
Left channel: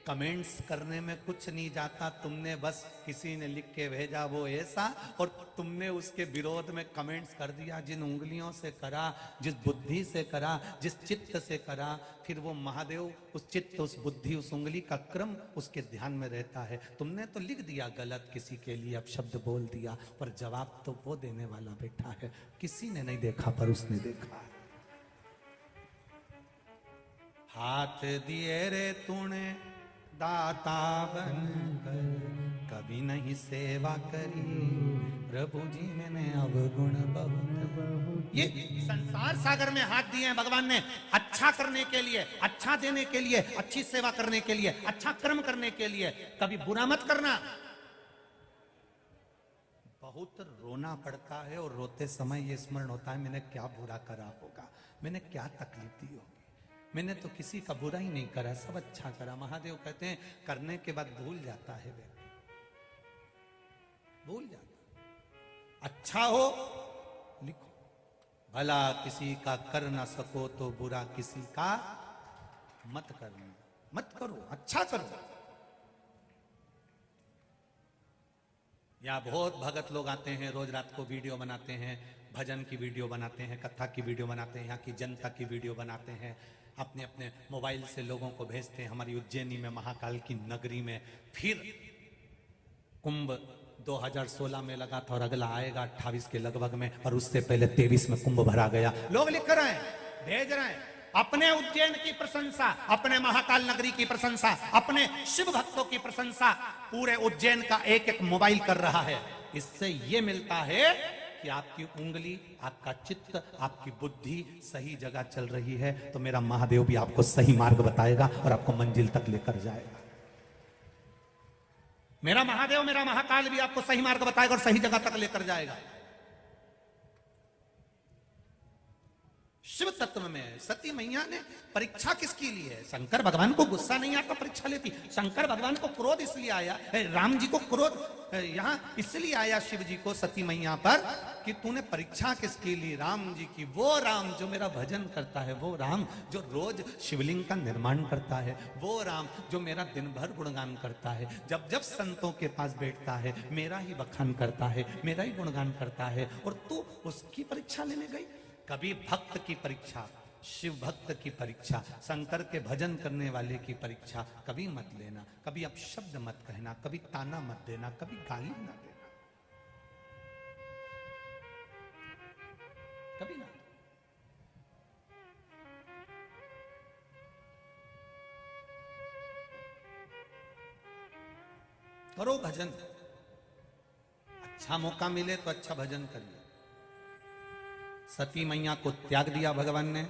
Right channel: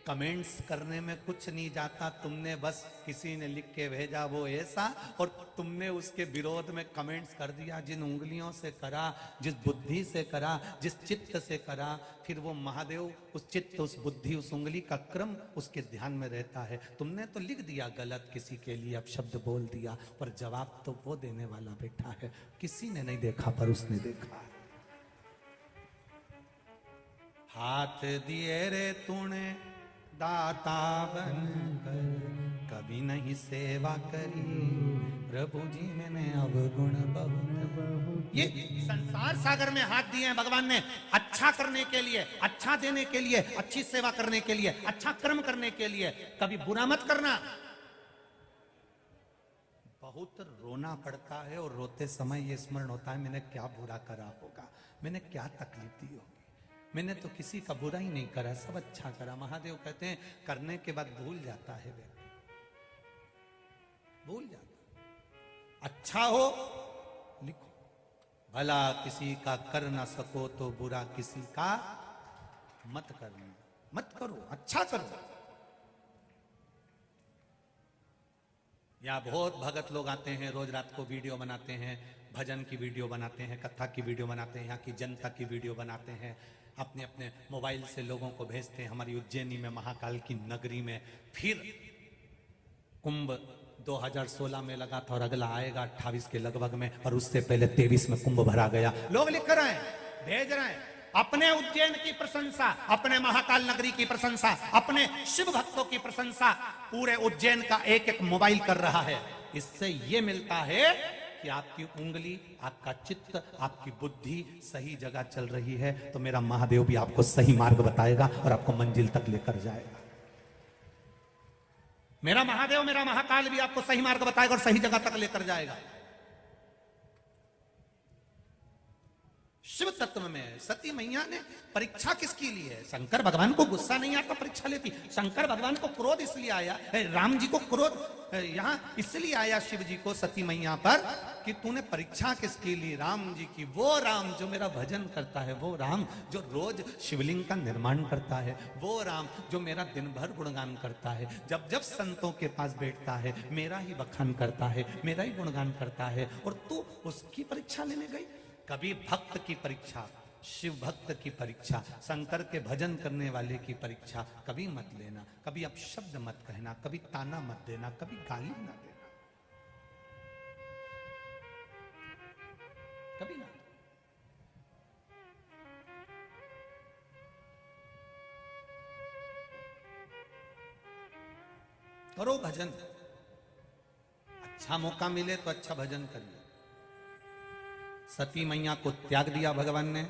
कमेंट्स करने में कुछ नहीं जाता, तुमने बस किसी ने लिख के भेजा वो ऐसा, और तुमने उसके विरोध में कमेंट्स कर दिया। जिन उंगलियों से करा, जिस बुद्धि से करा, जिस चित्त से करा, फिर वो महादेव उस चित्त, उस बुद्धि, उस उंगली का क्रम उसके ध्यान में रहता है। तुमने तो लिख दिया गलत, किसी के लिए अपशब्द बोल दिया, पर जवाब तो वो देने वाला बैठा है। किसी ने नहीं देखा पर उसने देखा। हाथ दिए रे तूने दाता बनकर, कभी नहीं सेवा करी प्रभु जी ने अवगुण बहुत। ये संसार सागर में हाथ दिए हैं भगवान ने अच्छा करने के लिए, अच्छा देने के लिए, अच्छी सेवा करने के लिए, अच्छा कर्म करने के लिए। कभी बुरा मत करना। बहुत रोना पड़ता है और रोते समय ये स्मरण होता है, मैंने क्या बुरा करा होगा, मैंने क्या तकलीफ दी होगी। मैंने तो किसी का बुरा ही नहीं करा, सब अच्छा करा। महादेव कहते हैं करने के बाद भूल जाता है व्यक्ति, भूल जाता। अच्छा हो लिखो, भला किसी का कर न सको तो बुरा किसी का मत करना, मत करो, अच्छा करो। यहाँ बहुत भगत लोग आते हैं, रोज रात को वीडियो बनाते हैं, भजन की वीडियो बनाते हैं, कथा की वीडियो बनाते हैं, यहाँ की जनता की वीडियो बनाते हैं, अपने अपने मोबाइल से लोगों को भेजते हैं। हमारी उज्जैनी में, महाकाल की नगरी में फिर कुंभ 2016 में लगा था और अगला आएगा 28 के लगभग में, और उससे पहले 23 में कुंभ भरा गया। लोग लिख रहे हैं, भेज रहे हैं अपने उज्जैन की प्रशंसा, अपने महाकाल नगरी की प्रशंसा, अपने शिव भक्तों की प्रशंसा। पूरे उज्जैन का एक एक मोबाइल कर रहा है। इससे ये मिलता है कि आपकी उंगली, आपका चित्त, आपकी बुद्धि सही जगह चल रही है, तो मेरा महादेव भी आपको सही मार्ग बताएगा और आपको मंजिल तक लेकर जाएगा। मेरा महादेव, मेरा महाकाल भी आपको सही मार्ग बताएगा और सही जगह तक लेकर जाएगा। शिव तत्व में सती मैया ने परीक्षा किसके लिए? शंकर भगवान को गुस्सा नहीं आता, परीक्षा लेती। शंकर भगवान को क्रोध इसलिए आया, राम जी को क्रोध यहाँ इसलिए आया शिव जी को सती मैया पर, कि तूने परीक्षा किसके लिए? राम जी की। वो राम जो मेरा भजन करता है, वो राम जो रोज शिवलिंग का निर्माण करता है, वो राम जो मेरा दिन भर गुणगान करता है, जब जब संतों के पास बैठता है मेरा ही बखान करता है, मेरा ही गुणगान करता है, और तू उसकी परीक्षा लेने गई। कभी भक्त की परीक्षा, शिव भक्त की परीक्षा, शंकर के भजन करने वाले की परीक्षा कभी मत लेना। कभी अपशब्द मत कहना, कभी ताना मत देना, कभी गाली ना देना, कभी ना। करो भजन, अच्छा मौका मिले तो अच्छा भजन करिए। सती मैया को त्याग दिया भगवान ने,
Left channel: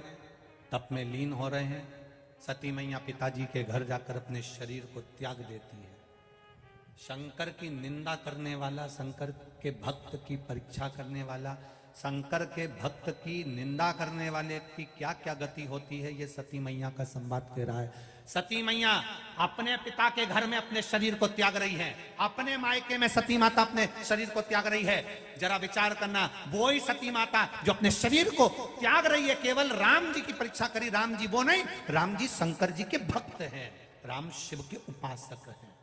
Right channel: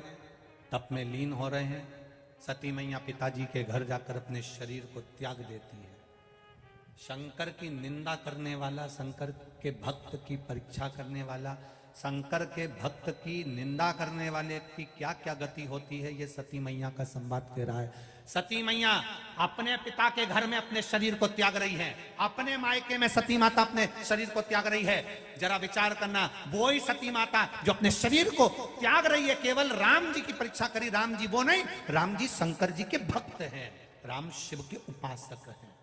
तप में लीन हो रहे हैं। सती मैया पिताजी के घर जाकर अपने शरीर को त्याग देती है। शंकर की निंदा करने वाला, शंकर के भक्त की परीक्षा करने वाला, शंकर के भक्त की निंदा करने वाले की क्या क्या गति होती है, ये सती मैया का संवाद कह रहा है। सती मैया अपने पिता के घर में अपने शरीर को त्याग रही है, अपने मायके में सती माता अपने शरीर को त्याग रही है। जरा विचार करना, वो ही सती माता जो अपने शरीर को त्याग रही है, केवल राम जी की परीक्षा करी। राम जी वो नहीं, राम जी शंकर जी के भक्त हैं, राम शिव के उपासक हैं।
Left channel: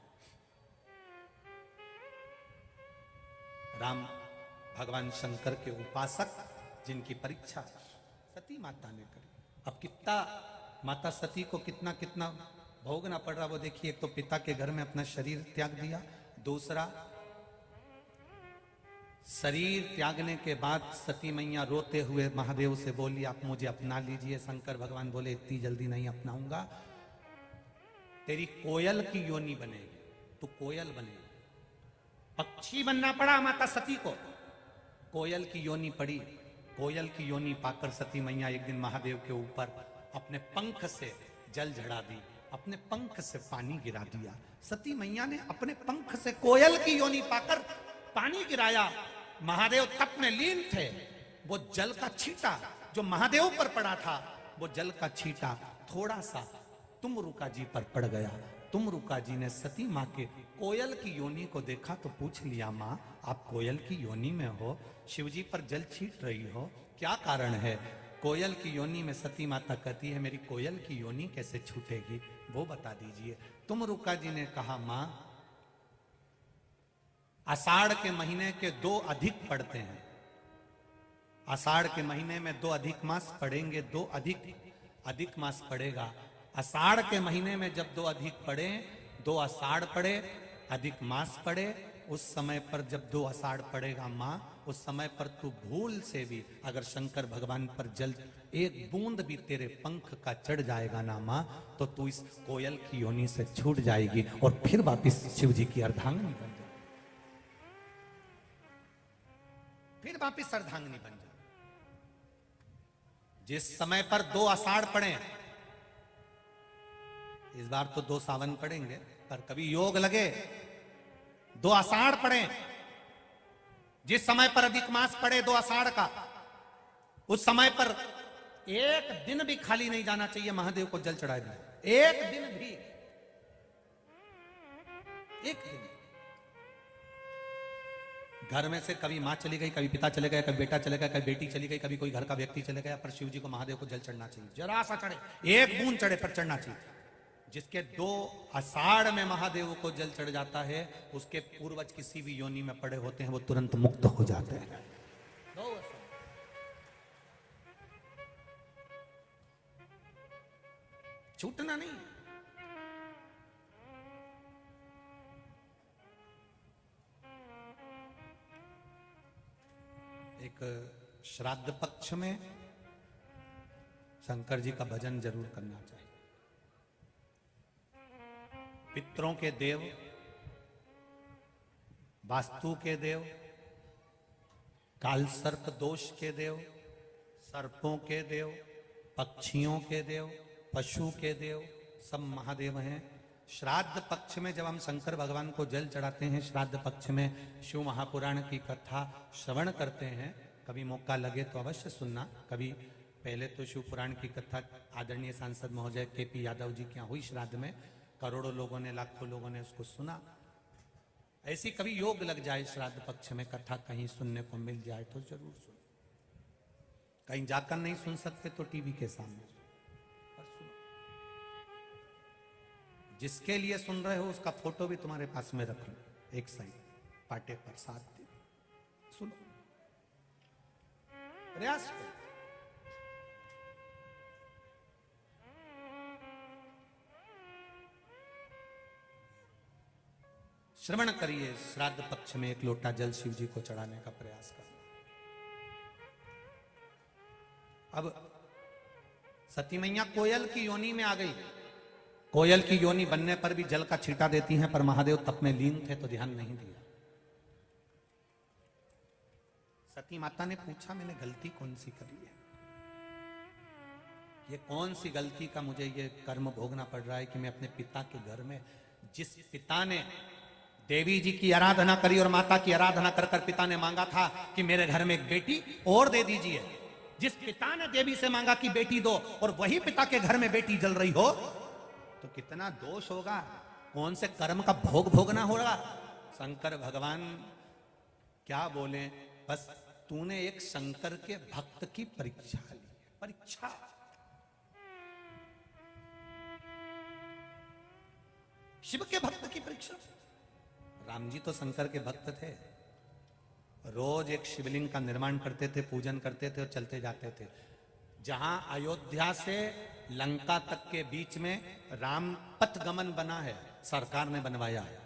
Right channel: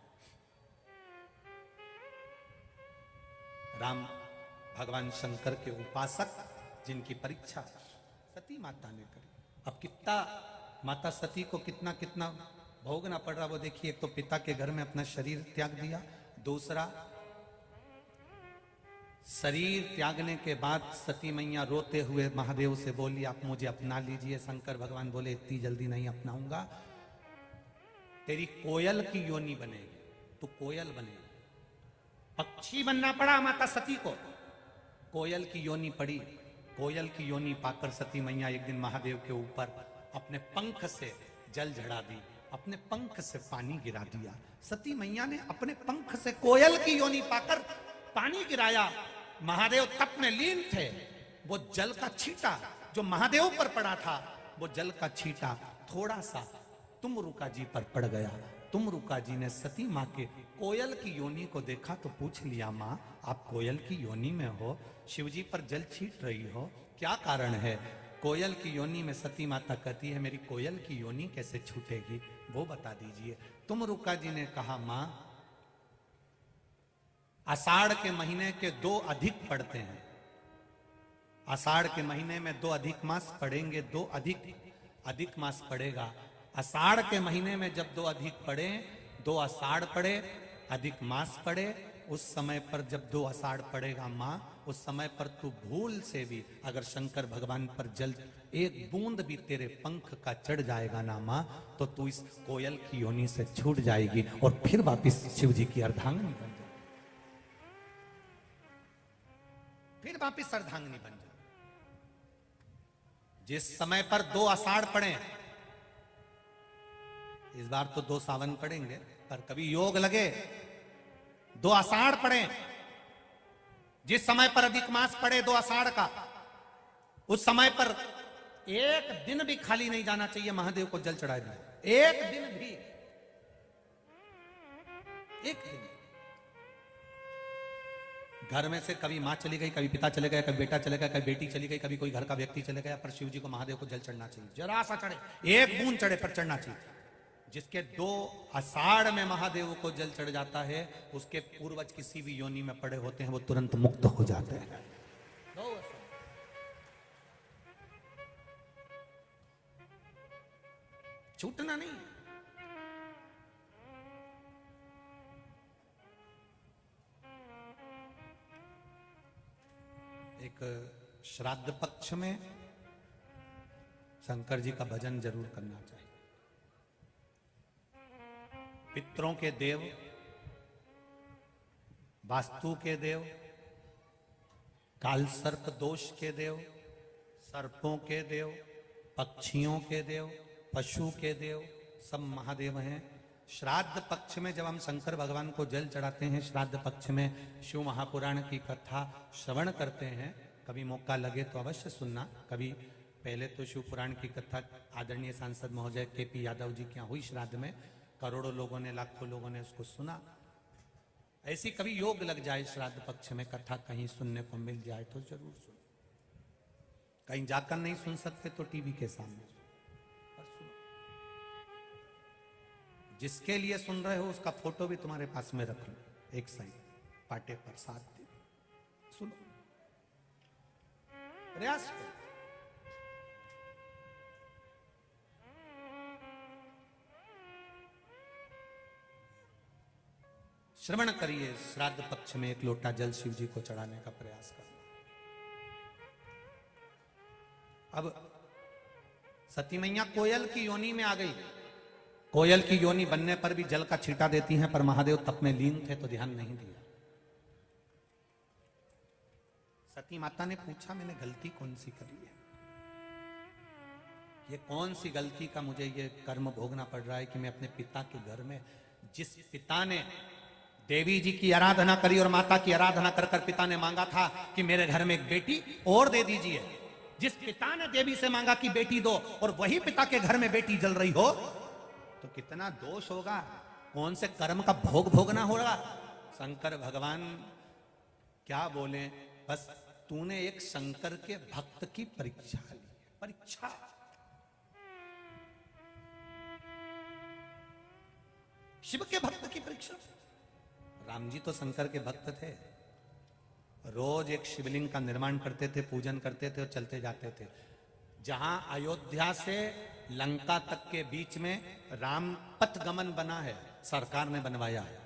राम भगवान शंकर के उपासक, जिनकी परीक्षा सती माता ने करी। अब कितना माता सती को कितना कितना भोगना पड़ रहा वो देखिए। एक तो पिता के घर में अपना शरीर त्याग दिया, दूसरा शरीर त्यागने के बाद सती मैया रोते हुए महादेव से बोली, आप मुझे अपना लीजिए। शंकर भगवान बोले, इतनी जल्दी नहीं अपनाऊंगा, तेरी कोयल की योनि बनेगी, तू कोयल बनेगी। पक्षी बनना पड़ा माता सती को, कोयल की योनि पड़ी। कोयल की योनि पाकर सती मैया एक दिन महादेव के ऊपर अपने पंख से जल झड़ा दी, अपने पंख से पानी गिरा दिया। सती मैया ने अपने पंख से कोयल की योनि पाकर पानी गिराया। महादेव तप में लीन थे। वो जल का छींटा जो महादेव पर पड़ा था, वो जल का छींटा थोड़ा सा तुमरुका जी पर पड़ गया। तुमरुका जी ने सती माँ के कोयल की योनि को देखा तो पूछ लिया, माँ आप कोयल की योनि में हो, शिवजी पर जल छींट रही हो, क्या कारण है? कोयल की योनि में सती माता कहती है, मेरी कोयल की योनि कैसे छूटेगी, वो बता दीजिए। तुमरुका जी ने कहा, माँ आषाढ़ के महीने के 2 अधिक पड़ते हैं, आषाढ़ के महीने में 2 अधिक मास पड़ेंगे, 2 अधिक मास पड़ेगा। आषाढ़ के महीने में जब 2 अधिक पड़े, 2 आषाढ़ पड़े, अधिक मास पड़े, उस समय पर जब 2 आषाढ़ पड़ेगा माँ, उस समय पर तू भूल से भी अगर शंकर भगवान पर जल एक बूंद भी तेरे पंख का चढ़ जाएगा ना माँ, तो तू इस कोयल की योनि से छूट जाएगी और फिर वापिस शिव जी की अर्धांगिनी बन जाएगी, फिर वापिस अर्धांगिनी बन जाएगी। जिस समय पर 2 आषाढ़ पड़े, इस बार तो 2 सावन पड़ेंगे, पर कभी योग लगे 2 आषाढ़ पड़े, जिस समय पर अधिक मास पड़े 2 आषाढ़ का, उस समय पर एक दिन भी खाली नहीं जाना चाहिए महादेव को जल चढ़ाए बिना, एक दिन भी, एक दिन। घर में से कभी मां चली गई, कभी पिता चले गए, कभी बेटा चले गया, कभी बेटी चली गई, कभी कोई घर का व्यक्ति चले गया, पर शिव जी को महादेव को जल चढ़ना चाहिए, जरा सा चढ़े, एक बूंद चढ़े पर चढ़ना चाहिए। जिसके 2 आषाढ़ में महादेव को जल चढ़ जाता है, उसके पूर्वज किसी भी योनि में पड़े होते हैं, वो तुरंत मुक्त हो जाते हैं। छूटना नहीं। एक श्राद्ध पक्ष में शंकर जी का भजन जरूर करना चाहिए। पितरों के देव, वास्तु के देव, काल सर्प दोष के देव, सर्पों के देव, पक्षियों के देव, पशु के देव, सब महादेव हैं। श्राद्ध पक्ष में जब हम शंकर भगवान को जल चढ़ाते हैं, श्राद्ध पक्ष में शिव महापुराण की कथा श्रवण करते हैं, कभी मौका लगे तो अवश्य सुनना। कभी पहले तो शिव पुराण की कथा आदरणीय सांसद महोदय केपी यादव जी के यहाँ हुई श्राद्ध में, करोड़ों लोगों ने, लाखों लोगों ने उसको सुना। ऐसी कभी योग लग जाए श्राद्ध पक्ष में कथा कहीं सुनने को मिल जाए तो जरूर सुनो। कहीं जाकर नहीं सुन सकते तो टीवी के सामने पर सुनो। जिसके लिए सुन रहे हो उसका फोटो भी तुम्हारे पास में रख लो, एक साइड पाटे प्रसाद सुनो, प्रयास करो। श्रवण करिए, श्राद्ध पक्ष में एक लोटा जल शिव जी को चढ़ाने का प्रयास करना। अब सती मैया कोयल की योनि में आ गई। कोयल की योनि बनने पर भी जल का छींटा देती हैं, पर महादेव तप में लीन थे तो ध्यान नहीं दिया। सती माता ने पूछा, मैंने गलती कौन सी करी है? ये कौन सी गलती का मुझे ये कर्म भोगना पड़ रहा है कि मैं अपने पिता के घर में, जिस पिता ने देवी जी की आराधना करी और माता की आराधना कर कर पिता ने मांगा था कि मेरे घर में एक बेटी और दे दीजिए, जिस पिता ने देवी से मांगा कि बेटी दो और वही पिता के घर में बेटी जल रही हो तो कितना दोष होगा, कौन से कर्म का भोग भोगना होगा। शंकर भगवान क्या बोले, बस तूने एक शंकर के भक्त की परीक्षा ली, परीक्षा। शिव के भक्त की परीक्षा। राम जी तो शंकर के भक्त थे, रोज एक शिवलिंग का निर्माण करते थे, पूजन करते थे और चलते जाते थे। जहां अयोध्या से लंका तक के बीच में राम पथगमन बना है, सरकार ने बनवाया है,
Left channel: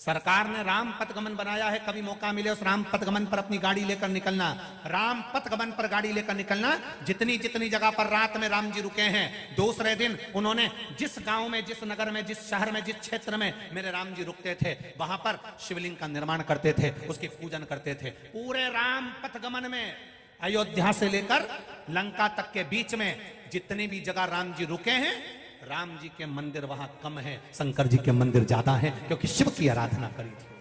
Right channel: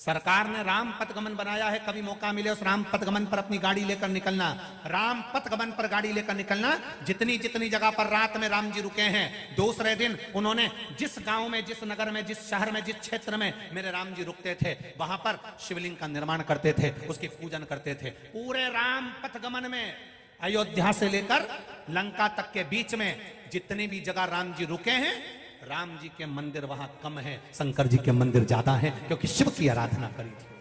सरकार ने राम पथगमन बनाया है। कभी मौका मिले उस राम पथगमन पर अपनी गाड़ी लेकर निकलना, राम पथगमन पर गाड़ी लेकर निकलना। जितनी जितनी जगह पर रात में राम जी रुके हैं, दूसरे दिन उन्होंने जिस गांव में, जिस नगर में, जिस शहर में, जिस क्षेत्र में मेरे राम जी रुकते थे, वहां पर शिवलिंग का निर्माण करते थे, उसकी पूजन करते थे। पूरे राम पथगमन में अयोध्या से लेकर लंका तक के बीच में जितनी भी जगह राम जी रुके हैं, राम जी के मंदिर वहां कम है, शंकर जी के मंदिर ज्यादा है, क्योंकि शिव की आराधना करी थी।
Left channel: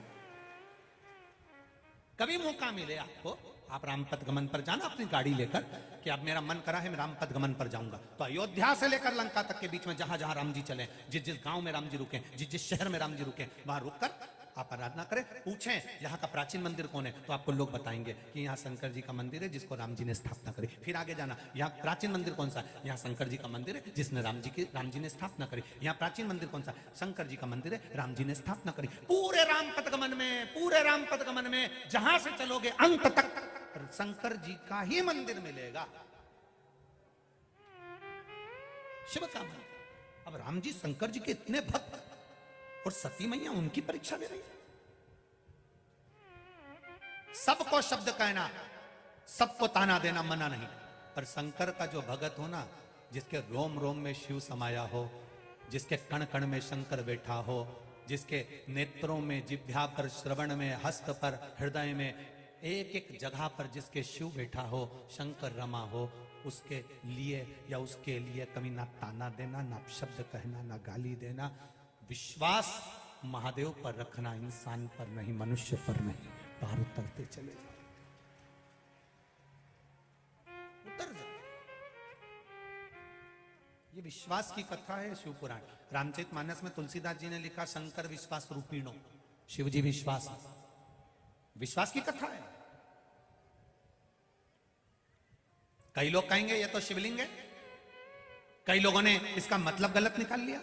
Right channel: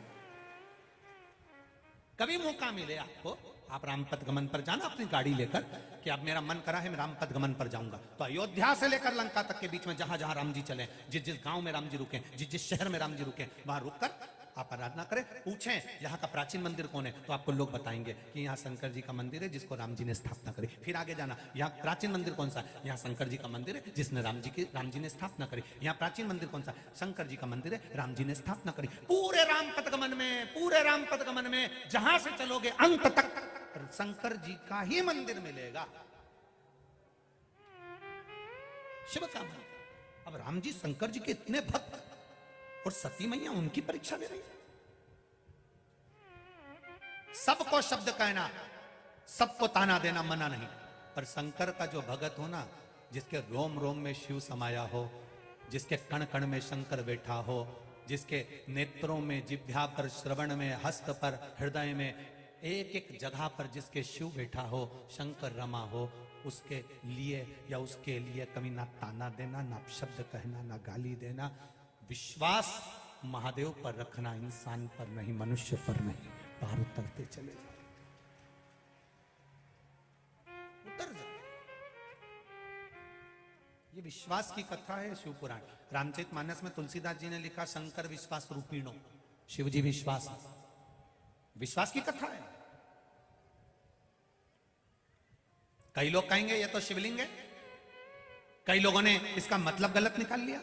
कभी मौका मिले आपको, आप राम पथगमन पर जाना अपनी गाड़ी लेकर कि अब मेरा मन करा है मैं राम पथगमन पर जाऊंगा, तो अयोध्या से लेकर लंका तक के बीच में जहां जहां राम जी चले, जिस जिस गांव में राम जी रुके, जिस जिस शहर में राम जी रुके, वहां रुककर आप आराधना करें। पूछें यहाँ का प्राचीन मंदिर कौन है, तो आपको लोग बताएंगे कि यहाँ शंकर जी का मंदिर है जिसको राम जी ने स्थापना करी। फिर आगे जाना, यहाँ प्राचीन मंदिर कौन सा, यहाँ शंकर जी का मंदिर है जिसने राम जी ने स्थापना करी। यहाँ प्राचीन मंदिर कौन सा, शंकर जी का मंदिर है, राम जी ने स्थापना करी। पूरे राम पथगमन में, पूरे राम पथगमन में जहां से चलोगे अंत तक शंकर जी का ही मंदिर मिलेगा, शिव का मंदिर। अब राम जी शंकर जी के इतने भक्त और सती मैया उनकी परीक्षा, सबको शब्द कहना, सबको ताना देना मना नहीं, पर शंकर का जो भगत हो ना, जिसके रोम रोम में शिव समाया हो, जिसके कण कण में शंकर बैठा हो, जिसके नेत्रों में, जिह्वा पर, श्रवण में, हस्त पर, हृदय में, एक एक जगह पर जिसके शिव बैठा हो, शंकर रमा हो, उसके लिए या उसके लिए कभी ना ताना देना, ना शब्द कहना, ना गाली देना। विश्वास महादेव पर रखना, इंसान पर नहीं, मनुष्य पर नहीं। पार उतरते चले जाओ, उतर जाओ। ये विश्वास की कथा है शिव पुराण। रामचरितमानस में तुलसीदास जी ने लिखा, शंकर विश्वास रूपीणो, शिव जी विश्वास, विश्वास की कथा है। कई लोग कहेंगे ये तो शिवलिंग है, कई लोगों ने इसका मतलब गलत निकाल लिया,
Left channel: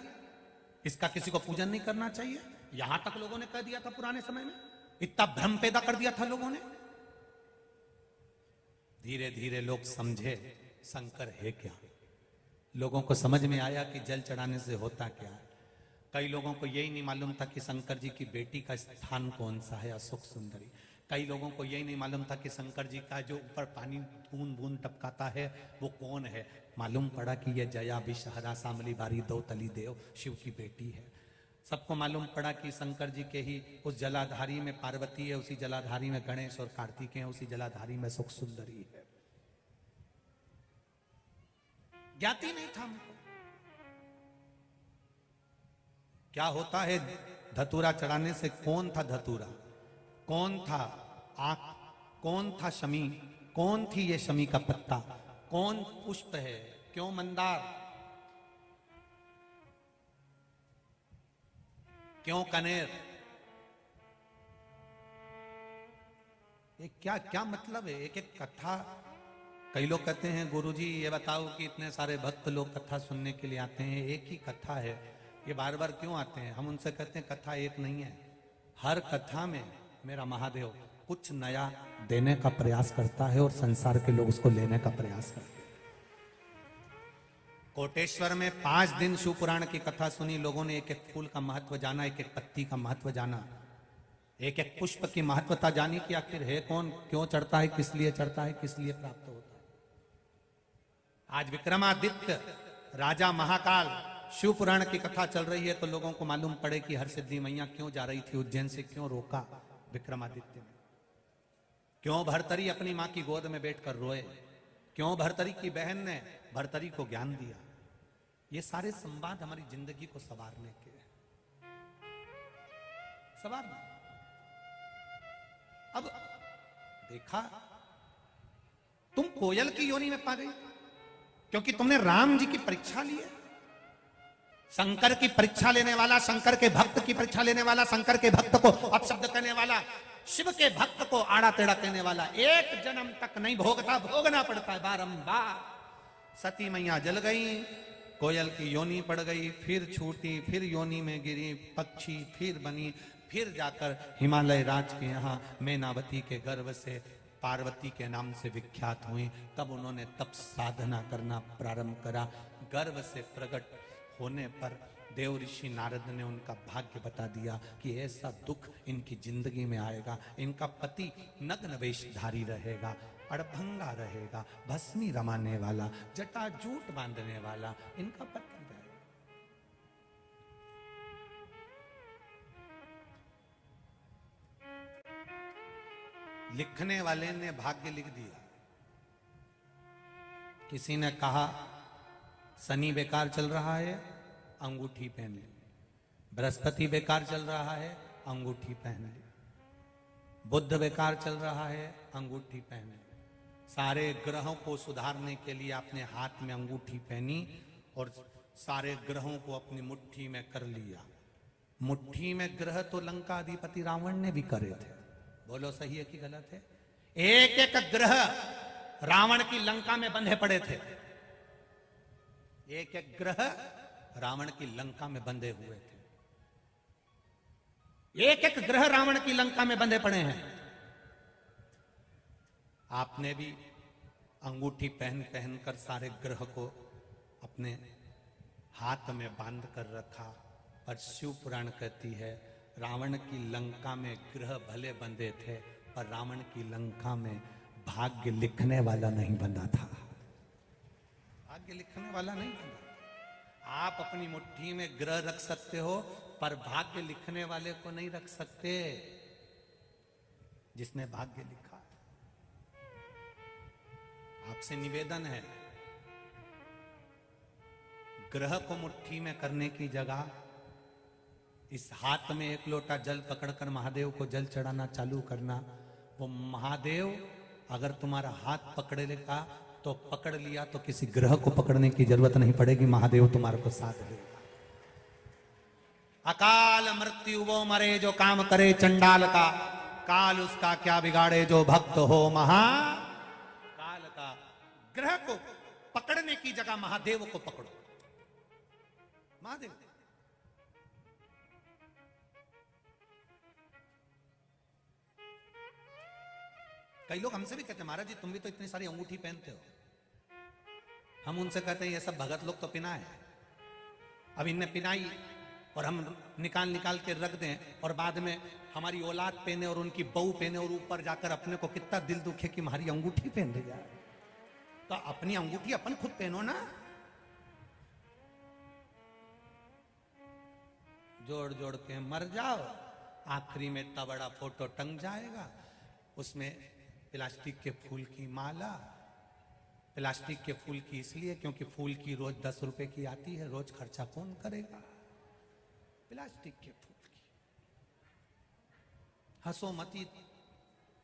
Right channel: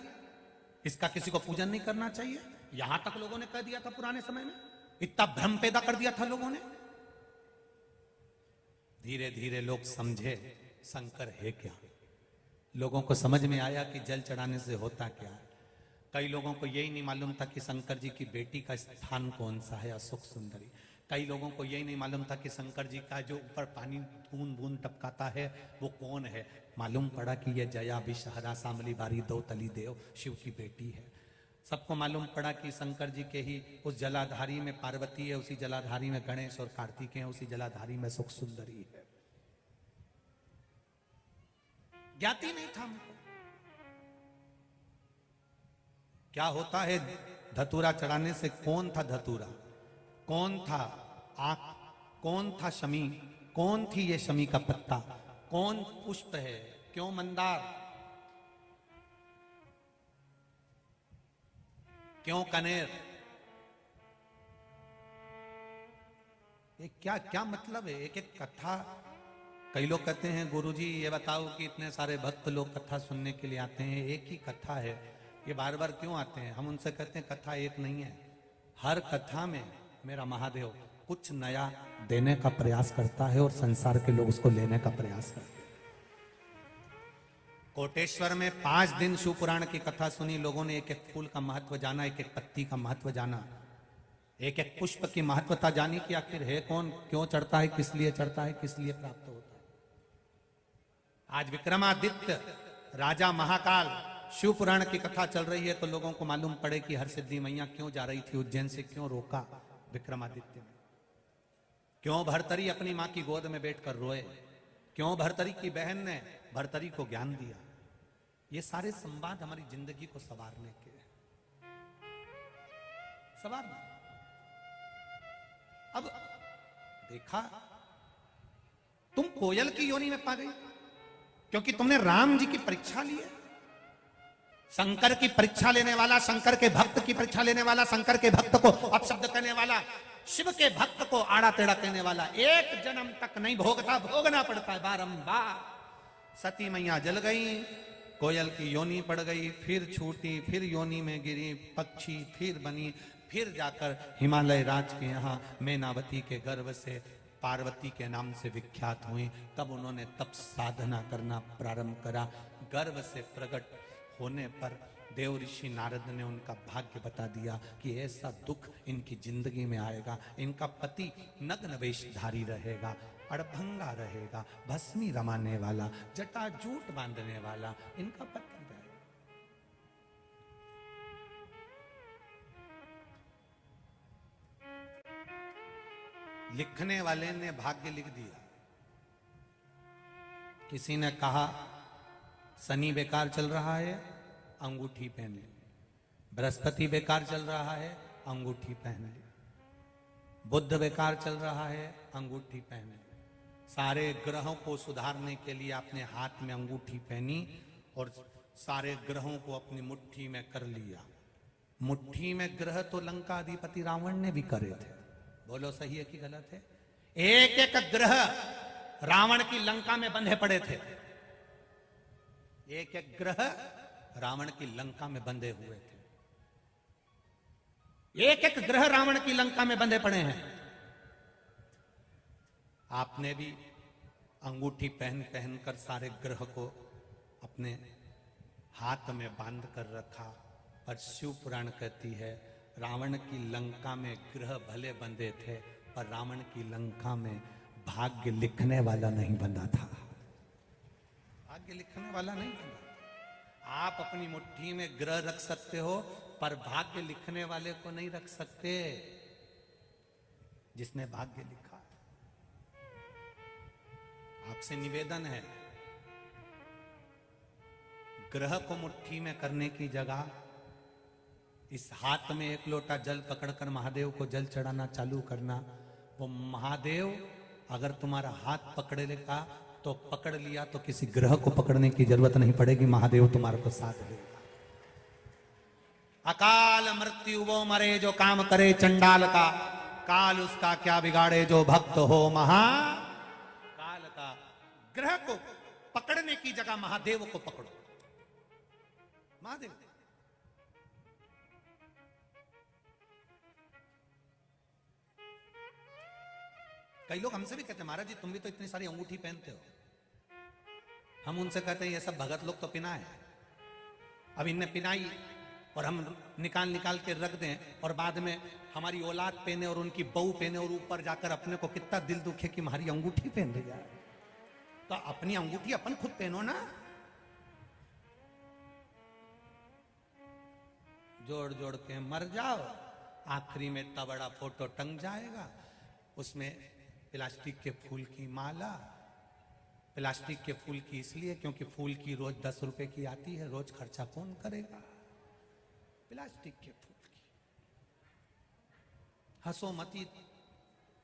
इसका किसी को पूजन नहीं करना चाहिए, यहां तक लोगों ने कह दिया था पुराने समय में, इतना भ्रम पैदा कर दिया था लोगों ने। धीरे धीरे लोग समझे शंकर है क्या, लोगों को समझ में आया कि जल चढ़ाने से होता क्या। कई लोगों को यही नहीं मालूम था कि शंकर जी की बेटी का स्थान कौन सा है, अशोक सुंदरी। कई लोगों को यही नहीं मालूम था कि शंकर जी का जो ऊपर पानी बूंद बूंद टपकाता है वो कौन है। मालूम पड़ा कि ये जया विषहरा सांबली बारी दो तली देव शिव की बेटी है। सबको मालूम पड़ा कि शंकर जी के ही उस जलाधारी में पार्वती है, उसी जलाधारी में गणेश और कार्तिक है, उसी जलाधारी में सुख सुंदरी है। ज्ञाति नहीं था हमको क्या होता है धतूरा चढ़ाने से। कौन था धतूरा, कौन था आंख, कौन था शमी, कौन थी ये शमी का पत्ता, कौन पुष्प है, क्यों मंदार, क्यों कनेर, क्या क्या मतलब है एक एक कथा। कई लोग कहते हैं गुरुजी ये बताओ कि इतने सारे भक्त लोग कथा सुनने के लिए आते हैं, एक ही कथा है, ये बार बार क्यों आते हैं। हम उनसे कहते हैं कथा एक नहीं है, हर कथा में मेरा महादेव कुछ नया देने का प्रयास करता है और संसार के लोग उसको लेने का प्रयास करते हैं। कोटेश्वर में 5 दिन शिव पुराण की कथा सुनी, लोगों ने एक एक फूल का महत्व जाना, एक एक पत्ती का महत्व जाना, एक एक पुष्प की महत्वता जानी कि आखिर है कौन, क्यों चढ़ता है, किस लिए चढ़ता है, किस लिए प्राप्त होता है। आज विक्रमादित्य राजा महाकाल शिव पुराण की कथा चल रही है तो लोगों को मालूम पड़े कि हरसिद्धि मैया क्यों जा रही थी उज्जैन से, क्यों रोका विक्रमादित्य ने, क्यों भरतरी अपनी मां की गोद में बैठकर रोए, क्यों भरतरी की बहन ने भरतरी को ज्ञान दिया। ये सारे संवाद हमारी जिंदगी को संवारने के, संवारने। अब देखा तुम कोयल की योनि में पा गई क्योंकि तुमने राम जी की परीक्षा ली है। शंकर की परीक्षा लेने वाला, शंकर के भक्त की परीक्षा लेने वाला, शंकर के भक्त को अपशब्द करने वाला, शिव के भक्त को आड़ा टेढ़ा कहने वाला, एक जन्म तक नहीं भोगता, भोगना पड़ता है बारंबार। सती मैया जल गई, कोयल की योनि पड़ गई, फिर छूटी, फिर योनि में गिरी, पक्षी फिर बनी, फिर जाकर हिमालय राज के यहाँ मैनावती के गर्भ से पार्वती के नाम से विख्यात हुई। तब उन्होंने तप साधना करना प्रारंभ करा। गर्भ से प्रकट होने पर देव ऋषि नारद ने उनका भाग्य बता दिया कि ऐसा दुख इनकी जिंदगी में आएगा, इनका पति नग्न वेशधारी रहेगा, अड़भंगा रहेगा, भस्मी रमाने वाला, जटाजूट बांधने वाला इनका पति रहेगा। लिखने वाले ने भाग्य लिख दिया। किसी ने कहा शनि बेकार चल रहा है, अंगूठी पहन ली, बृहस्पति बेकार चल रहा है, अंगूठी पहन ली, बुध बेकार चल रहा है, अंगूठी पहन ली। सारे ग्रहों को सुधारने के लिए अपने हाथ में अंगूठी पहनी और सारे ग्रहों को अपनी मुट्ठी में कर लिया। मुट्ठी में ग्रह तो लंका अधिपति रावण ने भी करे थे, बोलो सही है कि गलत है। एक एक ग्रह रावण की लंका में बंधे पड़े थे, एक एक ग्रह रावण की लंका में बंधे हुए थे, एक एक ग्रह रावण की लंका में बंधे पड़े हैं। आपने भी अंगूठी पहन पहन कर सारे ग्रह को अपने हाथ में बांध कर रखा। और शिव पुराण कहते हैं रावण की लंका में ग्रह भले बंधे थे पर रावण की लंका में भाग्य लिखने वाला नहीं बंधा था, भाग्य लिखने वाला नहीं बंधा। आप अपनी मुट्ठी में ग्रह रख सकते हो पर भाग्य लिखने वाले को नहीं रख सकते, जिसने भाग्य लिखा। आपसे निवेदन है, ग्रह को मुट्ठी में करने की जगह इस हाथ में एक लोटा जल पकड़कर महादेव को जल चढ़ाना चालू करना। वो महादेव अगर तुम्हारा हाथ पकड़े लेगा तो पकड़ लिया तो किसी ग्रह को पकड़ने की जरूरत नहीं पड़ेगी, महादेव तुम्हारे को साथ देगा। अकाल मृत्यु वो मरे जो काम करे चंडाल का, काल उसका क्या बिगाड़े जो भक्त हो महाकाल का। ग्रह को पकड़ने की जगह महादेव को पकड़ो, महादेव। कई लोग हमसे भी कहते हैं महाराज जी तुम भी तो इतनी सारी अंगूठी पहनते हो। हम उनसे कहते हैं ये सब भगत लोग तो पिना है, अब इनने पिनाई और हम निकाल निकाल के रख दें और बाद में हमारी औलाद पहने और उनकी बहू पहने और ऊपर जाकर अपने को कितना दिल दुखे कि हमारी अंगूठी पहन रही है। तो अपनी अंगूठी अपन खुद पहनो ना। जोड़ जोड़ के मर जाओ, आखिरी में इतना बड़ा फोटो टंग जाएगा, उसमें प्लास्टिक के फूल की माला। प्लास्टिक के फूल की इसलिए क्योंकि फूल की रोज 10 रुपए की आती है, रोज खर्चा कौन करेगा? प्लास्टिक के फूल की। हंसो मती,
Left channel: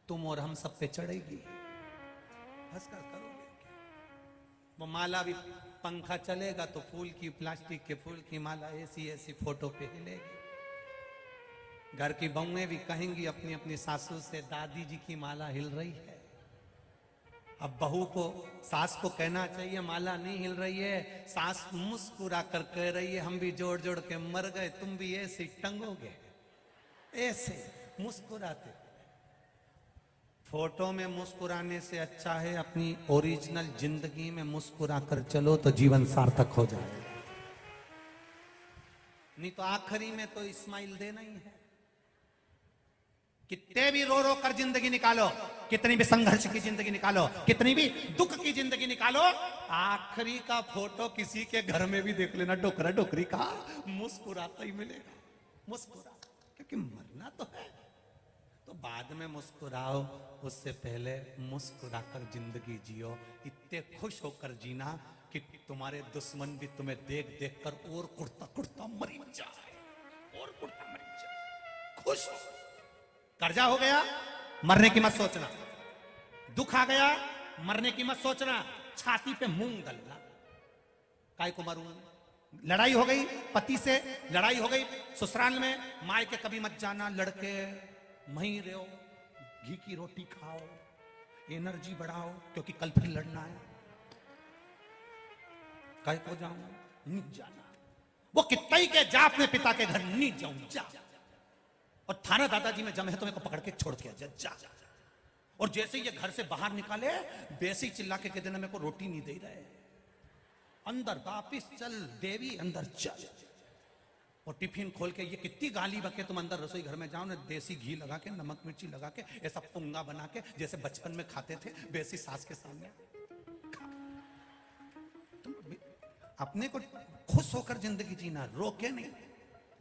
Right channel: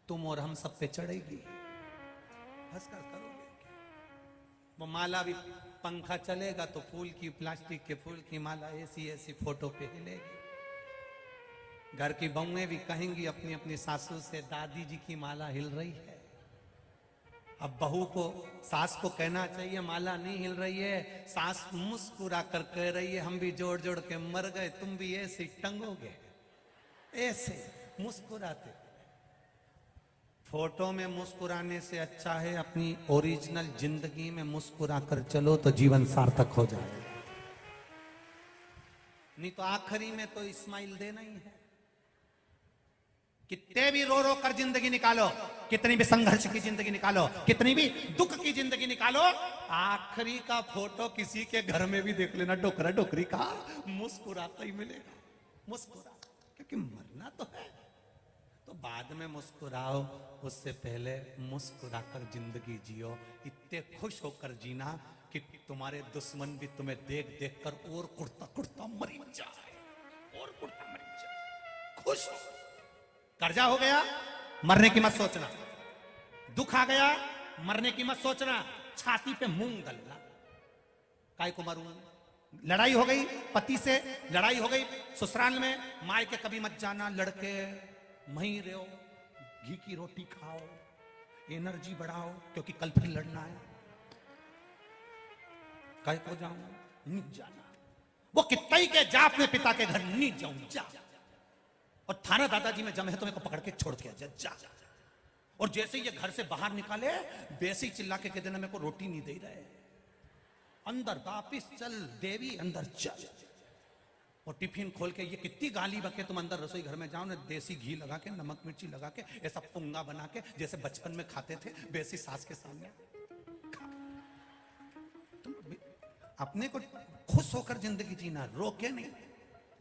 तुम और हम सब पे चढ़ेगी, हंसकर करोगे। माला भी, पंखा चलेगा तो फूल की, प्लास्टिक के फूल की माला ऐसी ऐसी फोटो पे हिलेगी। घर की बहुएं भी कहेंगी अपनी अपनी सासू से, दादी जी की माला हिल रही है। अब बहू को, सास को कहना चाहिए माला नहीं हिल रही है, सास मुस्कुरा कर कह रही है हम भी जोड़ जोड़ के मर गए, तुम भी ऐसे टंगोगे, ऐसे मुस्कुराते। फोटो में मुस्कुराने से अच्छा है अपनी ओरिजिनल जिंदगी में मुस्कुरा कर चलो तो जीवन सार्थक हो जाएगा। नहीं तो आखिरी में तो इस्माइल देना ही है। कितने भी रो रो कर जिंदगी निकालो, कितनी भी संघर्ष की जिंदगी निकालो, कितनी भी दुख की जिंदगी निकालो, आखिरी का फोटो किसी के घर में भी देख लेना, डोकरा डोकरी का मुस्कुराता ही मिलेगा। मुस्कुरा, क्योंकि मरना तो है, तो बाद में मुस्कुराओ, उससे पहले मुस्कुरा कर जिंदगी जियो। इतने खुश होकर जीना कि तुम्हारे दुश्मन भी तुम्हें देख देख कर और कुर्ता कुर्ता मरी जाए, और कुर्ता मरी जाए। खुश हो, कर्जा हो गया मरने की मत सोचना, दुख आ गया मरने की मत सोचना, छाती पे मूंग गलना, काय को मरूं। लड़ाई हो गई पति से, लड़ाई हो गई ससुराल में, माय के कभी मत जाना, लड़के वहीं रहो, घी की रोटी खाओ, एनर्जी बढ़ाओ, क्योंकि कल फिर लड़ना है। कल को जाऊं नहीं जाना, वो कितना ही के जा अपने पिता के घर, नहीं जाऊं जा, और थाने दादाजी में जम है तो मेरे को पकड़ के छोड़ के जा। और जैसे ये घर से बाहर निकाले वैसे ही चिल्ला के कहते ना मेरे को रोटी नहीं दे रहे, अंदर वापिस चल देवी, अंदर चल। और टिफिन खोल के ये कितनी गाली बके, तुम अंदर रसोई घर में जाओ ना, देसी घी लगा के, नमक मिर्ची लगा के, ऐसा पुंगा बना के जैसे बचपन में खाते थे वैसी सास के सामने तुम अपने को खुश होकर जिंदगी जीना, रो के नहीं।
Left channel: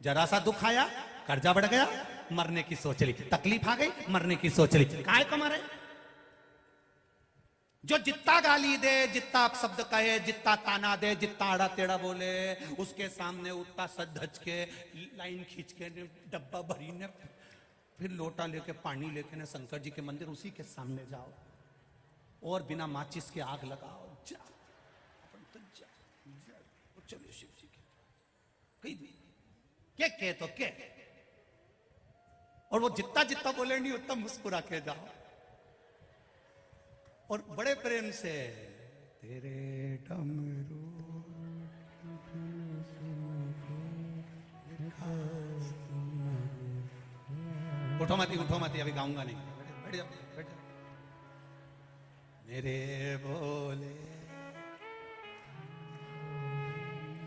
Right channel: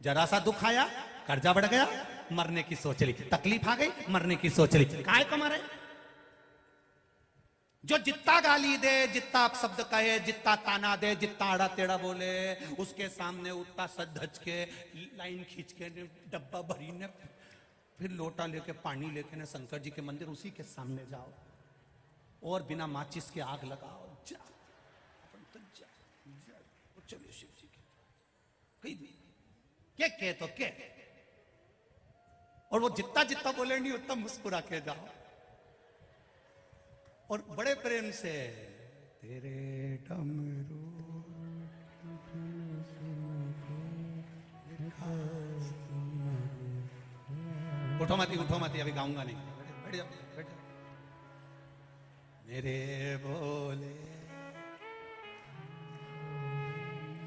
जरा सा दुख आया कर्जा बढ़ गया, मरने की सोच ली, तकलीफ आ गई मरने की सोच ली, काय को मारे। जो जितना गाली दे, जितना शब्द कहे, जितना ताना दे, जितना आड़ा टेढ़ा बोले, उसके सामने उतना सज धज के लाइन खींच के डब्बा भरी ने, फिर लोटा लेके पानी लेके ने शंकर जी के मंदिर उसी के सामने जाओ, और बिना माचिस के आग लगाओ, जा तो जा, चलो शिव जी के तो के, और वो जितना जितना बोलेंगे उतना मुस्कुरा के जाओ, और बड़े प्रेम से तेरे डमरू उठो मती अभी गाऊंगा नहीं, धीरे बोले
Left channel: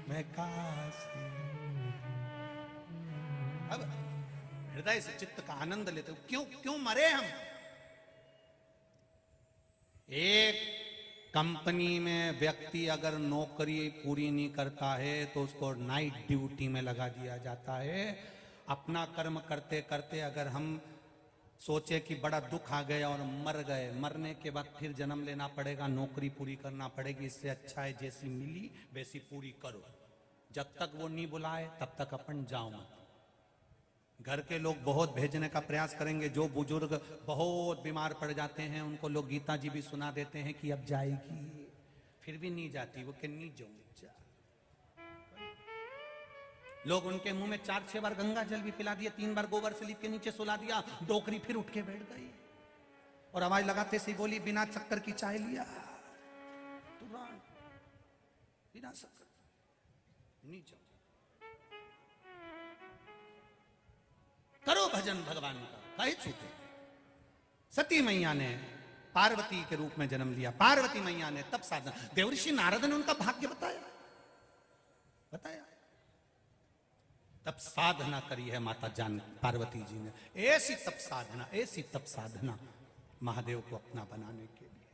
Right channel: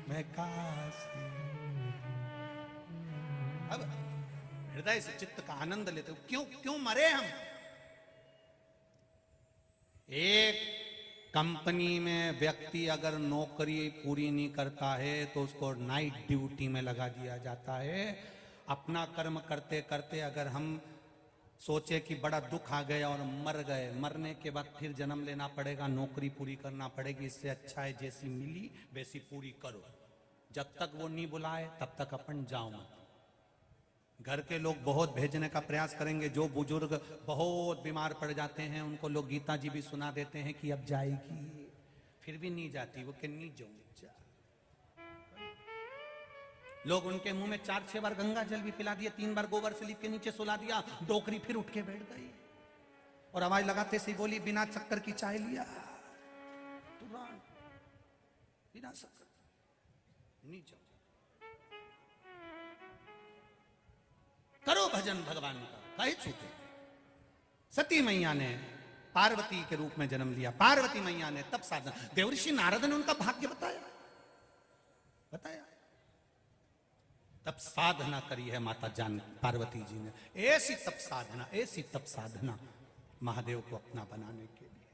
मैं काशी। अब हृदय से चित्त का आनंद लेते हो, क्यों मरे हम। एक कंपनी में व्यक्ति अगर नौकरी पूरी नहीं करता है तो उसको नाइट ड्यूटी में लगा दिया जाता है। अपना कर्म करते करते अगर हम सोचे कि बड़ा दुख आ गया और मर गए, मरने के बाद फिर जन्म लेना पड़ेगा, नौकरी पूरी करना पड़ेगी, इससे अच्छा है जैसी मिली वैसी पूरी करो। जब तक वो नहीं बुलाए तब तक अपन जाओ। घर के लोग बहुत भेजने का प्रयास करेंगे, जो बुजुर्ग बहुत बीमार पड़ जाते हैं उनको लोग गीता जी भी सुना देते हैं कि अब जाएगी, फिर भी नहीं जाती, वो कहनी जाऊं जा। लोग उनके मुंह में 4-6 बार गंगा जल भी पिला दिया, 3 बार गोबर से लीप के नीचे सुला दिया, डोकरी फिर उठ के बैठ गई और आवाज लगाते से बोली बिना शक्कर की चाय लिया, बिना शक्कर नहीं जाओ। करो भजन भगवान का, कहे छूटे। सती मैया ने पार्वती के रूप में जन्म लिया, पार्वती मैया ने तब साधना, देवर्षि नारद ने उनका भाग्य बताया, तब साधना करी है माता जान पार्वती जी ने, ऐसी तप साधना, ऐसी तप साधना महादेव को अपना बनाने के लिए।